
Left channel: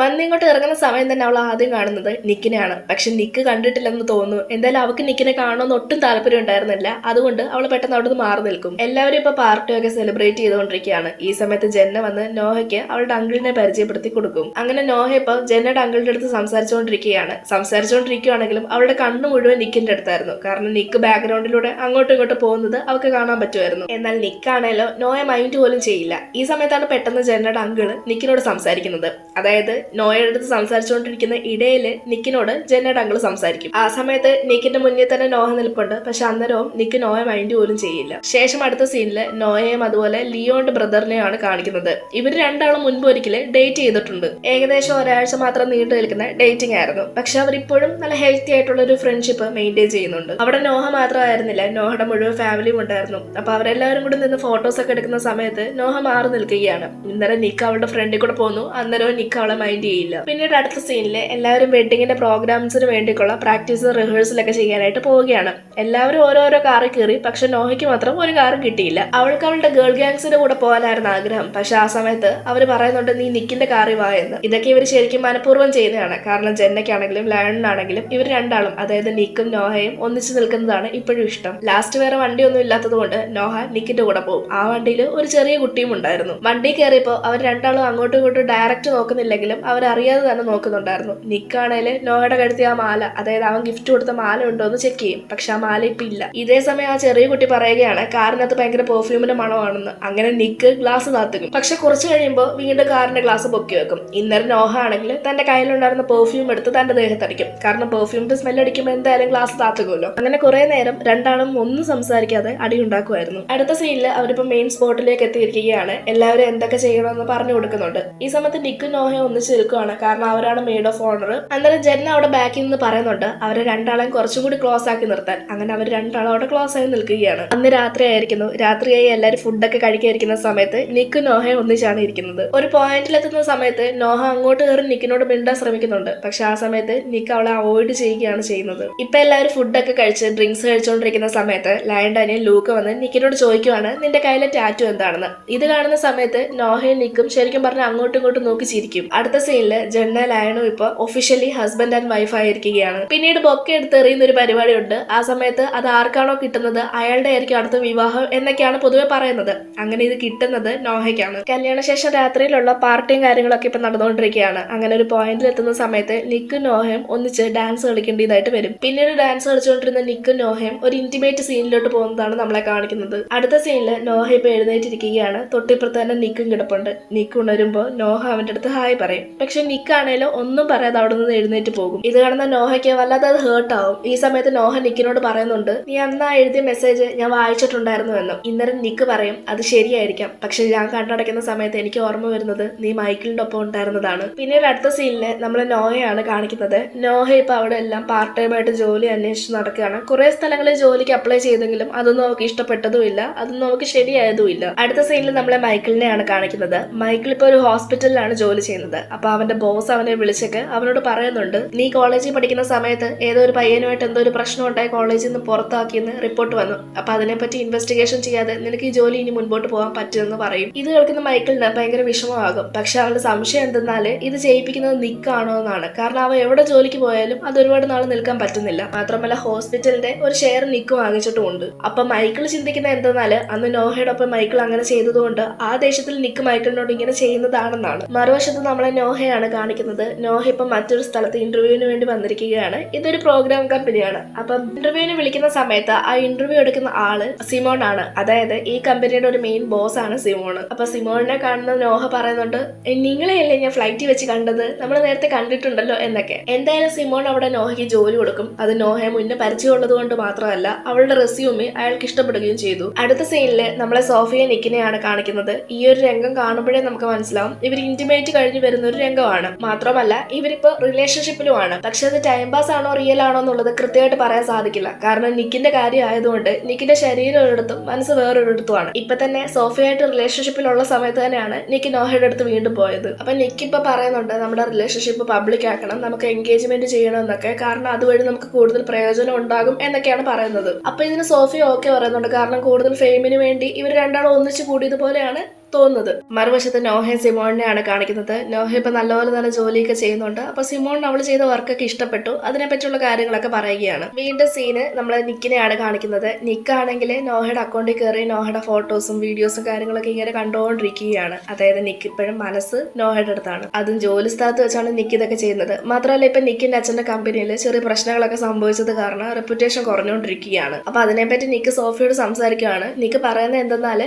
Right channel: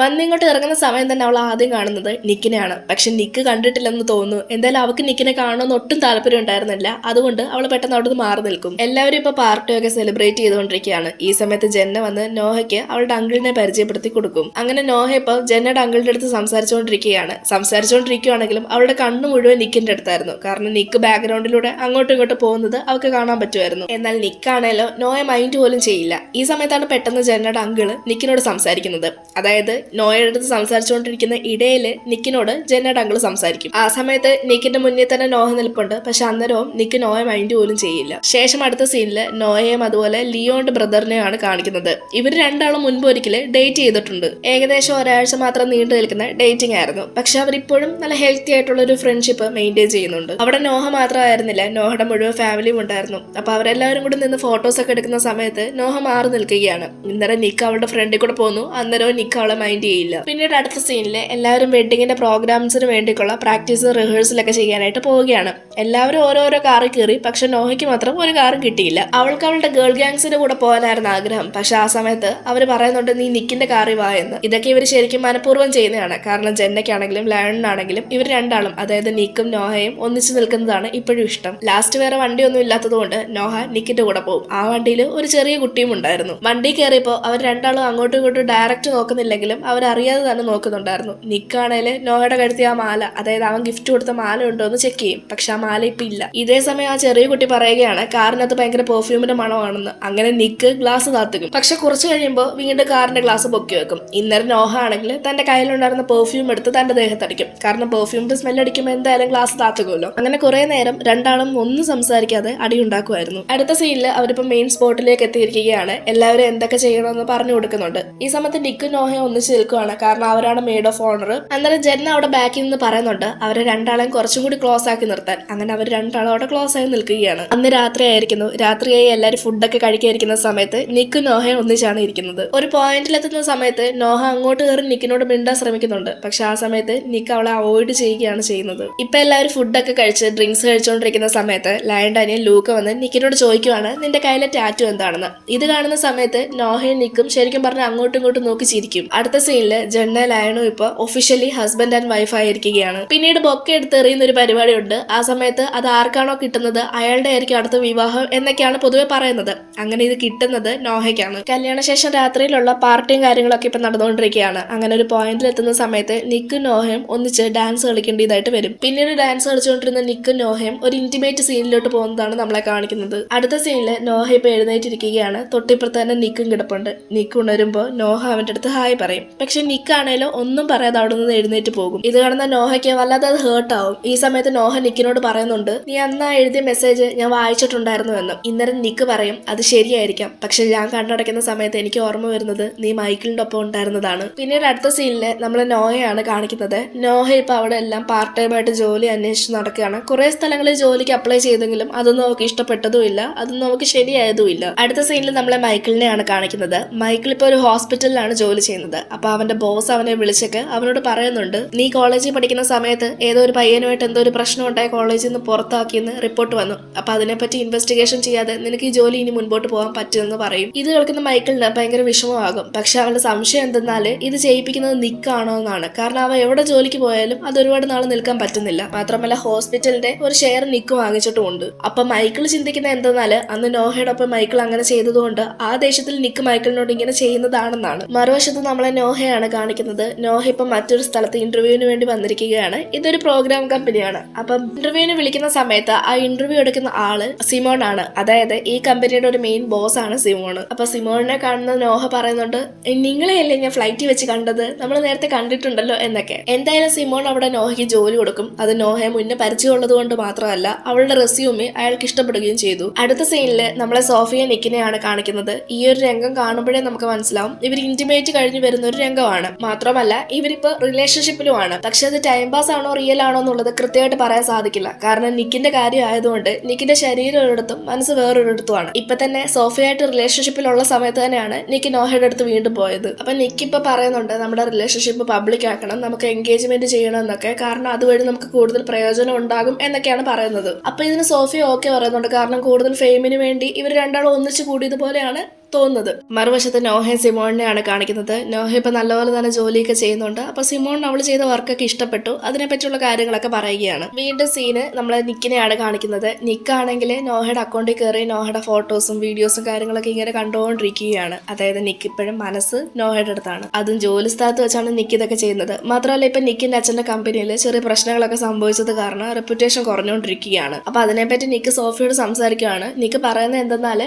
വന്നിങ്ങോട്ട് ഇറങ്ങുന്ന സമയം തന്നെ അവൾ ആദ്യം കാണുന്നത് നിക്കിനെയാണ്. പക്ഷെ നിക്ക് കണ്ടിട്ടില്ലെന്ന് തോന്നുന്നു. എന്തായാലും അവൾക്ക് നിക്കിനെ കാണണമെന്ന് ഒട്ടും താല്പര്യം ഉണ്ടായിരുന്നില്ല. അതുകൊണ്ട് അവൾ പെട്ടെന്ന് അവിടെ നിന്ന് മാറി നിൽക്കും. എല്ലാവരും ഇപ്പൊ പാർട്ടിയൊക്കെ സെലിബ്രേറ്റ് ചെയ്തുകൊണ്ടിരിക്കുകയാണ്. ഈ സമയത്ത് ജെന്ന വന്ന് നോഹയ്ക്ക് അവളുടെ അങ്കിളിനെ പരിചയപ്പെടുത്തി കൊടുക്കും. അങ്ങനെ നോഹ ഇപ്പൊ ജെന്നയുടെ അങ്കിളിന്റെ അടുത്ത് സംസാരിച്ചുകൊണ്ടിരിക്കുകയാണെങ്കിലും അവളുടെ കണ്ണ് മുഴുവൻ നിക്കിന്റെ അടുത്തായിരുന്നു. കാരണം നിക്ക് ബാക്ക്ഗ്രൗണ്ടിലൂടെ അങ്ങോട്ടും ഇങ്ങോട്ടും പോകുന്നത് അവൾക്ക് കാണാൻ പറ്റുമായിരുന്നു. എന്നാൽ നിക്കാണേലോ നോയെ മൈൻഡ് പോലും ചെയ്യില്ല. ഈ സമയത്താണ് പെട്ടെന്ന് ജെന്നയുടെ അങ്കിള് നിക്കിനോട് സംസാരിക്കുന്നത്. അതായത് നോയുടെ അടുത്ത് സംസാരിച്ചുകൊണ്ടിരിക്കുന്ന ഇടയില് നിക്കിനോട് ജെന്നയുടെ അങ്കിള് സംസാരിക്കും. ആ സമയത്ത് നിക്കിന്റെ മുന്നിൽ തന്നെ നോഹ നിൽപ്പുണ്ട്. പക്ഷെ അന്നേരവും നിക്ക് നോയെ മൈൻഡ് പോലും ചെയ്യില്ല. ശേഷം അടുത്ത സീനില് നോയെയും അതുപോലെ ലിയോന്റെ ബ്രദറിനെയാണ് കാണിക്കുന്നത്. ഇവർ രണ്ടാളും മുൻപ് ഒരിക്കല് ഡേറ്റ് ചെയ്തിട്ടുണ്ട്. ഏകദേശം ഒരാഴ്ച മാത്രം നീണ്ടു നിൽക്കുന്ന ഡേറ്റിംഗ് ആയിരുന്നു. പക്ഷെ അവരിപ്പോഴും നല്ല ഹെൽത്തി ആയിട്ടുള്ള ഒരു ഫ്രണ്ട്ഷിപ്പ് മെയിൻറ്റെയിൻ ചെയ്യുന്നുണ്ട്. അവിടെ നോഹ മാത്രമായിരുന്നില്ല, നോഹയുടെ മുഴുവൻ ഫാമിലിയും ഉണ്ടായിരുന്നു. അപ്പൊ അവരെല്ലാവരും കൂടി നിന്ന് ഫോട്ടോസ് ഒക്കെ എടുക്കുന്ന സമയത്ത് നോഹ മാറി നിൽക്കുകയാണ്. ഇന്നേരം നിക്ക് അവളുടെ ഫ്രണ്ടിൽ കൂടെ പോന്നു. അന്നേരവും നിക്ക് അവളെ മൈൻഡ് ചെയ്യില്ല. പിന്നീട് അടുത്ത സീനില് എല്ലാവരും വെഡിങ്ങിന്റെ പ്രോഗ്രാംസിന് വേണ്ടിയുള്ള പ്രാക്ടീസ് റിഹേഴ്സലൊക്കെ ചെയ്യാനായിട്ട് പോവുകയാണ്. എല്ലാവരും ഓരോരോ കാറിൽ കയറി. പക്ഷെ നോഹയ്ക്ക് മാത്രം ഒരു കാറും കിട്ടിയില്ല. അവൾക്ക് അവളുടെ ഗേൾ ഗാങ്സിന്റെ കൂടെ പോകാനായിരുന്നു ആഗ്രഹം. പക്ഷെ ആ സമയത്ത് അവർ പറയുന്നുണ്ട്, നീ നിക്കിന്റെ കാറിൽ വാ എന്ന്. ഇതൊക്കെ ഇവർ ശരിക്കും മനഃപൂർവ്വം ചെയ്യുന്നതാണ്. കാരണം ജെന്നയ്ക്കാണെങ്കിലും ലയണിനാണെങ്കിലും ഇവർ രണ്ടാളും, അതായത് നിക്കും നോഹയും ഒന്നിച്ചു നിൽക്കുന്നതാണ് ഇപ്പോഴും ഇഷ്ടം. ലാസ്റ്റ് വേറെ വണ്ടിയൊന്നും ഇല്ലാത്തത് കൊണ്ട് നോഹ നിക്കിന്റെ കൂടെ പോകും. ആ വണ്ടിയിൽ ഒരു ചെറിയ കുട്ടിയും ഉണ്ടായിരുന്നു. വണ്ടി കയറിയപ്പോൾ അവർ രണ്ടാളും അങ്ങോട്ടും ഇങ്ങോട്ടും ഡയറക്റ്റ് നോക്കുന്നില്ലെങ്കിലും അവരറിയാതെ തന്നെ നോക്കുന്നുണ്ടായിരുന്നു. നിക്കാണേല് നോഹയുടെ കഴുത്തിയ ആ മാല, അതായത് അവൻ ഗിഫ്റ്റ് കൊടുത്ത മാല ഉണ്ടോ എന്ന് ചെക്ക് ചെയ്യും. പക്ഷെ ആ മാല ഇപ്പൊ ഇല്ല. ഇതേ സമയം ആ ചെറിയ കുട്ടി പറയുകയാണ് കാറിനകത്ത് ഭയങ്കര പെർഫ്യൂമിന്റെ മണമാണെന്ന്. അങ്ങനെ നിക്ക് ഗ്ലാസ് താത്തുക്കും. പക്ഷെ കുറച്ച് കഴിയുമ്പോൾ വീണ്ടും കാറിന്റെ ഗ്ലാസ് പൊക്കി വെക്കും. ഇന്നലെ നോഹ ആണെങ്കിൽ തന്റെ കയ്യിലുണ്ടായിരുന്ന പെർഫ്യൂം എടുത്ത് തന്റെ ദേഹത്തടിക്കും. കാരണം പെർഫ്യൂമിന്റെ സ്മെല്ല് അടിക്കുമ്പോൾ എന്തായാലും ഗ്ലാസ് താത്തുക്കുമല്ലോ. അങ്ങനെ കുറെ നേരം രണ്ടാളും ഒന്നും സംസാരിക്കാതെ അടി ഉണ്ടാക്കുമായിരുന്നു. അടുത്ത സീനില് അവരിപ്പോ മെയിൻ സ്പോട്ടിലേക്ക് എത്തിയിരിക്കുകയാണ്. എല്ലാവരും എന്തൊക്കെ ചെയ്യണമെന്ന് പറഞ്ഞു കൊടുക്കുന്നുണ്ട്. ഈ സമയത്ത് നിക്കും നോഹയും ഒന്നിച്ച് നിൽക്കുവാണ്. കാരണം അവരാണ് മെയ്ഡ് ഓഫ് ഓണർ. അന്നേരം ജെന്ന അവിടെ ബാക്കിൽ നിന്ന് പറയുന്നുണ്ട് അവരെ രണ്ടാളെയും കുറച്ചും കൂടി ക്ലോസ് ആക്കി നിർത്താൻ. അങ്ങനെ അവർ രണ്ടാളും അവിടെ ക്ലോസ് ആയി നിൽക്കുകയാണ്. അന്ന് രാത്രിയായിരിക്കുന്നു. രാത്രിയായി എല്ലാവരും ഫുഡൊക്കെ കഴിക്കാതിരിക്കുന്ന സമയത്ത് നിക്കും നോഹയും ഒന്നിച്ചാണ് ഇരിക്കുന്നത്. ഒരു പോയിന്റിലെത്തുന്ന സമയത്ത് നോഹ അങ്ങോട്ട് കയറി നിക്കിനോട് മിണ്ടാൻ ശ്രമിക്കുന്നുണ്ട്. പക്ഷെ ആ സമയത്ത് നിക്ക് അവളെ അവോയ്ഡ് ചെയ്യുകയാണ് ചെയ്യുന്നത്. ഇപ്പൊ എല്ലാവരും ഫുഡൊക്കെ കഴിച്ച് ഡ്രിങ്ക്സ് കഴിച്ചുകൊണ്ടിരിക്കുന്ന സമയത്ത് ലയന്റെ അനിയൻ ലൂക്ക വന്ന് നിക്കിനോട് ചോദിക്കുവാണ് നിന്റെ കയ്യിലെ ടാറ്റു എന്താണെന്ന്. ഇത് കാണുന്ന സമയത്ത് നോഹയും നിക്കും ശരിക്കും പറഞ്ഞാൽ അങ്ങോട്ടും ഇങ്ങോട്ടും നോക്കി ചിരിക്കും. അടുത്ത സീനില് ജെന്ന ലയണും ഇപ്പൊ ഒഫീഷ്യലി ഹസ്ബൻഡ് ആൻഡ് വൈഫ് ആയിരിക്കുകയാണ്. പിന്നീട് ബൊക്കെ എടുത്തെറിയുന്ന ഒരു പരിപാടിയുണ്ട്. ആ സമയത്ത് അത് ആർക്കാണോ കിട്ടുന്നത് അയാളുടെ ആയിരിക്കും അടുത്ത വിവാഹം എന്നൊക്കെയാണ് പൊതുവെ പറയുന്നത്. അങ്ങനെ ഇത് കിട്ടുന്നത് നോഹയ്ക്കാണ്. കല്യാണശേഷം രാത്രിയിലുള്ള പാർട്ടിയും കാര്യങ്ങളൊക്കെ ഇപ്പൊ നടന്നുകൊണ്ടിരിക്കുകയാണ്. അങ്ങനെ ഒരു പോയിന്റിൽ എത്തുന്ന സമയത്ത് നിക്കും നോഹയും ഒന്നിച്ച് ഡാൻസ് കളിക്കേണ്ടതായിട്ട് വരും. പിന്നീട് ഡാൻസ് കളിച്ചുകൊണ്ടിരുന്ന നിക്കും നോഹയും ഒരു ഇന്റിമേറ്റ് സീനിലോട്ട് പോകുന്നതാണ് നമ്മളെ കാണിക്കുന്നത്. അടുത്ത സീനില് നോഹ ഇപ്പൊ എഴുന്നേറ്റിരിക്കുകയാണ്. തൊട്ടിപ്പുറത്ത് തന്നെ നിക്കും കിടപ്പുണ്ട്. നിക്ക് ഉണരുമ്പോ നോഹ അവന്റെ അടുത്ത് ഹായ് പറയും. പക്ഷെ നിക്കാണേലോ ഒന്നും പറയാതെ അവിടെ നിന്ന് എഴുന്നേറ്റ് പോകും. ഇത് കാണുന്ന നോഹയ്ക്ക് വല്ലാതെ അത് ഹേർട്ട് ആവും. ഈ സമയത്ത് നോഹ നിക്കിനോട് പറയുന്നുണ്ട് നീ അന്നാ എഴുതിയ മെസ്സേജ് ഞാൻ വായിച്ചിട്ടുണ്ടായിരുന്നു എന്നും. ഇന്നേരം നിക്ക് പറയും അത് ശരിയായിരിക്കാം, പക്ഷെ ഞാൻ കണ്ണടയ്ക്കുന്ന സമയത്ത് എനിക്ക് ഓർമ്മ വരുന്നത് നീ മൈക്കിളിന്റെ ഒപ്പം ഉണ്ടായിരുന്നതാണ്. പിന്നീട് അടുത്ത സീനില് നമ്മള് നോഹയാണ് കാണിക്കുന്നത്. നോഹ ഇപ്പൊ അവിടെ എല്ലാം പാർട്ട് ടൈം ആയിട്ട് ജോലി അന്വേഷിച്ച് നടക്കുകയാണ്. കുറെ സ്ഥലങ്ങളിൽ ജോലിക്ക് അപ്ലൈ ചെയ്തെങ്കിലും അതൊന്നും അവർക്ക് ഇഷ്ടപ്പെട്ടതുമില്ല, അതൊന്നും അവർക്ക് ശരിയായതുമില്ല. അടുത്ത സീനിൽ നമ്മളെ മൈക്കിളിനെയാണ് കാണിക്കുന്നത്. മൈക്കിൾ ഇപ്പൊ ഒരു ഹോസ്പിറ്റലിലാണ് ജോലി ചെയ്യുന്നത്. അപ്പൊ അവന്റെ ബോസ് അവനെ വിളിച്ചൊക്കെ അവനോട് പറയുന്നുണ്ട് നീ കോളേജിൽ പഠിക്കുന്ന സമയത്ത് ഏതോ ഒരു പയ്യനുമായിട്ട് എന്തോ ഒരു പ്രശ്നം ഉണ്ടായി കോളേജിൽ നിന്ന് പുറത്താക്കിയെന്ന് റിപ്പോർട്ട് വന്നു. അപ്പൊ അതിനെപ്പറ്റി ഇൻവെസ്റ്റിഗേഷൻ ചെയ്യാതെ നിനക്ക് ഈ ജോലി ഇനി മുൻപോട്ട് പോകാൻ പറ്റുമെന്ന് പറയും. ഇത് കേൾക്കുന്ന മൈക്കിളിന് ഭയങ്കര വിഷമമാകും. പക്ഷെ അവളുടെ സംശയം എന്തെന്നാല് ഇത് ചെയ്യിപ്പിക്കുന്നത് നിക്കാണോ എന്നാണ്. കാരണം അവ എവിടെ ജോലിക്ക് പോയാലും അത് ഒരുപാട് നാൾ നിൽക്കാൻ പറ്റുന്നില്ല. മാത്രമല്ല ഹോസ്പിറ്റലിന്റെ ഒരു ഷെയർ നിക്ക് വാങ്ങിച്ചിട്ടുമുണ്ട്. അപ്പൊ മൈക്കിൾ ചിന്തിക്കുന്ന എന്തെന്നാല് അന്ന് നോഹയോടൊപ്പം മൈക്കിൾ അങ്ങനെ ചെയ്തതുകൊണ്ട് ആ ദേഷ്യത്തിൽ നിക്ക് മൈക്കിളിനോട് ഇങ്ങനെ ചെയ്യുന്നതാണെന്നാണ്. മറുവശത്ത് നമ്മളെ നോഹ നോഹയാണ് കാണിക്കുന്നത്. നോഹ ഇപ്പം മറ്റൊരു സ്ഥലത്ത് ഇന്റർവ്യൂവിന് വേണ്ടി വന്നിരിക്കുകയാണ്. ഇതൊരു പ്രോഗ്രാം കമ്പനിയാണ്. അപ്പം ഇന്റർവ്യൂവിന് വിളിക്കുന്ന സമയത്ത് ആ ഇന്റർവ്യൂ എടുക്കുന്ന ആള് സിമോൺ ആണ്. അതായത് ഈ കമ്പനിയുടെ ഒരു മെയിൻ ബോസ് ആണ് സിമോൺ. അപ്പൊ സിമോണിനെ കാണുന്ന നോഹ പറയുന്നുണ്ട്, നിങ്ങളെയല്ലേ ഞാൻ ഫ്ലൈറ്റിൽ വെച്ച് കണ്ടത്, നമ്മൾ നേരത്തെ കണ്ടിട്ടുണ്ടല്ലോ എന്നൊക്കെ. എന്തായാലും സിമോൺ അവിടെ നോഹയ്ക്ക് ജോലി കൊടുക്കും. അത് നോഹയെ മുന്നേ പരിചയമുള്ളത് കൊണ്ട് മാത്രമല്ല, അവളുടെ റെസ്യൂമെ അയാൾക്ക് ഇഷ്ടപ്പെടുകയും ചെയ്തു. അടുത്ത സീനില് നമ്മളെ സോഫിയ നിക്കിനെയാണ് കാണിക്കുന്നത്. ഈ ഒരു രംഗം കാണുമ്പോഴേ നമുക്ക് മനസ്സിലാവും ഇവർ ഇന്റിമേറ്റ് കഴിഞ്ഞ് വരുന്ന ഒരു രംഗമാണ്. മാത്രമല്ല ഇവരിപ്പോ റിലേഷൻഷിപ്പിലുമാണ്. പക്ഷെ അത് ടൈം പാസ് ആണോ റിയൽ ആണോ എന്നുള്ളത് കൃത്യമായിട്ട് പറയാൻ സാധിക്കില്ല. കാരണം നിക്കിന്റെ കാര്യം ആയതുകൊണ്ട് നിക്കിന്റെ ശരീരം ഒരിടത്തും മനസ്സ് വേറൊരിടത്തുമാണ്. ഇപ്പൊ തന്നെ സോഫിയായിട്ട് റിലേഷൻഷിപ്പിലുള്ള സമയത്ത് തന്നെയാണ് നിക്ക് നോഹയുടെ അടുത്ത് വീണ്ടും പോയത്. അപ്പൊ നിക്ക് ഇപ്പൊ പറയുന്നുണ്ട് നമ്മുടെ റിലേഷൻഷിപ്പ് പബ്ലിക് ആക്കണം, നമുക്ക് എൻഗേജ്മെന്റ് ചെയ്യണം എന്നൊക്കെ. കാരണം അതുവഴി നമുക്ക് കൂടുതൽ പ്രയോജനം ഉണ്ടാകും എന്നൊക്കെയാണ് പറയുന്നത്. അപ്പൊ ഇതിന് സോഫിയ ഓക്കെ പറയുന്നുണ്ട്. കാരണം കൂടുതൽ ഫെയിമിന് വേണ്ടി ഇവർ രണ്ടാളും ഒന്നിച്ചു കൂടിയതുപോലെയാണ് തോന്നുന്നത്. മറുവശത്ത് നോഹയും സിമോണിനെയാണ് കാണിക്കുന്നത്. നോഹ ഇപ്പൊ നല്ലപോലെ തന്നെ ജോലിയൊക്കെ ചെയ്യുന്നുണ്ട്. അപ്പൊ സിമോണിന് അവൾ ചെയ്ത വർക്കൊക്കെ ഇഷ്ടപ്പെട്ടു. അതിനെപ്പറ്റിയുള്ള കാര്യങ്ങളൊക്കെ പറയുകയാണ്. വീണ്ടും സീന് നമ്മൾ നിക്കിനെയാണ് കാണിക്കുന്നത്. നിക്കാണെങ്കിൽ നോഹയുടെ അക്കൗണ്ടിൽ കയറി നോഹയുടെ ഫോട്ടോസും വീഡിയോസും കാര്യങ്ങളൊക്കെ ഇങ്ങനെ കണ്ടുകൊണ്ടിരിക്കുകയാണ്. അതായത് നിക്ക് ഇപ്പോഴും മനസ്സ് നോഹയുടെ അടുത്താണ്. അതും ജോലി സ്ഥലത്ത് വെച്ചാണ് നിക്ക് ഇതൊക്കെ ചെയ്യുന്നത്. മാത്രമല്ല ഇപ്പൊ നിക്കിന്റെ അച്ഛന്റെ കമ്പനിയിൽ ചെറിയ പ്രശ്നങ്ങളൊക്കെ സംഭവിച്ചത് കാരണം റെപ്യൂട്ടേഷൻ കുറഞ്ഞുകൊണ്ടിരിക്കുകയാണ്. അപ്പൊ അതിനെപ്പറ്റി നിക്ക് സോഫിയോട് സംസാരിക്കുകയാണ്. നിക്ക് പറയുന്നത് എന്തെന്നാൽ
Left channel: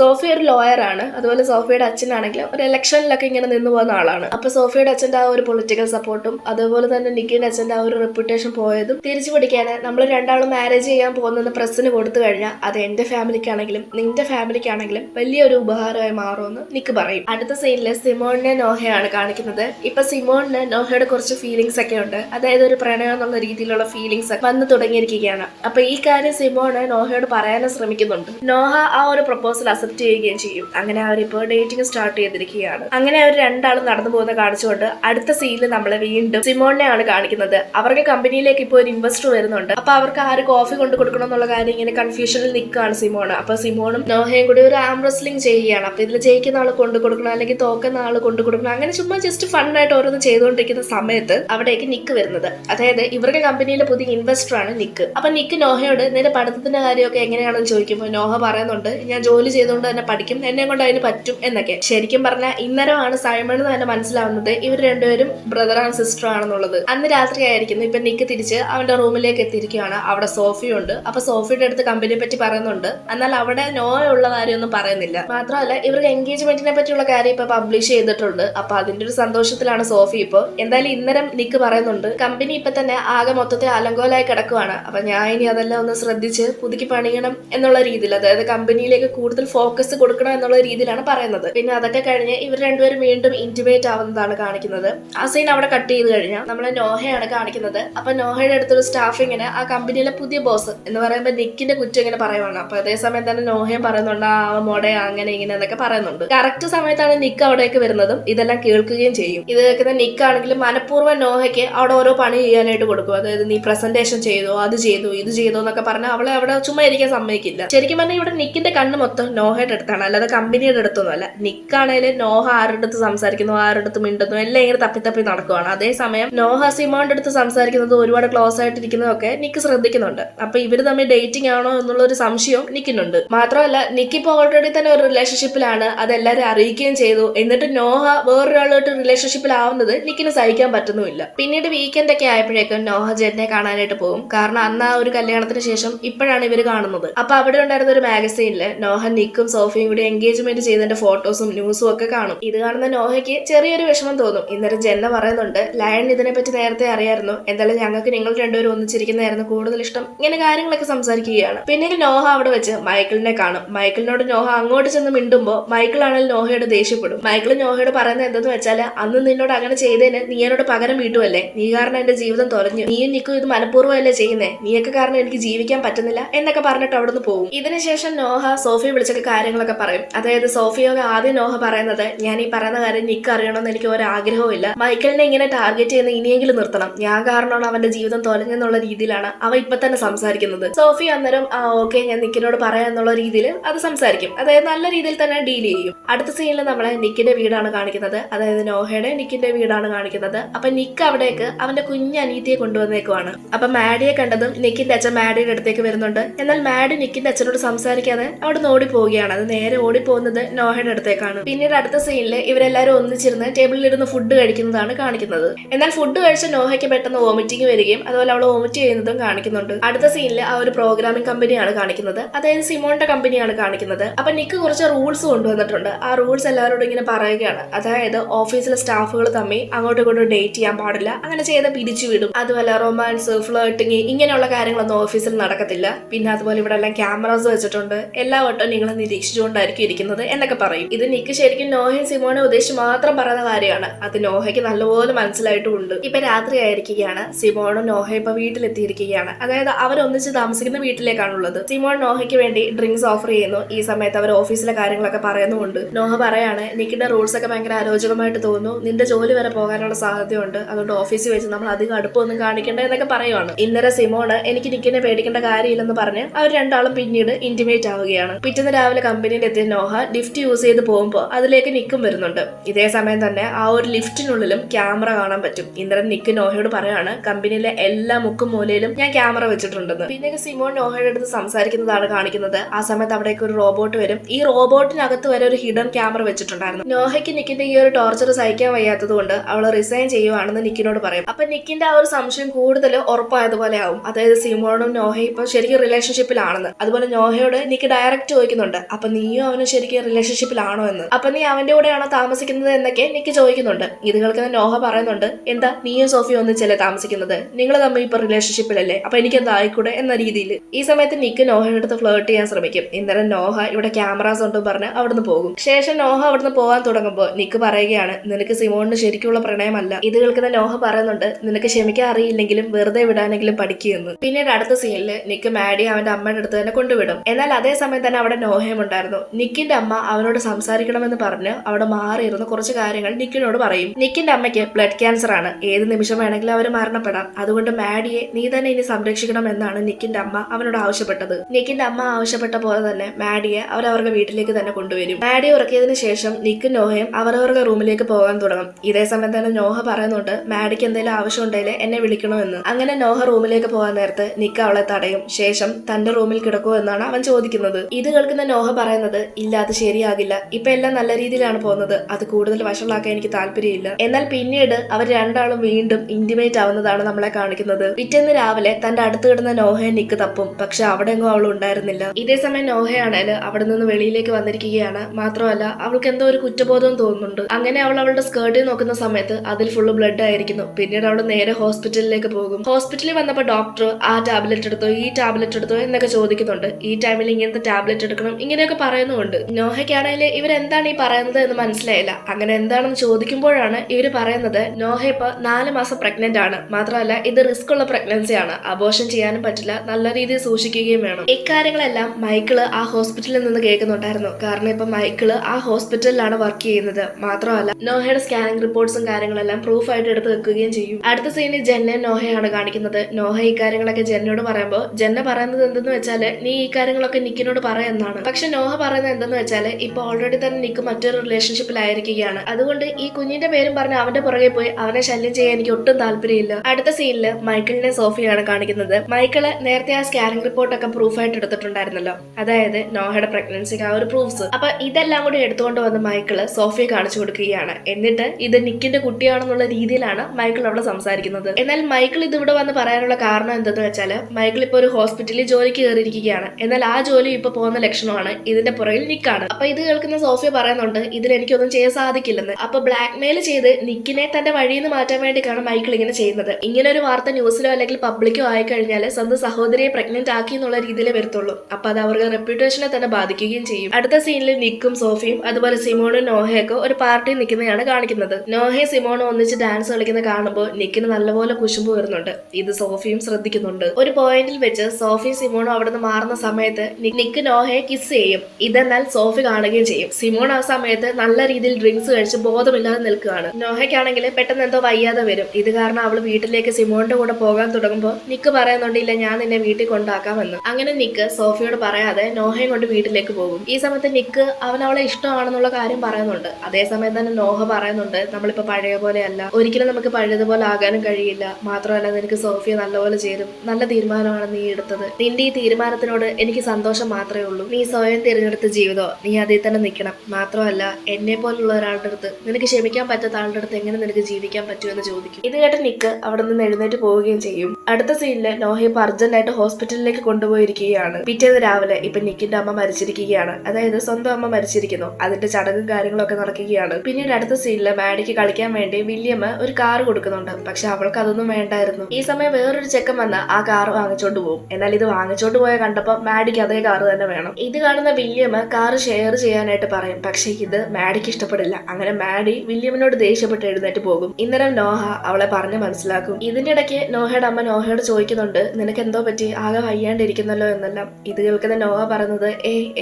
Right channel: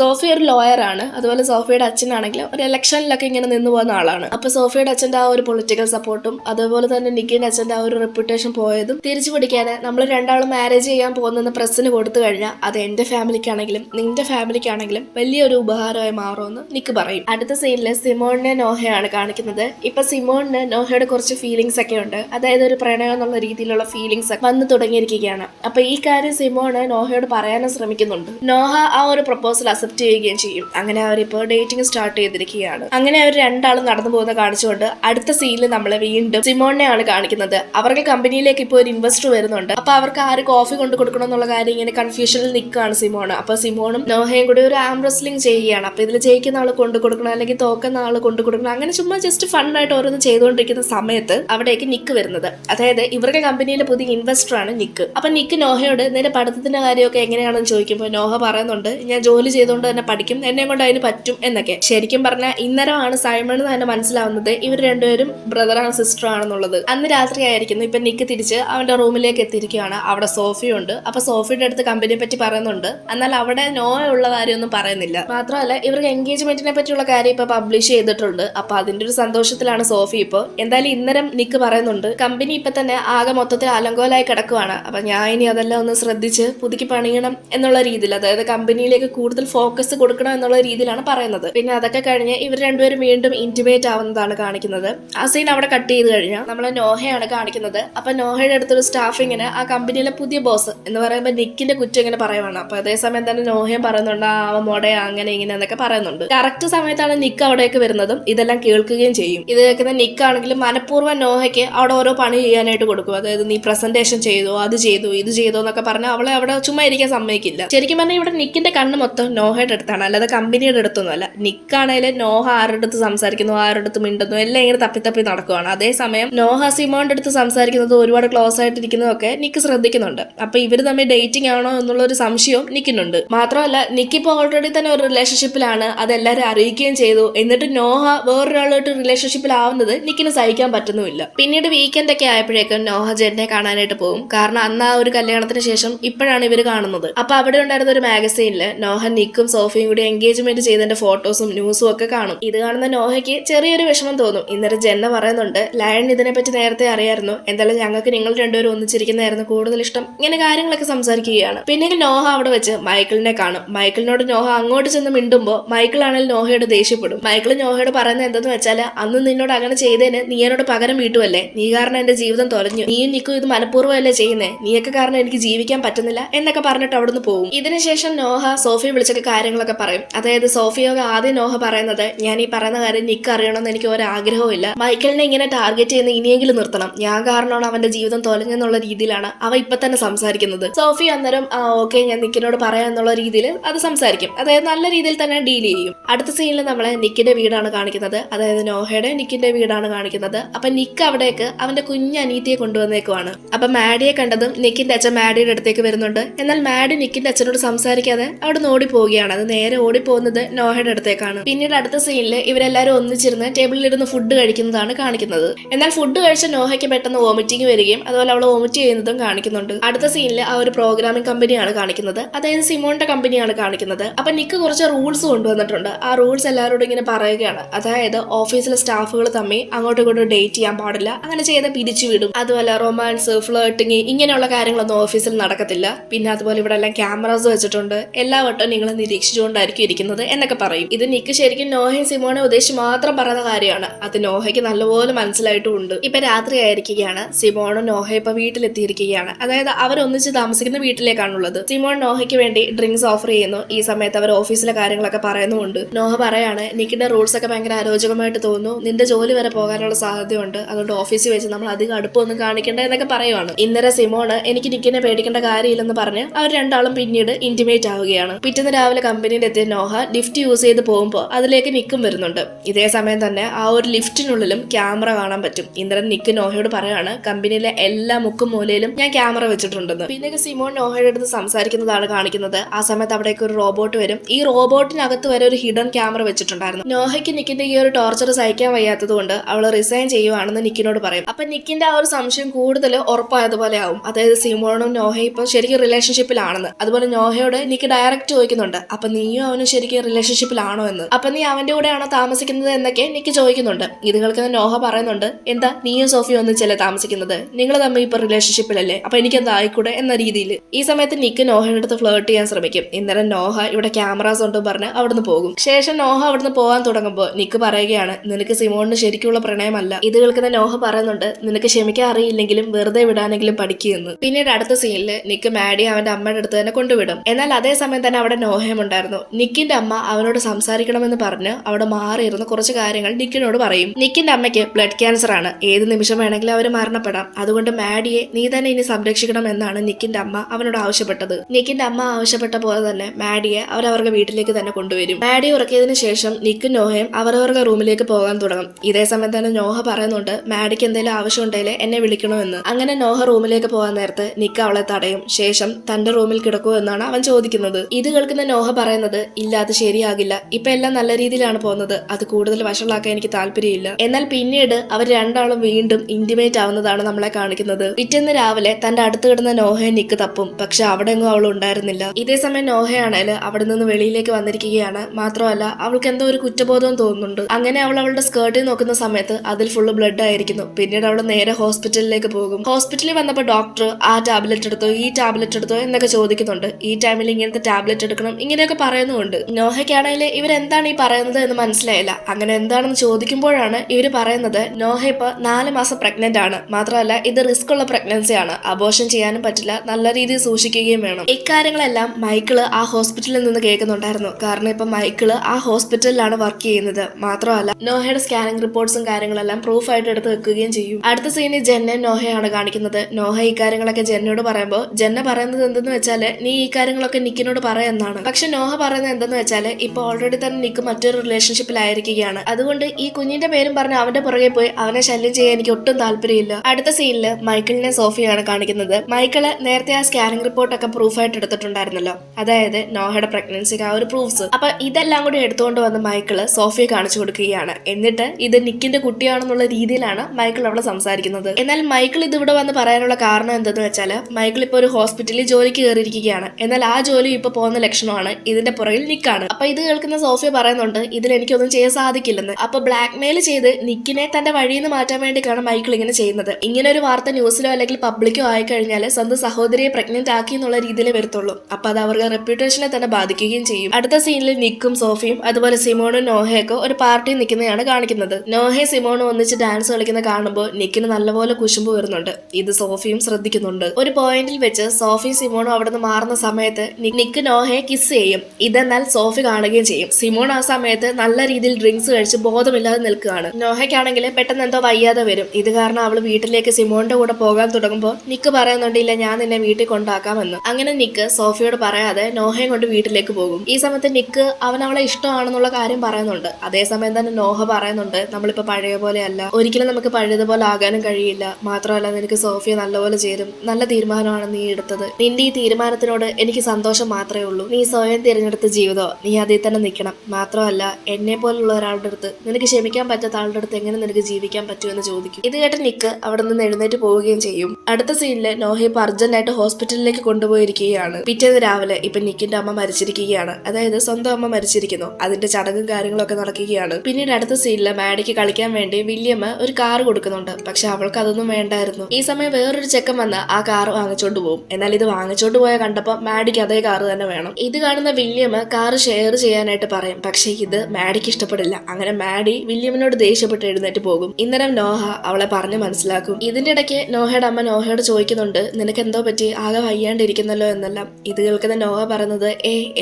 സോഫി ഒരു ലോയറാണ്. അതുപോലെ സോഫിയുടെ അച്ഛനാണെങ്കിലും ഒരു ഇലക്ഷനിലൊക്കെ ഇങ്ങനെ നിന്ന് പോകുന്ന ആളാണ്. അപ്പൊ സോഫിയുടെ അച്ഛന്റെ ആ ഒരു പൊളിറ്റിക്കൽ സപ്പോർട്ടും അതുപോലെ തന്നെ നിക്കിന്റെ അച്ഛന്റെ ആ ഒരു റെപ്യൂട്ടേഷൻ പോയതും തിരിച്ചു പിടിക്കാൻ നമ്മൾ രണ്ടാളും മാരേജ് ചെയ്യാൻ പോകുന്ന പ്രസ്സിന് കൊടുത്തു കഴിഞ്ഞാൽ അത് എന്റെ ഫാമിലിക്കാണെങ്കിലും നിന്റെ ഫാമിലിക്കാണെങ്കിലും വലിയൊരു ഉപഹാരമായി മാറുമെന്ന് നിക്ക് പറയും. അടുത്ത സീനില് സിമോണിനെ നോഹയാണ് കാണിക്കുന്നത്. ഇപ്പൊ സിമോണിന് നോഹയുടെ കുറച്ച് ഫീലിങ്സ് ഒക്കെ ഉണ്ട്. അതായത് ഒരു പ്രണയം എന്നുള്ള രീതിയിലുള്ള ഫീലിങ്സ് ഒക്കെ വന്നു തുടങ്ങിയിരിക്കുകയാണ്. അപ്പൊ ഈ കാര്യം സിമോണ് നോഹയോട് പറയാനും ശ്രമിക്കുന്നുണ്ട്. നോഹ ആ ഒരു പ്രപ്പോസൽ അക്സെപ്റ്റ് ചെയ്യുകയും ചെയ്യും. അങ്ങനെ അവരിപ്പോ ഡേറ്റിംഗ് സ്റ്റാർട്ട് ചെയ്തിരിക്കുകയാണ്. അങ്ങനെ അവർ രണ്ടാളും നടന്നു പോകുന്ന കാണിച്ചുകൊണ്ട് അടുത്ത സീനിൽ നമ്മൾ വീണ്ടും സിമോണിനെയാണ് കാണിക്കുന്നത്. അവർക്ക് കമ്പനിയിലേക്ക് ഇപ്പോൾ ഒരു ഇൻവെസ്റ്റർ വരുന്നുണ്ട്. അപ്പൊ അവർക്ക് ആര് കോഫി കൊണ്ടു കൊടുക്കണം എന്നുള്ള കാര്യം ഇങ്ങനെ കൺഫ്യൂഷനിൽ നിൽക്കുകയാണ് സിമോണ്. അപ്പൊ സിമോണും നോഹയും കൂടി ഒരു ആം റെസ്ലിംഗ് ചെയ്യുകയാണ്. അപ്പൊ ഇതിൽ ജയിക്കുന്ന ആൾ കൊണ്ടു കൊടുക്കണം അല്ലെങ്കിൽ തോക്കുന്ന ആൾ കൊണ്ടു കൊടുക്കണം, അങ്ങനെ ചുമ്മാ ജസ്റ്റ് ഫണ്ണായിട്ട് ഓരോന്ന് ചെയ്തുകൊണ്ടിരിക്കുന്ന സമയത്ത് അവിടേക്ക് നിക്ക് വരുന്നത്. അതായത് ഇവരുടെ കമ്പനിയിലെ പുതിയ ഇൻവെസ്റ്റർ ആണ് നിക്ക്. അപ്പൊ നിക്ക് നോഹയോട് നിന്റെ പഠിത്തത്തിന്റെ കാര്യമൊക്കെ എങ്ങനെയാണെന്ന് ചോദിക്കുമ്പോൾ നോഹ പറയുന്നുണ്ട്, ഞാൻ ജോലി ചെയ്തുകൊണ്ട് തന്നെ പഠിക്കും, എന്നെ കൊണ്ട് അതിന് പറ്റും എന്നൊക്കെ. ശരിക്കും പറഞ്ഞാൽ ഇന്നരമാണ് സൈമൺ തന്നെ മനസ്സിലാവുന്നത് ഇവർ രണ്ടുപേരും ബ്രദർ ആൻഡ് സിസ്റ്റർ ആണെന്നുള്ളത്. അന്ന് രാത്രി ആയിരിക്കുന്നു. ഇപ്പൊ നിക്ക് തിരിച്ച് അവന്റെ റൂമിലേക്ക് എത്തിയിരിക്കുകയാണ്. അവിടെ സോഫിയുണ്ട്. അപ്പൊ സോഫിയുടെ അടുത്ത് കമ്പനിയെ പറ്റി പറയുന്നുണ്ട്. എന്നാൽ അവിടെ നോയുള്ള കാര്യമൊന്നും പറയുന്നില്ല. മാത്രമല്ല ഇവർക്ക് എൻഗേജ്മെന്റിനെ പറ്റിയുള്ള കാര്യം ഇപ്പൊ പബ്ലിഷ് ചെയ്തിട്ടുണ്ട്. അപ്പൊ അതിന്റെ ഒരു സന്തോഷത്തിലാണ് സോഫി. ഇപ്പൊ എന്തായാലും ഇന്നരം നിക്ക് പറയുന്നുണ്ട് കമ്പനി ഇപ്പൊ തന്നെ ആകെ മൊത്തത്തിൽ അലങ്കോലായി കിടക്കുവാണ്. അപ്പൊ ഞാൻ ഇനി അതെല്ലാം ഒന്ന് ശ്രദ്ധിച്ച് പുതുക്കി പണിയണം എന്നുള്ള രീതിയിൽ, അതായത് കമ്പനിയിലേക്ക് കൂടുതൽ ഫോക്കസ് കൊടുക്കണം എന്നുള്ള രീതിയിലാണ് പറയുന്നത്. പിന്നെ അതൊക്കെ കഴിഞ്ഞ് ഇവർ രണ്ടുപേരും വീണ്ടും ഇന്റിമേറ്റ് ആവുന്നതാണ് കാണിക്കുന്നത്. ആ സീൻ അവിടെ കട്ട് ചെയ്ത് കഴിഞ്ഞാൽ നമ്മളെ നോഹയാണ് കാണിക്കുന്നത്. അപ്പൊ നോഹയുടെ അടുത്തൊരു സ്റ്റാഫ് ഇങ്ങനെ ആ കമ്പനിയിലെ പുതിയ ബോസ് എന്ന് പറയുമ്പോൾ നിക്കിന്റെ കുറ്റം ഇങ്ങനെ പറയുവാണ്. അപ്പൊ അതേസമയം തന്നെ നോഹയും പറയുന്നുണ്ട് ആ മോടെ അങ്ങനെ ഇങ്ങനെ എന്നൊക്കെ പറയുന്നുണ്ട്. കറക്റ്റ് സമയത്താണ് നിക്ക് അവിടേക്ക് വരുന്നതും ഇതെല്ലാം കേൾക്കുകയും ചെയ്യും. ഇത് കേൾക്കുന്ന നിക്കാണെങ്കിലും മനഃപൂർവ്വം നോഹയ്ക്ക് അവിടെ ഓരോ പണി ചെയ്യാനായിട്ട് കൊടുക്കും. അതായത് നീ പ്രസന്റേഷൻ ചെയ്തോ, അത് ചെയ്തു, ഇത് ചെയ്തോ എന്നൊക്കെ പറഞ്ഞാൽ അവളെ അവിടെ ചുമ്മാ ഇരിക്കാൻ സമ്മതിക്കില്ല. ശരിക്കും പറഞ്ഞാൽ ഇവിടെ നിക്കിന്റെ കണ്ണ് മൊത്തം നോഹയുടെ അടുത്താണ്, അല്ലാതെ കമ്പനിയുടെ അടുത്തൊന്നുമല്ല. നിക്കാണേല് നോഹ ആരുടെ അടുത്ത് സംസാരിക്കുന്നു, ആരുടെ അടുത്ത് മിണ്ടുന്നു, എല്ലാം ഇങ്ങനെ തപ്പി നടക്കുവാണ്. അതേസമയം നോഹ സിമോന്റെ അടുത്ത് സംസാരിക്കുന്നത് ഒരുപാട് ക്ലോസ് ആയിട്ടിരിക്കുന്നതൊക്കെ നിക്ക് ശ്രദ്ധിക്കുന്നുണ്ട്. അപ്പൊ ഇവര് തമ്മിൽ ഡേറ്റിംഗ് ആണോ എന്നുള്ള ഒരു സംശയവും നിക്കിനുണ്ട്. മാത്രമല്ല നിക്കിപ്പോ ഓൾറെഡി തന്നെ ഒരു റിലേഷൻഷിപ്പിലാണ്, അതെല്ലാരും അറിയിക്കുകയും ചെയ്തു. എന്നിട്ട് നോഹ വേറൊരാളായിട്ട് റിലേഷൻഷിപ്പിലാവുന്നത് നിക്കിന് സഹിക്കാൻ പറ്റുന്നുമില്ല. പിന്നീട് വീക്കെൻഡ് ഒക്കെ ആയപ്പോഴേക്കും നോഹ ജെന്നെ കാണാനായിട്ട് പോകും. കാരണം അന്ന് ആ ഒരു കല്യാണത്തിന് ശേഷം ഇപ്പോഴാണ് ഇവര് കാണുന്നത്. അപ്പൊ അവിടെ ഉണ്ടായിരുന്ന ഒരു മാഗസീനില് നോഹ നിക്കും സോഫിയും കൂടി എൻഗേജ്മെന്റ് ചെയ്തതിന്റെ ഫോട്ടോസും ന്യൂസും ഒക്കെ കാണും. ഇത് കാണുന്ന നോഹയ്ക്ക് ചെറിയൊരു വിഷമം തോന്നും. ഇന്നലെ ജെന്ന പറയുന്നുണ്ട് ലയൺ ഇതിനെപ്പറ്റി നേരത്തെ അറിയായിരുന്നു, എന്തായാലും ഞങ്ങൾക്ക് നിങ്ങൾ രണ്ടുപേരും ഒന്നിച്ചിരിക്കുന്നതായിരുന്നു കൂടുതൽ ഇഷ്ടം, ഇങ്ങനെ കാര്യങ്ങളൊക്കെ സംസാരിക്കുകയാണ്. പിന്നീട് നോഹ അവിടെ വെച്ച് മൈക്കിളിനെ കാണും. മൈക്കിളിനോട് നോഹ അങ്ങോട്ട് ചെന്ന് മിണ്ടുമ്പോ മൈക്കിൾ ആണെങ്കിൽ നോഹയോട് ദേഷ്യപ്പെടും. മൈക്കിൾ നോഹയോട് പറയുന്നത് എന്തെന്ന് വെച്ചാല് അന്ന് നിന്നോട് അങ്ങനെ ചെയ്തതിന് നീ എന്നോട് പകരം വീട്ടുമല്ലേ, നീ കാരണം എന്റെ ജീവിതം തൊലഞ്ഞു, നീയും നിക്കും ഇത് മനഃപൂർവ്വമല്ലേ ചെയ്യുന്നേ, നീയൊക്കെ കാരണം എനിക്ക് ജീവിക്കാൻ പറ്റുന്നില്ല എന്നൊക്കെ പറഞ്ഞിട്ട് അവിടുന്ന് പോകും. ഇതിനുശേഷം നോഹ സോഫിയെ വിളിച്ചൊക്കെ കാര്യങ്ങളൊക്കെ പറയും. അതായത് സോഫിയോട് ആദ്യം നോഹ പറയുന്നത് ഞാൻ ഈ പറയുന്ന കാര്യം നിക്ക് അറിയണമെന്ന് എനിക്ക് ഒരാഗ്രഹവും ഇല്ല, മൈക്കിളിനെ ഇങ്ങനെ ടാർഗറ്റ് ചെയ്യുന്ന ഇനിയെങ്കിലും നിർത്തണം, ഞാൻ കാരണമാണ് അവന്റെ ജീവിതം തൊലഞ്ഞെന്നുള്ള രീതിയിലാണ് അവ ഇപ്പൊ തന്നെ സംസാരിക്കുന്നത്. സോഫി അന്നേരം ഓക്കെ ഞാൻ നിക്കിനോട് പറയാം എന്നുള്ള രീതിയിൽ അത് സംസാരിക്കും. അതായത് നല്ല രീതിയിൽ തന്നെ ഡീൽ ചെയ്യും. അടുത്ത സീനിൽ നമ്മളെ നിക്കിന്റെ വീടാണ് കാണിക്കുന്നത്. അതായത് നോഹയുടെ നിക്കിന്റെ വീടാണ് കാണിക്കുന്നത്. അപ്പൊ നിക്ക് അവിടേക്ക് അവന്റെ കുഞ്ഞ് അനീതിയെ കൊണ്ടുവന്നേക്കുവാണ്. അപ്പൊ മാഡിയെ കണ്ടതും നിക്കിന്റെ അച്ഛൻ മാഡിയുടെ അടുത്തേക്ക് വരുന്നുണ്ട്. എന്നാൽ മാഡി നിക്കിന്റെ അച്ഛനോട് സംസാരിക്കാതെ അവിടെ നിന്ന് ഓടിപ്പോവുകയാണ്. അത് നേരെ ഓടിപ്പോകുന്ന പോകുന്നത് നോഹയുടെ അടുത്തേക്കാണ്. പിന്നീട് അടുത്ത സീനിൽ ഇവരെല്ലാരും ഒന്നിച്ചിരുന്ന് ടേബിളിലിരുന്ന് ഫുഡ് കഴിക്കുന്നതാണ് കാണിക്കുന്നത്. എന്നാൽ ഫുഡ് കഴിച്ച നോഹയ്ക്ക് പെട്ടെന്ന് വോമിറ്റിംഗ് വരികയും അതുപോലെ അവൾ വോമിറ്റ് ചെയ്യുന്നതും കാണിക്കുന്നുണ്ട്. അടുത്ത സീനിൽ ആ ഒരു പ്രോഗ്രാമിംഗ് കമ്പനിയാണ് കാണിക്കുന്നത്, അതായത് സിമോണിന്റെ കമ്പനിയാണ് കാണിക്കുന്നത്. അപ്പൊ നിക്ക് കുറച്ച് റൂൾസ് കൊണ്ടുവന്നിട്ടുണ്ട്. ആ റൂൾസ് എല്ലാവരോടും ഇങ്ങനെ പറയുകയാണ്. അതായത് ഓഫീസിലെ സ്റ്റാഫുകൾ തമ്മിൽ അങ്ങോട്ടും ഇങ്ങോട്ടും ഡേറ്റ് ചെയ്യാൻ പാടില്ല, അങ്ങനെ ചെയ്ത് പിരിച്ചു വിടും. അതുപോലെ റൊമാൻസ്, ഫ്ലേട്ടിങ് ഇങ്ങനെയുള്ള കാര്യങ്ങളൊന്നും ഓഫീസിൽ നടക്കത്തില്ല. പിന്നെ അതുപോലെ ഇവിടെ എല്ലാം ക്യാമറാസ് വെച്ചിട്ടുണ്ട്, എല്ലാ വട്ടവും നിങ്ങൾ നിരീക്ഷിച്ചുകൊണ്ടായിരിക്കും ഇരിക്കുന്നത് എന്നൊക്കെ പറയും. ഇത് നിക്ക് ശരിക്കും നോഹയും സിമോനെ ഉദ്ദേശിച്ച് മാത്രം പറയുന്ന കാര്യമാണ്. അത് നോഹയ്ക്ക് നല്ലപോലെ മനസ്സിലായിട്ടുമുണ്ട്. ഇപ്പൊ രാത്രി ആയിരിക്കുകയാണ്. സിമോണും നോഹ ഇപ്പൊ വീട്ടിലെത്തിയിരിക്കുകയാണ്. അതായത് അവരൊന്നിച്ച് താമസിക്കുന്ന വീട്ടിലേക്കാണുള്ളത്. സിമോൺ നോഹയ്ക്ക് വേണ്ടി ഡ്രിങ്ക്സ് ഓഫർ ചെയ്യുന്നു. ഈ സമയത്ത് അവർ ഓഫീസിലെ കാര്യങ്ങളൊക്കെ പറയുന്നുമുണ്ട്. നോഹ പറയാണ്, നിക്കിന്റെ റൂൾസ് ഒക്കെ ഭയങ്കര അരോചകമായിട്ട് തോന്നുന്നു, നിന്റെ ജോലി വരെ പോകാനുള്ള സാധ്യതയുണ്ട്, അതുകൊണ്ട് ഓഫീസിൽ വെച്ച് നമ്മൾ അധികം അടുപ്പമൊന്നും കാണിക്കണ്ട എന്നൊക്കെ പറയുവാണ്. ഇന്നലെ സിമോണ് എനിക്ക് നിക്കിനെ പേടിക്കേണ്ട കാര്യമില്ലെന്ന് പറഞ്ഞ് അവർ രണ്ടാളും പിന്നീട് ഇന്റിമേറ്റ് ആവുകയാണ്. പിറ്റേന്ന് രാവിലെ കമ്പനിയിൽ എത്തിയ നോഹ ലിഫ്റ്റ് യൂസ് ചെയ്ത് പോകുമ്പോൾ അതിലേക്ക് നിക്കും വരുന്നുണ്ട്. ഇതേ സമയം തന്നെ ആ ഒരു ലിഫ്റ്റിനുള്ളിലും ക്യാമറ കാണാൻ പറ്റും. ഇന്ദ്രൻ നിക്ക് നോഹയോട് പറയാണ്, കമ്പനിയിലെ എല്ലാ മുക്കും മൂലയിലും ഞാൻ ക്യാമറ വെച്ചിട്ടുണ്ടെന്ന്. പിന്നെ സിമോൺ നോഹയുടെ അടുത്ത് സംസാരിക്കുന്നതാണ് കാണിക്കുന്നത്. ആ സമയത്ത് അവിടേക്ക് ഒരു റോബോട്ട് വരും. ഈ റോബോട്ടിനകത്ത് വരെ ഒരു ഹിഡൻ ക്യാമറ വെച്ചിട്ടുണ്ടായിരുന്നു. നോഹയ്ക്ക് നിക്കിന്റെ ഈ ഒരു ടോർച്ചർ സഹിക്കാൻ വയ്യാത്തത് കൊണ്ട് അവൾ റിസൈൻ ചെയ്യുവാണെന്ന് നിക്കിനോട് പറയും. അപ്പൊ നിക്കിന്റെ ആ ഒരു സംശയം കൂടുതൽ ഉറപ്പായതുപോലെ ആവും. അതായത് സിമോണും നോഹയും ഇപ്പൊ ശരിക്കും റിലേഷൻഷിപ്പിലാണെന്ന്. അതുപോലെ നോഹയോട് നിക്ക് ഡയറക്റ്റ് ചോദിക്കുന്നുണ്ട്, അപ്പൊ നീയും അവനും ശരിക്കും റിലേഷൻഷിപ്പിലാണോ എന്ന്. അപ്പൊ നീ അവന്റെ കൂടെയാണോ താമസിക്കുന്നത് എന്നൊക്കെ നിക്ക് ചോദിക്കുന്നുണ്ട്. ഇത് കേൾക്കുന്ന നോഹ പറയുന്നുണ്ട്, എന്താ നീയും സോഫിയും ഒന്നിച്ചല്ലേ താമസിക്കുന്നത്, നിങ്ങൾ തമ്മിൽ ഇപ്പൊ റിലേഷൻഷിപ്പിലല്ലേ, അപ്പൊ എനിക്കെന്താ ആയിക്കൂടെ എന്ന രീതിയിൽ. ഈ സമയത്ത് നിക്ക് നോഹയുടെ അടുത്ത് ഫ്ലേർട്ട് ചെയ്യാൻ ശ്രമിക്കും. ഇന്നലെ നോഹ ഇവിടെ ക്യാമറാസ് ഉണ്ടെന്ന് പറഞ്ഞ് അവിടുന്ന് പോകും. ശേഷം നോഹ അവിടുന്ന് പോകാൻ തുടങ്ങുമ്പോൾ നിക്ക് പറയുകയാണ്, നിനക്ക് സിമോണിന് ശരിക്കുള്ള പ്രണയമല്ല. ഇത് കേൾക്കുന്ന നോഹ പറയുന്നുണ്ട്, നിനക്ക് ക്ഷമിക്കാൻ അറിയില്ലെങ്കിലും വെറുതെ വിടാനെങ്കിലും പഠിക്കുമെന്ന്. പിന്നീട് അടുത്ത സീനിൽ നിക്ക് മാഡി അവന്റെ അമ്മയുടെ അടുത്ത് തന്നെ കൊണ്ടുവിടും. എന്നാൽ അതേസമയം തന്നെ അവിടെ നോഹയും ഉണ്ടായിരുന്നു. നിക്കിന്റെ അമ്മ അവനോട് സംസാരിക്കണമെന്ന് പറഞ്ഞ് അവിടെ മാറിയിരുന്ന കുറച്ച് കാര്യങ്ങൾ നിക്കിനോട് പറയും. നിക്കിന്റെ അമ്മയ്ക്ക് ബ്ലഡ് ക്യാൻസർ ആണ്, ഏത് നിമിഷം വേണമെങ്കിലും അവർ മരണപ്പെടാം. അതുകൊണ്ട് മാഡിയെ നീ തന്നെ ഇനി സംരക്ഷിക്കണം എന്നാണ് നിക്കിന്റെ അമ്മ അവനോട് ആവശ്യപ്പെട്ടത്. നിക്കിന്റെ അമ്മ ആവശ്യപ്പെട്ട പോലെ തന്നെ മാഡിയെ അവരവരുടെ വീട്ടിലേക്ക് തന്നെ കൊണ്ടുവരും. മാഡിയെ ഉറക്കിയതിനു ശേഷം നിക്കും നോഹയും അവരവരുടെ റൂമിലേക്ക് പോകാൻ തുടങ്ങും. ഇതേ സമയം തന്നെ നോഹ പറയുന്നുണ്ട്, മാഡിക്ക് എന്തെങ്കിലും ആവശ്യമുണ്ടെങ്കിൽ എന്നെ വിളിക്കണമെന്ന്. അങ്ങനെ നോഹ റൂമിലേക്ക് പോകാൻ നേരത്ത് നിക്ക് അവളെ തടയും. ശേഷം തന്റെ റൂമിൽ കിടക്കുമോ എന്നാണ് അവൻ ചോദിക്കുന്നത്. ഇത് കേൾക്കുന്ന നോഹ പറയുന്നത്, ഇല്ല അത് ശരിയാകില്ല, ഇപ്പൊ എല്ലാം നല്ല രീതിയിലാണ് പോകുന്നത്, അത് കൂടുതൽ വഷളാക്കാൻ എനിക്ക് താല്പര്യമില്ല. എന്നാൽ പിന്നീട് അവർ രണ്ടാളും വീണ്ടും ഇന്റിമേറ്റ് ആവുന്നതാണ് നമ്മളെ കാണിക്കുന്നത്. പിറ്റേന്ന് രാവിലെ തന്റെ അടുത്ത് കിടന്ന നോഹയെ നിക്ക് തപ്പും. പക്ഷെ അവിടെ എങ്ങും അവൾ ഉണ്ടായിരുന്നില്ല. ഇതേസമയം നോഹയാണേല് അവിടെ നിന്ന് വെളിയിലേക്ക് വന്നിരിക്കുകയാണ്. മാത്രമല്ല അവൾക്ക് എന്തോ ഒരു കുറ്റബോധം തോന്നുന്നുണ്ട്. അങ്ങനെ അവൾ അവളുടെ സ്കേർട്ടിൽ നോക്കുന്ന സമയത്ത് അതിൽ ഫുള്ള് ബ്ലഡ് ആയിരിക്കുന്നു. പിന്നീട് അവൾ നേരെ ഹോസ്പിറ്റലിലേക്ക് പോകും. ഹോസ്പിറ്റലിൽ വന്നപ്പോൾ ഡോക്ടർ ആ ടാബ്ലറ്റ് എടുത്തോ ഈ ടാബ്ലറ്റ് എടുത്തോ എന്നൊക്കെ ചോദിക്കുന്നുണ്ട്. ഈ ടൈമിൽ ഇങ്ങനത്തെ ടാബ്ലറ്റ് എടുക്കണം ഇങ്ങനെയൊക്കെ പറയുന്നുണ്ട്. നോഹയ്ക്കാണെങ്കിൽ ഇവരെന്താണ് ഈ പറയുന്നത് എന്ന് മനസ്സിലായില്ല. അങ്ങനെ എന്താണെന്ന് ചോദിക്കുമ്പോഴാണ് ഇവര് പറയുന്നത്, നോഹ ഇപ്പൊ 4 മാസം പ്രഗ്നന്റ് ആണ്, മാത്രമല്ല ഇത് റിസ്ക് ഉള്ള പ്രഗ്നൻസി ആണ്, അബോർഷൻ ചെയ്യാനും പറ്റില്ല, നല്ല രീതിയിൽ സൂക്ഷിക്കുകയും വേണം. ഇക്കാര്യങ്ങളെല്ലാം മൈക്കിള് ആ ഹോസ്പിറ്റലിൽ നിന്ന് കേൾക്കുന്നുണ്ടായിരുന്നു. കാരണം ഇപ്പൊ മൈക്കിള് ആ ഹോസ്പിറ്റലിലാണ് വർക്ക് ചെയ്യുന്നത്. മാത്രമല്ല നോഹയുടെ സ്കാനിങ് റിപ്പോർട്ട്സും കാര്യങ്ങളെല്ലാം പ്രൂഫ് ആയിട്ട് എടുത്ത് വെക്കുകയും ചെയ്യും. അടുത്ത സീനിൽ ജെന്നെ നോഹയാണ് കാണിക്കുന്നത്. നോഹ ഈ കാര്യങ്ങളൊക്കെ ജെന്നോട് പറയുമ്പോൾ ജെന്ന പറയുന്നത് എന്തെന്ന് വെച്ചാല്, നീ ഈ കാര്യങ്ങളൊക്കെ നിക്കിനോട് പറയുന്നതാണ്. പക്ഷെ നോഹ പറയുന്നത് എന്തെന്ന് വെച്ചാല്, ഇപ്പൊ ഓൾറെഡി തന്നെ നിക്ക് മറ്റൊരു റിലേഷൻഷിപ്പിലായിരിക്കുകയാണ്. അതുകൊണ്ട് ഈ കുഞ്ഞിന്റെ പേരും പറഞ്ഞ് അവന്റെ പുറകെ പോയി അവനെ ശല്യം ചെയ്യാൻ എനിക്ക് ഒട്ടും താല്പര്യമില്ല. അടുത്ത സീനില് മൈക്കിളിനെ സോഫിയാണ് കാണിക്കുന്നത്. മൈക്കിള് നേരത്തെ ആ സ്കാനിങ് റിപ്പോർട്ടൊക്കെ പ്രൂഫായിട്ട് എടുത്തിട്ടുണ്ടായിരുന്നല്ലോ, അതായത് നോഹയുടെ പ്രഗ്നൻസിക്ക് ആ ഒരു പ്രൂഫ്സ്. അപ്പൊ ഇതെല്ലാം കൂടി എടുത്തുകൊണ്ട് വന്ന് മൈക്കിള് സോഫിയെ കാണിച്ചു കൊടുക്കുകയാണ്. എന്നിട്ട് ഇത് നിക്കിന്റെ കുട്ടിയാണെന്നുള്ള രീതിയിലാണ് മൈക്കിൾ അവളെ സംസാരിക്കുന്നത്. എന്നാൽ മൈക്കിൾ ഇത് ഇവിടെ വന്ന് പറയാനുള്ള കാരണം എന്തെന്ന് വെച്ചാല്, മൈക്കിൾ ഇപ്പൊ ഒരു ഹോസ്പിറ്റലിൽ ജോലിക്ക് കയറിയിരിക്കുകയാണ്. എന്നാൽ ആ ജോലി ഇപ്പൊ പോകുന്ന ലക്ഷണമാണ് ഇതിന്റെ പുറകിൽ നിക്കാണ്. അപ്പൊ ഇത് കേൾക്കുന്ന സോഫിയ പറയുന്നുണ്ട്, ഇതിൽ എനിക്കൊന്നും ചെയ്യാൻ സാധിക്കില്ലെന്ന്. അപ്പൊ ബ്ലാക്ക് മെയിൽ ചെയ്ത് നിക്കിനെ തന്റെ വഴിയിൽ നിന്ന് മാറ്റാൻ വേണ്ടിയിട്ടാണ് മൈക്കിൾ ഇങ്ങനെ ചെയ്യുന്നത്. ഇങ്ങനെ ഒരു വാർത്ത ന്യൂസിലോ അല്ലെങ്കിൽ പബ്ലിക്കോ ആയി കഴിഞ്ഞാൽ സ്വന്തം സഹോദരിയെ പ്രഗ്നന്റ് ആക്കി എന്നുള്ള രീതിയിലേ വരത്തുള്ളൂ. അപ്പൊ അത് അവരുടെ റെപ്യൂട്ടേഷനെ തന്നെ ബാധിക്കുകയും ചെയ്യും. അടുത്ത സീനിൽ നിക്കും സോഫിയും അതുപോലെ സിമോണും നോഹയൊക്കെ ഒരു പാർട്ടി നിൽക്കുന്നതാണ് കാണിക്കുന്നത്. നോഹയും സിമോണും ഒന്നിച്ച് ഡാൻസ് കളിക്കുന്ന കാണുമ്പോൾ നിക്കിന് നല്ലപോലെ കുശുമ്പ് വരുന്നുണ്ട്. ഇത് സോഫിയും ശ്രദ്ധിക്കുന്നുണ്ട്. ഒരു പോയിന്റിൽ വെച്ച് സോഫിയും സിമോണും അവിടുന്ന് മാറുന്ന സമയത്ത് നിക്ക് നോഹയെ കിസ് ചെയ്യും. ഇതെന്നാൽ സോഫി കാണുകയും ചെയ്യും. സിമോൺ ആ സമയത്ത് നല്ല രീതിയിൽ ഡ്രിങ്ക്സ് കഴിച്ച് ബോധമില്ലാതെ നിൽക്കുകയാണ്. നോഹയ്ക്കാണെങ്കിൽ പെട്ടെന്ന് എന്തോ വയ്യാതെ വരും. ഇത് കാരണം അവൾ വീട്ടിലേക്ക് സിമോണിന്റെ കൂടെ പോകാൻ തുടങ്ങുമ്പോൾ നിക്ക് പറയുന്നുണ്ട്, ഇല്ല ഞാൻ നിന്നെ വീട്ടിൽ കൊണ്ടാക്കാമെന്ന്. അങ്ങനെ നിക്ക് സോഫിയോട് പറയാതെ നോഹയും കൊണ്ട് വീട്ടിലേക്ക് പോകും. ഈ സമയത്ത് നിക്ക് അവളെ ഇഷ്ടമാണെന്നുള്ള കാര്യം പറയുന്നുണ്ട്. അതേസമയം തന്നെ നോഹ പറയുന്നുണ്ട്, നമ്മളിപ്പോ പഴയ പോലെ അല്ല, ഒരിക്കലും നമുക്ക് പഴയതുപോലെ ആകാനും കഴിയില്ല. മാത്രമല്ല നിനക്ക് സോഫിയ നല്ലപോലെ ചേരും, നല്ല തീരുമാനമാണ് നീ എടുത്തത്. നിന്റെ ഈ തീരുമാനത്തിനോട് എനിക്ക് സന്തോഷം മാത്രമേ ഉള്ളൂ. നീ സ്വയം തിരഞ്ഞെടുത്ത ജീവിതം നീ അതിൽ തന്നെ നിൽക്കണം. മാത്രമല്ല എന്നെ പോലുള്ള ഒരാളുടെ അടുത്ത്, നിനക്ക് ക്ഷമിക്കാൻ പറ്റാത്ത ആളുടെ അടുത്ത് എങ്ങനെ നിനക്ക് ജീവിക്കാൻ പറ്റുമെന്ന് ചോദിക്കും. ഇത് കേട്ട് നിക്ക് അവിടെ നിന്ന് എഴുന്നേറ്റ് പോവുകയും ചെയ്യും. അടുത്ത സീനില് നോഹ ഇപ്പൊ അർജന്റായിട്ട് ഹോസ്പിറ്റലിലേക്ക് കൊണ്ടുപോയിരിക്കുകയാണ്. പിറ്റേന്ന് രാവിലെ ഇപ്പൊ നിക്കിന്റെ അമ്മ മരിച്ചിരിക്കുകയാണ്. അതായത് സ്വന്തം അമ്മ മരിച്ചിരിക്കുന്നു. അതിന്റെ ചടങ്ങും കാര്യങ്ങളൊക്കെ നടക്കുകയാണ്. പിന്നീട് അടുത്ത സീനില് മാഡിക്ക് കളിക്കാൻ വേണ്ടി വില്യം ഒരു കാർ കൊടുക്കുന്നുണ്ട്. പക്ഷെ അവൾക്ക് അതൊന്നും വേണ്ടായിരുന്നു. ഈ സമയം വേറൊരു ചെക്കൻ വന്ന് ആ കാർ വാങ്ങിച്ചോണ്ട് പോകും. എന്നാൽ ഇത് വാങ്ങിച്ചോണ്ട് പോയ കണ്ടപ്പോ മാഡിക്ക് അതേ കാർ തന്നെ വേണം. ഇത് കാണുന്ന വില്യം കാർ ഷെയർ ചെയ്യാനായിട്ട് പറയും. പക്ഷെ ഇത് മാഡിക്ക് ഇഷ്ടപ്പെടില്ല. അങ്ങനെ മാഡി വില്യമിനോട് ദേഷ്യപ്പെട്ട് എഴുന്നേറ്റ് പോകും. ഇന്നേരം നോഹ അവളെ പറഞ്ഞ് മനസ്സിലാക്കും. ഇതിന്റെ ഇടയ്ക്ക് നോഹയുടെ അമ്മ നോഹയോട് ചോദിക്കുന്നുണ്ട്, നിനക്ക് എന്തോ പറ്റി, ആകെ വയ്യാണ്ടിരിക്കുന്നല്ലോ എന്നെല്ലാം. ഇത് കേൾക്കുന്ന നോഹ പറയുന്നത്,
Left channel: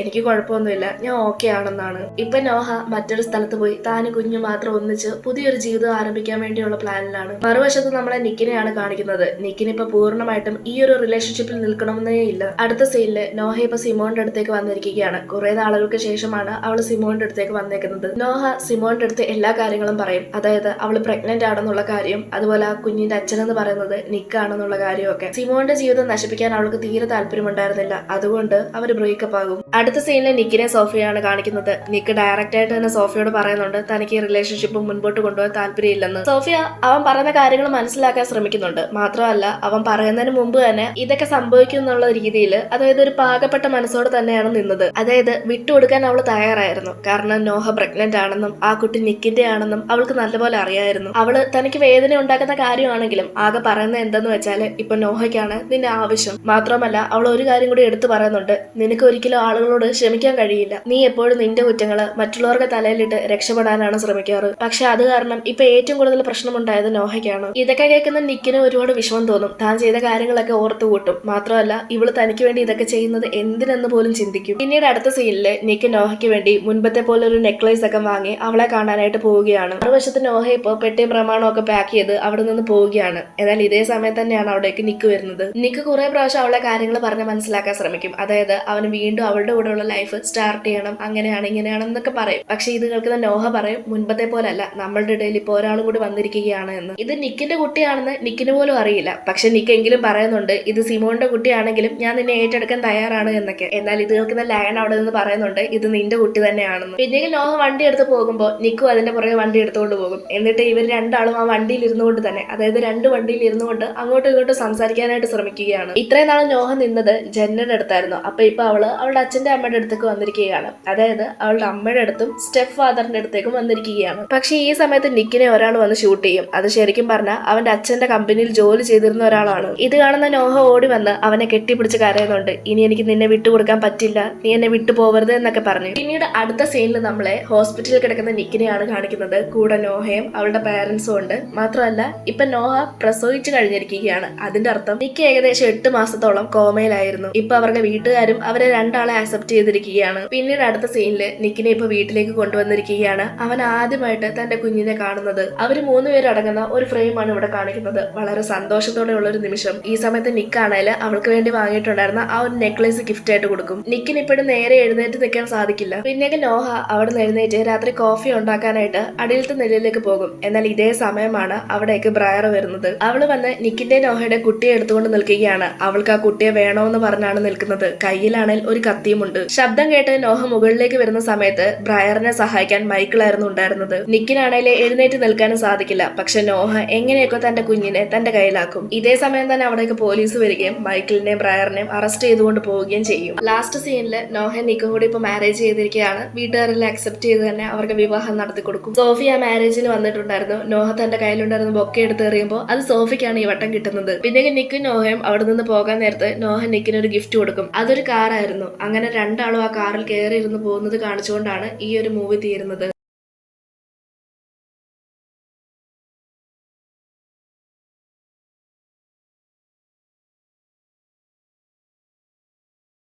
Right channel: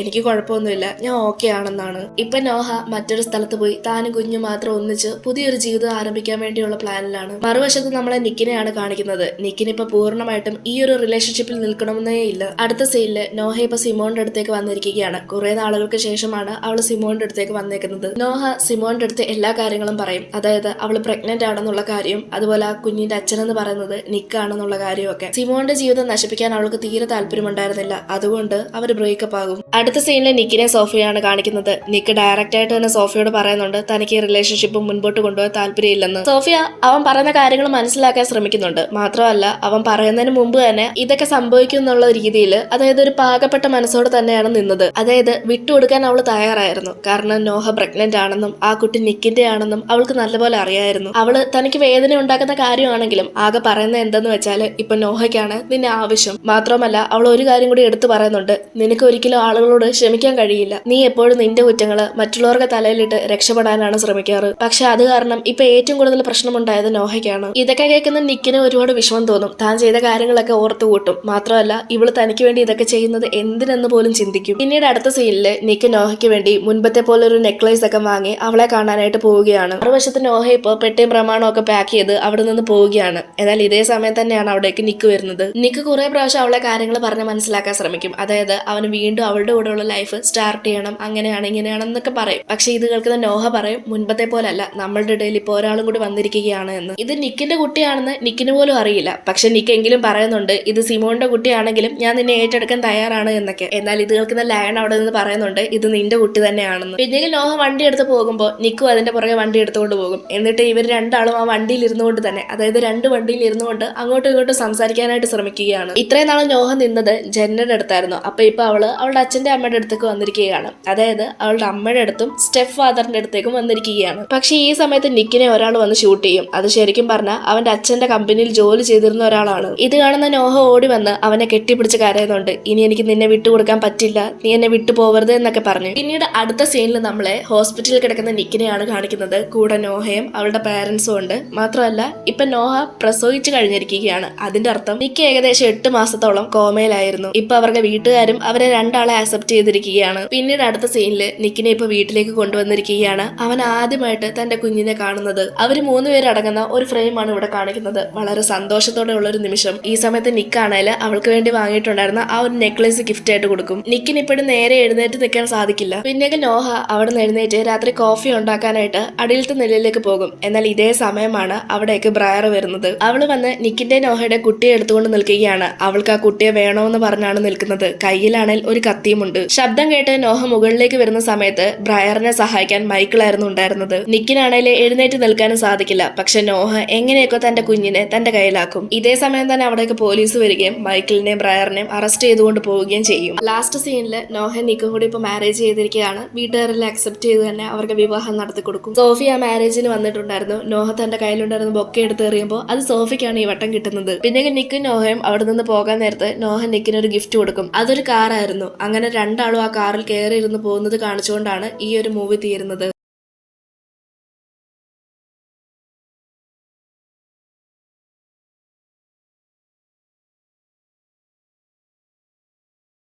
എനിക്ക് കുഴപ്പമൊന്നുമില്ല, ഞാൻ ഓക്കെ ആണെന്നാണ്. ഇപ്പൊ നോഹ മറ്റൊരു സ്ഥലത്ത് പോയി താനും കുഞ്ഞും മാത്രം ഒന്നിച്ച് പുതിയൊരു ജീവിതം ആരംഭിക്കാൻ വേണ്ടിയുള്ള പ്ലാനിലാണ്. മറുവശത്ത് നമ്മളെ നിക്കിനെയാണ് കാണിക്കുന്നത്. നിക്കിന് ഇപ്പൊ പൂർണ്ണമായിട്ടും ഈ ഒരു റിലേഷൻഷിപ്പിൽ നിൽക്കണമെന്നേ ഇല്ല. അടുത്ത സീനില് നോഹ ഇപ്പൊ സിമോന്റെ അടുത്തേക്ക് വന്നിരിക്കുകയാണ്. കുറെ നാളുകൾക്ക് ശേഷമാണ് അവള് സിമോന്റെ അടുത്തേക്ക് വന്നേക്കുന്നത്. നോഹ സിമോന്റെ അടുത്ത് എല്ലാ കാര്യങ്ങളും പറയും. അതായത് അവള് പ്രഗ്നന്റ് ആണെന്നുള്ള കാര്യം, അതുപോലെ ആ കുഞ്ഞിന്റെ അച്ഛനെന്ന് പറയുന്നത് നിക്കാണെന്നുള്ള കാര്യമൊക്കെ. സിമോന്റെ ജീവിതം നശിപ്പിക്കാൻ അവൾക്ക് തീരെ താല്പര്യമുണ്ടായിരുന്നില്ല. അതുകൊണ്ട് അവര് ബ്രേക്കപ്പ് ആകും. അടുത്ത സീനിലെ നിക്കിനെ സോഫിയാണ് കാണിക്കുന്നത്. നിക്ക് ഡയറക്റ്റ് ആയിട്ട് തന്നെ സോഫിയോട് പറയുന്നുണ്ട് തനിക്ക് ഈ റിലേഷൻഷിപ്പ് മുൻപോട്ട് കൊണ്ടുപോകാൻ താല്പര്യമില്ലെന്ന്. സോഫിയ അവൻ പറയുന്ന കാര്യങ്ങൾ മനസ്സിലാക്കാൻ ശ്രമിക്കുന്നുണ്ട്. മാത്രമല്ല അവൻ പറയുന്നതിന് മുമ്പ് തന്നെ ഇതൊക്കെ സംഭവിക്കും എന്നുള്ള രീതിയിൽ, അതായത് ഒരു പാകപ്പെട്ട മനസ്സോടെ തന്നെയാണ് നിന്നത്. അതായത് വിട്ടുകൊടുക്കാൻ അവൾ തയ്യാറായിരുന്നു. കാരണം നോഹ പ്രഗ്നന്റ് ആണെന്നും ആ കുട്ടി നിക്കിന്റെ ആണെന്നും അവൾക്ക് നല്ലപോലെ അറിയായിരുന്നു. അവള് തനിക്ക് വേദന ഉണ്ടാക്കുന്ന കാര്യമാണെങ്കിലും ആകെ പറയുന്നത് എന്തെന്ന് വെച്ചാല് ഇപ്പൊ നോഹയ്ക്കാണ് നിന്നെ ആവശ്യം. മാത്രമല്ല അവൾ ഒരു കാര്യം കൂടി എടുത്തു പറയുന്നുണ്ട്, നിനക്ക് ഒരിക്കലും ആളുകളോട് ക്ഷമിക്കാൻ കഴിയില്ല. നീ എപ്പോഴും നിന്റെ കുറ്റങ്ങള് മറ്റുള്ളവർക്ക് തലയിലിട്ട് രക്ഷപ്പെടാനാണ് ശ്രമിക്കാറ്. പക്ഷെ അത് കാരണം ഇപ്പൊ ഏറ്റവും കൂടുതൽ പ്രശ്നമുണ്ടായത് നോഹയ്ക്കാണ്. ഇതൊക്കെ കേൾക്കുന്ന നിക്കിന് ഒരുപാട് വിഷമം തോന്നും. താൻ ചെയ്ത കാര്യങ്ങളൊക്കെ ഓർത്തു കൂട്ടും. മാത്രമല്ല ഇവള് തനിക്ക് വേണ്ടി ഇതൊക്കെ ചെയ്യുന്നത് എന്തിനെന്ന് പോലും ചിന്തിക്കും. പിന്നീട് അടുത്ത സീനില് നിക്ക് നോഹയ്ക്ക് വേണ്ടി മുൻപത്തെ പോലെ ഒരു നെക്ലേസ് ഒക്കെ വാങ്ങി അവളെ കാണാനായിട്ട് പോവുകയാണ്. മറുവശത്ത് നോഹ ഇപ്പോൾ പെട്ടിയും പ്രമാണവും ഒക്കെ പാക്ക് ചെയ്ത് അവിടെ നിന്ന് പോവുകയാണ്. എന്നാൽ ഇതേ സമയം തന്നെയാണ് അവിടേക്ക് നിക്ക് വരുന്നത്. നിക്ക് കുറെ പ്രാവശ്യം അവളെ കാര്യങ്ങൾ പറഞ്ഞ് മനസ്സിലാക്കാൻ ശ്രമിക്കും. അതായത് അവന് വീണ്ടും അവളുടെ കൂടെയുള്ള ലൈഫ് സ്റ്റാർട്ട് ചെയ്യണം, അങ്ങനെയാണ് ഇങ്ങനെയാണെന്നൊക്കെ പറയും. പക്ഷെ ഇത് കേൾക്കുന്ന നോഹ പറയും, മുൻപത്തെ പോലല്ല, നമ്മളുടെ ഇടയിൽ ഇപ്പോൾ ഒരാളും കൂടി വന്നിരിക്കുകയാണ് എന്ന്. ഇത് നിക്കിന്റെ കുട്ടിയാണെന്ന് നിക്കിന് പോലും അറിയില്ല. പക്ഷെ നിക്ക് എങ്കിലും പറയുന്നുണ്ട്, ഇത് സിമോന്റെ കുട്ടിയാണെങ്കിലും ഞാൻ നിന്നെ ഏറ്റെടുക്കാൻ തയ്യാറാണ് എന്നൊക്കെ. എന്നാൽ ഇത് കേൾക്കുന്ന ലയൺ അവിടെ നിന്ന് പറയുന്നുണ്ട്, ഇത് നിന്റെ കുട്ടി തന്നെയാണെന്ന്. പിന്നീട് നോഹ വണ്ടി എടുത്ത് പോകുമ്പോൾ നിക്കും അതിന്റെ പുറകെ വണ്ടി എടുത്തുകൊണ്ട് പോകും. എന്നിട്ട് ഇവർ രണ്ടാളും ആ വണ്ടിയിൽ ഇരുന്നുകൊണ്ട് തന്നെ, അതായത് രണ്ട് വണ്ടിയിൽ ഇരുന്നുകൊണ്ട് അങ്ങോട്ടും ഇങ്ങോട്ടും സംസാരിക്കാനായിട്ട് ശ്രമിക്കുകയാണ്. ഇത്രയും നാളെ നോഹ നിന്നത് ജന്നയുടെ അടുത്തായിരുന്നു. അപ്പൊ ഇപ്പൊ അവള് അവളുടെ അച്ഛന്റെ അമ്മയുടെ അടുത്തേക്ക് വന്നിരിക്കുകയാണ്. അതായത് അവളുടെ അമ്മയുടെ അടുത്തും സ്റ്റെപ്പ് ഫാദറിന്റെ അടുത്തേക്കും വന്നിരിക്കുകയാണ്. പക്ഷെ ഈ സമയത്ത് നിക്കിനെ ഒരാൾ വന്ന് ഷൂട്ട് ചെയ്യും. അത് ശരിക്കും പറഞ്ഞാൽ അവന്റെ അച്ഛന്റെ കമ്പനിയിൽ ജോലി ചെയ്തിരുന്ന ഒരാളാണ്. ഇത് കാണുന്ന നോഹ ഓടി വന്ന് അവനെ കെട്ടിപ്പിടിച്ച് കരയുന്നുണ്ട്. ഇനി എനിക്ക് നിന്നെ വിട്ടുകൊടുക്കാൻ പറ്റില്ല, നീ എന്നെ വിട്ടു പോവരുത് എന്നൊക്കെ പറഞ്ഞു. പിന്നീട് അടുത്ത സീനിൽ നമ്മളെ ഹോസ്പിറ്റലിൽ കിടക്കുന്ന നിക്കിനെയാണ് കാണിക്കുന്നത്. കൂടെ നോഹയും അവളുടെ പേരൻസും ഉണ്ട്. മാത്രമല്ല ഇപ്പൊ നോഹ പ്രസവിച്ചു കഴിഞ്ഞിരിക്കുകയാണ്. അതിന്റെ അർത്ഥം നിക്ക് ഏകദേശം 8 മാസത്തോളം കോമയിലായിരുന്നു. ഇപ്പൊ അവരുടെ വീട്ടുകാരും അവരെ രണ്ടാളെ അക്സെപ്റ്റ് ചെയ്തിരിക്കുകയാണ്. പിന്നീട് അടുത്ത സീനില് നിക്കിനെ ഇപ്പൊ വീട്ടിലേക്ക് കൊണ്ടുവന്നിരിക്കുകയാണ്. അവൻ ആദ്യമായിട്ട് തന്റെ കുഞ്ഞിനെ കാണുന്നത്. അവര് 3 പേര് അടങ്ങുന്ന ഒരു ഫ്രെയിമാണ് ഇവിടെ കാണിക്കുന്നത്. വളരെ സന്തോഷത്തോടെ ഉള്ള ഒരു നിമിഷം. ഈ സമയത്ത് നിക്കാണേല് അവൾക്ക് വേണ്ടി വാങ്ങിയിട്ടുണ്ടായിരുന്ന ആ ഒരു നെക്ലേസ് ഗിഫ്റ്റ് ആയിട്ട് കൊടുക്കും. നിക്കിന് ഇപ്പോഴും നേരെ എഴുന്നേറ്റ് നിൽക്കാൻ സാധിക്കില്ല. പിന്നീട് നോഹ അവിടെ നിന്ന് എഴുന്നേറ്റ് രാത്രി കോഫി ഉണ്ടാക്കാനായിട്ട് അടിയിലത്തെ നിലയിലേക്ക് പോകും. എന്നാൽ ഇതേ സമയമാണ് അവിടേക്ക് ബ്രയർ വരുന്നത്. അവള് വന്ന് നിക്കിന്റെ നോഹയുടെ കുട്ടിയെ എടുത്തുകൊണ്ട് നിൽക്കുകയാണ്. അവൾക്ക് ആ കുട്ടിയെ വേണമെന്ന് പറഞ്ഞാണ് നിൽക്കുന്നത്. കയ്യിലാണെങ്കിൽ ഒരു കത്തിയുമുണ്ട്. ശബ്ദം കേട്ട് നോഹ മുകളിലേക്ക് വരുന്ന സമയത്ത് ബ്രയറിനെ സഹായിക്കാൻ മൈക്കിളായിരുന്നു ഉണ്ടായിരുന്നത്. നിക്കിനാണെങ്കിൽ എഴുന്നേറ്റ് നിൽക്കാനും സാധിക്കില്ല. പക്ഷെ നോഹ എങ്ങനെയൊക്കെ തന്റെ കുഞ്ഞിനെ തന്റെ കയ്യിലാക്കും. ഇതേ സമയം തന്നെ അവിടേക്ക് പോലീസ് വരികയും മൈക്കിളിനെയും ബ്രയറിനെയും അറസ്റ്റ് ചെയ്തുകൊണ്ട് പോവുകയും ചെയ്യും. ലാസ്റ്റ് സീനില് നോഹ നിക്കും കൂടി ഇപ്പൊ മാരേജ് ചെയ്തിരിക്കുകയാണ്. വീട്ടുകാരെല്ലാം അക്സെപ്റ്റ് ചെയ്ത് തന്നെ അവർക്ക് വിവാഹം നടത്തി കൊടുക്കും. സോഫി ആ മാരേജിന് വന്നിട്ടുണ്ടായിരുന്നു. നോഹ തന്റെ കയ്യിലുണ്ടായിരുന്ന ബൊക്കെ എടുത്ത് എറിയുമ്പോൾ അത് സോഫിക്കാണ് ഈ വട്ടം കിട്ടുന്നത്. പിന്നെ നിക്കും നോഹയും അവിടെ നിന്ന് പോകാൻ നേരത്ത് നോഹ നിക്കിന് ഒരു ഗിഫ്റ്റ് കൊടുക്കും. അതൊരു കാറായിരുന്നു. അങ്ങനെ രണ്ടാളും ആ കാറിൽ കയറി ഇരുന്ന് പോകുന്നത് കാണിച്ചുകൊണ്ടാണ് ഈ ഒരു മൂവി തീരുന്നത്.